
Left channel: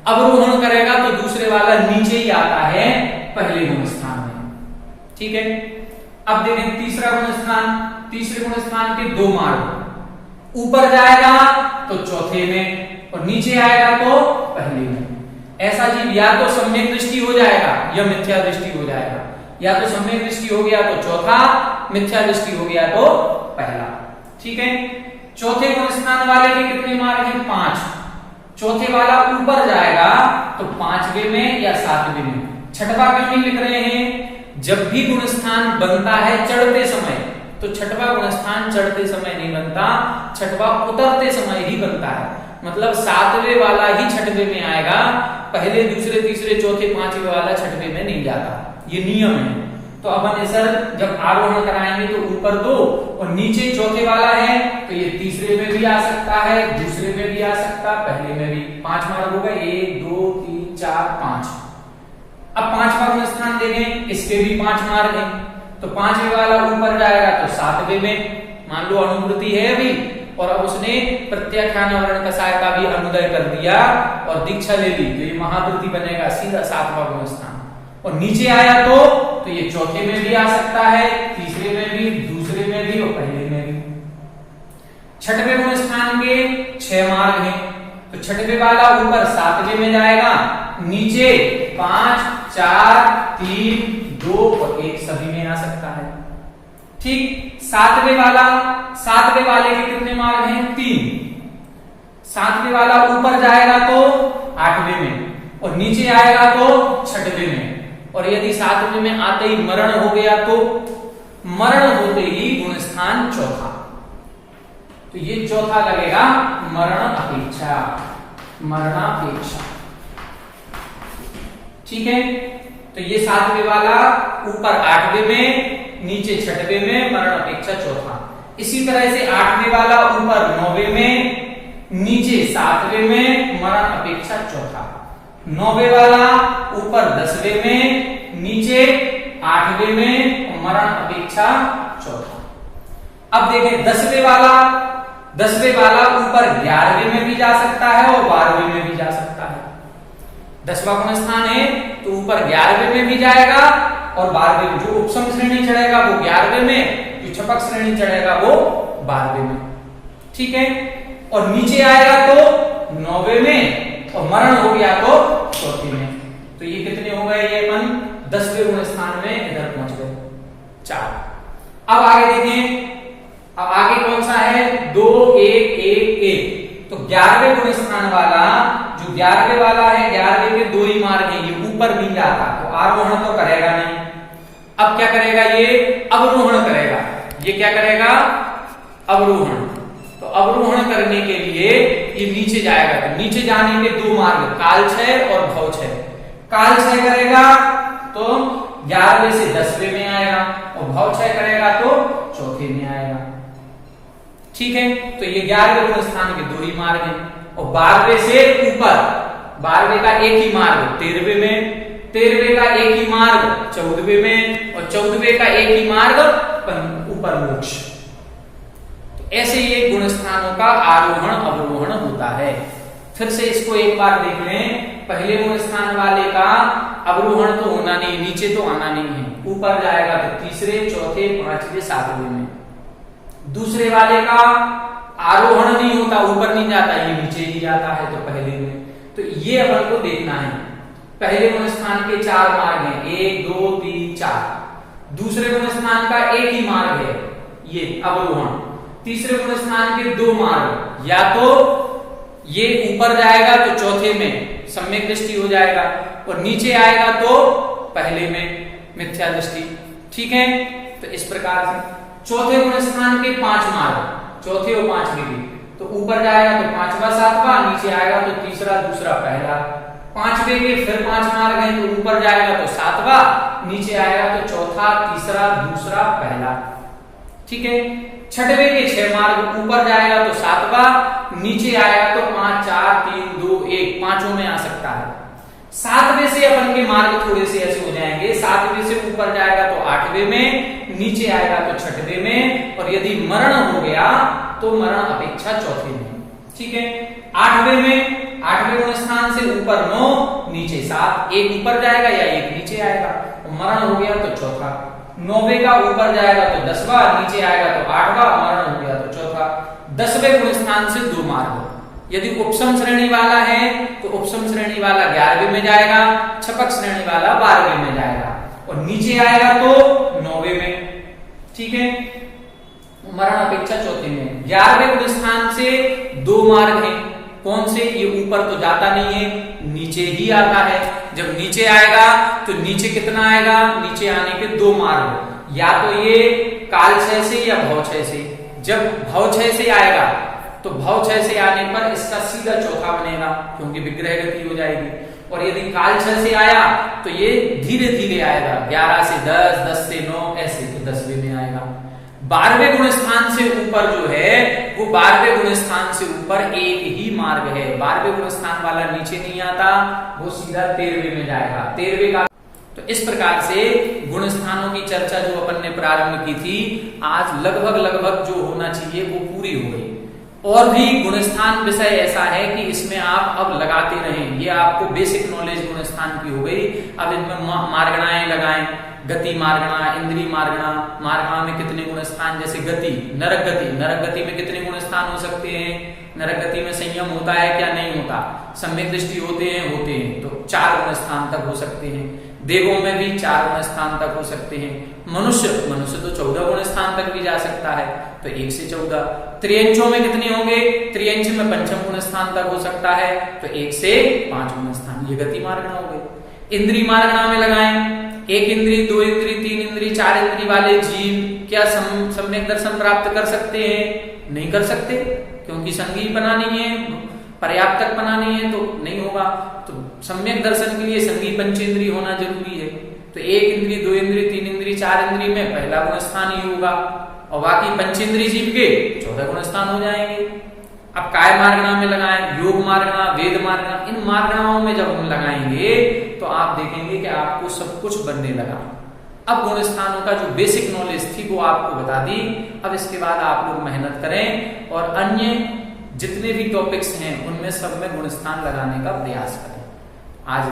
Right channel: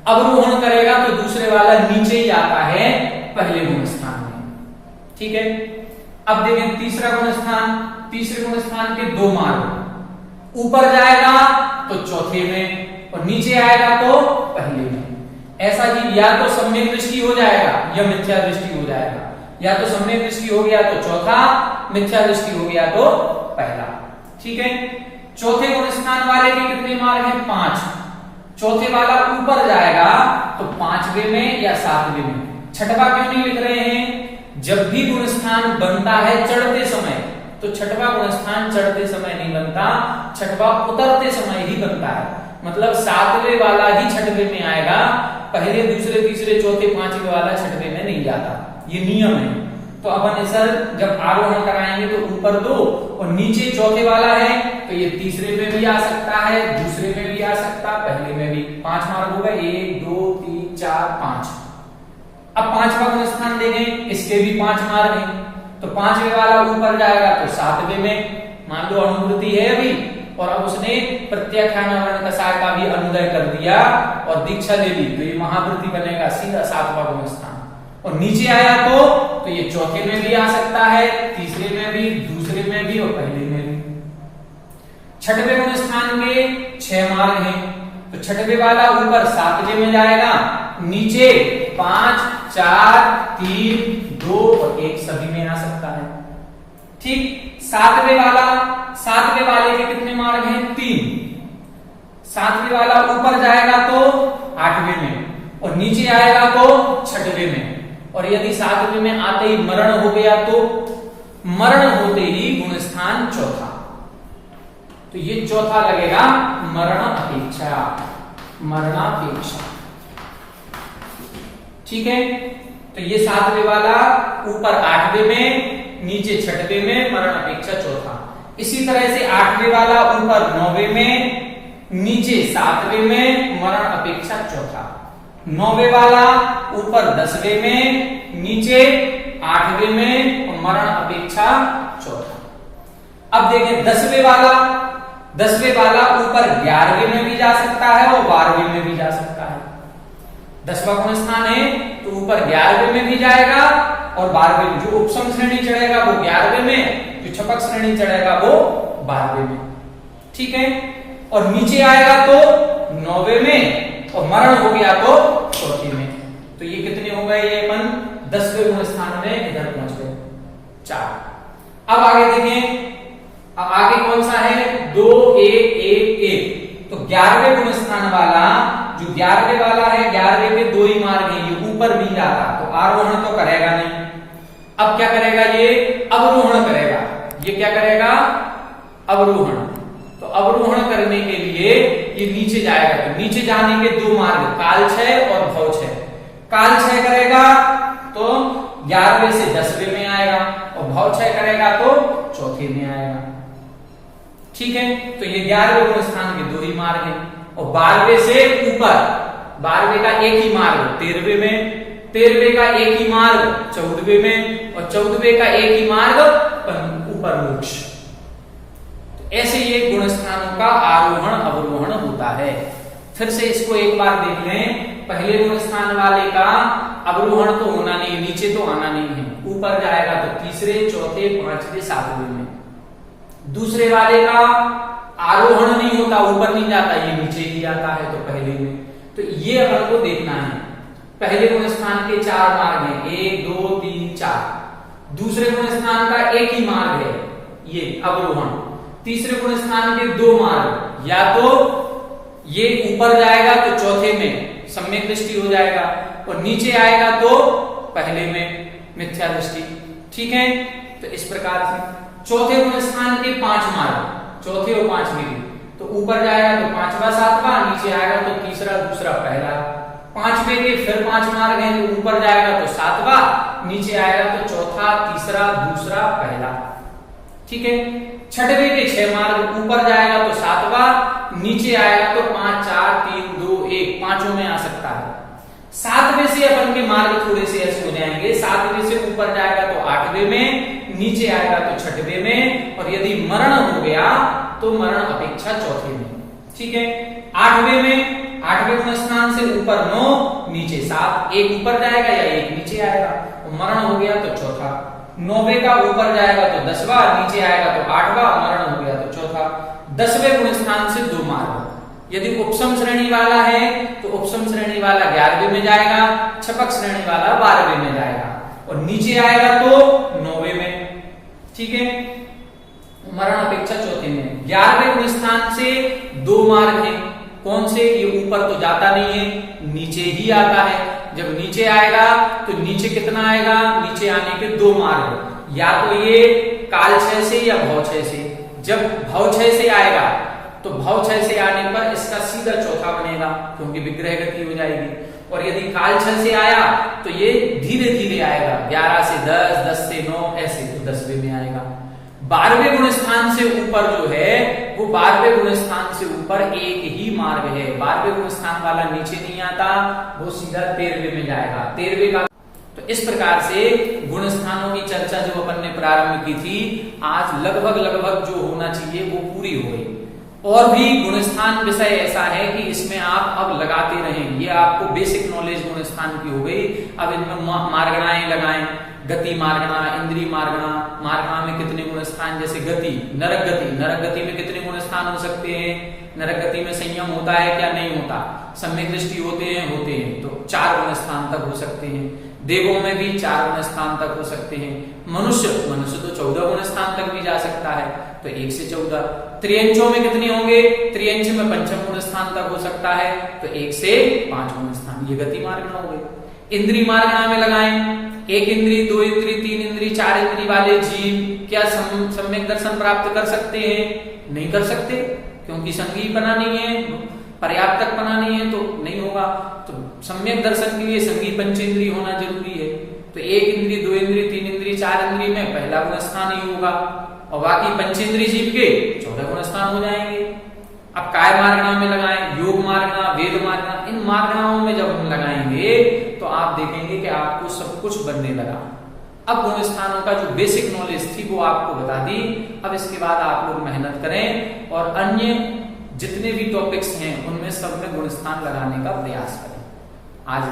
अवरोहण करेगा तो दूसरे वाला नीचे ही आता है पहले गुण स्थान में। ठीक है, अब देखें तीसरा गुण स्थान, तीसरे गुण स्थान के 2 मार्ग, ऊपर जाएगा तो चौथे में और नीचे आएगा तो पहले में। ऐसा जीव या तो सम्यक दृष्टि हो जाएगा या मिथ्या दृष्टि हो जाएगा, या तो सम्यक दृष्टि हो गया तो चौथा, मिथ्या दृष्टि हो गया तो पहला। ठीक है, चौथे गुण स्थान वाले के कितने मार्ग हैं? 5। चौथे वाला ऊपर जाएगा तो 5वें में या 7वें में। छठवा क्यों नहीं लिख रहे हैं? जब भी गुण स्थान बनता है चढ़ते समय, तो छठवा गुण स्थान चढ़ते समय नहीं बनता, छठवा उतरते समय ही बनता है। मतलब 7वें वाला ही 6वें में आएगा, पहले दूसरे तीसरे चौथे 5वें वाला 6वें में नहीं जाता, ये नियम है। तो अपन सर जब आरोहण कराएंगे तो ऊपर 2 और नीचे चौथे वाला है, तो ये तीसरे में भी आ सकता है, दूसरे में भी आ सकता, पहले में भी। 5 मार्ग हो गए, 1 2 3 4 5। अब 5वां गुण स्थान देखें, इसके भी 5 मार्ग हैं, तो 5वें वाला ऊपर जाएगा तो 7वें में। मान लो अनुवृत्ति है अभी और अब उसने प्रत्याख्यानावरण कषाय का भी अनुदय कर दिया और दीक्षा ले ली, तो ये महावृत्ति बनेगा सीधा 7वां गुण स्थान। और नीचे आया तो ये चौथे में भी आ सकता है, तीसरे में भी, दूसरे में भी और पहले में भी। 6वें गुण स्थान के 6 मार्ग हैं, तो 6वें वाला ऊपर 7वें में जाएगा, नीचे 5 4 3 2 और 1 सभी में आ सकता है। ठीक, 7वें वाले के कितने मार्ग हैं? 3। 7वें वाला ऊपर जाएगा तो 8वें में और नीचे आएगा तो 6वें में। और यदि 7वें में आते ही मरण हो गया तो मरण होते ही गुण स्थान चौथा, तो ये चौथा लगेगा मरण अपेक्षा, मरणापेक्षा। ठीक है, तो ये 7वें वाला ऊपर 8वें में, नीचे 6वें में, मरण अपेक्षा चौथा। इसी तरह से 8वें वाला ऊपर 9वें में, नीचे 7वें में, मरण अपेक्षा चौथा। 9वें वाला ऊपर 10वें में, नीचे 8वें में, और मरण अपेक्षा चौथा। अब देखें 10वें वाला ऊपर 11वें में भी जा सकता है और 12वें में भी जा सकता है। 10वां गुण स्थान है तो ऊपर 11वें में भी जाएगा और 12वें में। जो उपसम श्रेणी चढ़ेगा वो 11वें में, जो छपक श्रेणी चढ़ेगा वो 12वें में। ठीक है, और नीचे आएगा तो 9वें में और मरण हो गया तो चौथे में। तो ये कितने हो गए, ये अपन 10वें गुण स्थान में इधर पहुंच गए 4। अब आगे देखें, अब आगे कौन सा है 2 1 1 1। तो 11वें गुण स्थान वाला, जो 11वें वाला है, 11वें के 2 ही मार्ग हैं, ये ऊपर भी जाता तो आरोहण तो करेगा नहीं। अब क्या करेगा, ये अवरोहण करेगा। ये क्या करेगा, अवरोहण। तो अवरोहण करने के लिए ये नीचे जाएगा। तो नीचे जाने के 2 मार्ग, काल क्षय और भव क्षय। काल क्षय करेगा तो 11वें से 10वें में आएगा और भव क्षय करेगा तो चौथे में आएगा। ठीक है, तो ये 11वें गुण स्थान के 2 ही मार्ग हैं। और 12वें से ऊपर, 12वें का एक ही मार्ग 13वें में, 13वें का एक ही मार्ग 14वें में, और 14वें का एक ही मार्ग ऊपर मोक्ष। ऐसे ये गुण स्थानों का आरोहण अवरोहण होता है। फिर से इसको एक बार देख लें। पहले गुण स्थान वाले का अवरोहण तो होना नहीं, नीचे तो आना नहीं है, ऊपर जाएगा तो तीसरे, चौथे, 5वें, 7वें में। दूसरे वाले का आरोहण नहीं होता, ऊपर नहीं जाता, ये नीचे ही जाता है तो पहले में। तो ये अपन को देखना है। पहले गुण स्थान के 4 मार्ग हैं, 1 2 3 4। दूसरे गुण स्थान का एक ही मार्ग है, ये अवरोहण। तीसरे गुण स्थान के 2 मार्ग, या तो ये ऊपर जाएगा तो चौथे में सम्यक दृष्टि हो जाएगा, और नीचे आएगा तो पहले में मिथ्या दृष्टि। ठीक है, तो इस प्रकार से चौथे गुण स्थान के 5 मार्ग, चौथे और 5वें भी। तो ऊपर जाएगा तो 5वां 7वां, नीचे आएगा तो तीसरा, दूसरा, पहला। 5वें के फिर 5 मार्ग हैं, तो ऊपर जाएगा तो 7वां, नीचे आएगा तो चौथा, तीसरा, दूसरा, पहला। ठीक है, 6वें के 6 मार्ग, ऊपर जाएगा तो 7वां, नीचे आएगा तो 5 4 3 2 1, पांचों में आ सकता है। 7वें से अपन के मार्ग थोड़े से ऐसे हो जाएंगे। 7वें से ऊपर जाएगा तो 8वें में, नीचे आएगा तो 6वें में, और यदि मरण हो गया तो मरण अपेक्षा चौथे में। ठीक है, 8वें में, 8वें गुण स्थान से ऊपर 9, नीचे 7, एक ऊपर जाएगा या एक नीचे आएगा, और मरण हो गया तो चौथा। 9वें का ऊपर जाएगा तो 10वां, नीचे आएगा तो 8वां, मरण हो गया तो चौथा। 10वें गुण स्थान से 2 मार्ग। यदि उपसम श्रेणी वाला है तो उपसम श्रेणी वाला 11वें में जाएगा, छपक श्रेणी वाला 12वें में जाएगा, और नीचे आएगा तो 9वें में। ठीक है, मरण अपेक्षा चौथे में। 11वें गुण स्थान से 2 मार्ग हैं। कौन से, ये ऊपर तो जाता नहीं है, नीचे ही आता है। जब नीचे आएगा तो नीचे कितना आएगा, नीचे आने के 2 मार्ग, या तो ये काल क्षय से या भव क्षय से। जब भव क्षय से आएगा तो भव क्षय से आने पर इसका सीधा चौथा बनेगा, क्योंकि विग्रह गति हो जाएगी। और यदि काल क्षय से आया तो ये धीरे धीरे आएगा, 11 से 10, 10 से 9, ऐसे तो 10वें में आएगा। 12वें गुण स्थान से ऊपर जो है वो 12वें गुण स्थान से ऊपर एक ही मार्ग है। 12वें गुण स्थान वाला नीचे नहीं आता, वो सीधा 13वें में जाएगा। 13वें का तो इस प्रकार से गुण स्थानों की चर्चा जो अपन ने प्रारंभ की थी, आज लगभग जो होना चाहिए वो पूरी हो गई। और भी गुण स्थान विषय ऐसा है कि इसमें आप अब लगाते रहें। ये आपको बेसिक नॉलेज गुण स्थान की हो गई। अब इनमें मार्गणाएं लगाएं, गति मार्गणा, इंद्रिय मार्गणा। मार्गणा में कितने गुण स्थान, जैसे गति, नरक गति, नरक गति में कितने गुण स्थान हो सकते हैं। नरक गति में संयम होता है क्या, नहीं होता। सम्यक दृष्टि होते हैं, तो 4 गुण स्थान तक हो सकते हैं। देवों में भी 4 गुण स्थान तक हो सकते हैं। मनुष्य तो 14 गुण स्थान तक भी जा सकता है, तो 1 से 14। त्रियंचों में कितने होंगे, त्रियंच में 5 गुण स्थान तक हो सकता है, तो 1 से 5 गुण स्थान। ये गति मार्गणा हो गई। इंद्रिय मार्गणा में लगाएं एक इंद्री, दो इंद्री, तीन इंद्री, चार इंद्री वाले जीव क्या सम्यक दर्शन प्राप्त कर सकते हैं? नहीं कर सकते, क्योंकि संगी बनानी है, पर्याप्तक बनानी है, तो नहीं होगा। तो सम्यक दर्शन के लिए संगी पंचेंद्री होना जरूरी है। तो एक इंद्री, दो इंद्री, तीन इंद्री, चार इंद्री में पहला गुण स्थान ही होगा और बाकी पंचेंद्री जीव के 14 गुण स्थान हो जाएंगे। अब काय मार्गणा में लगाएं, योग मार्गणा, वेद मार्गणा, इन मार्गणाओं में जब हम लगाएंगे तो आप देखेंगे कि आपको सब कुछ बनने लगा। अब गुण स्थानों का जो बेसिक नॉलेज थी वो आपको बता दी। अब इसके बाद आप लोग मेहनत करें और अन्य जितने भी टॉपिक्स हैं उनमें सब में गुण स्थान लगाने का प्रयास करें। आज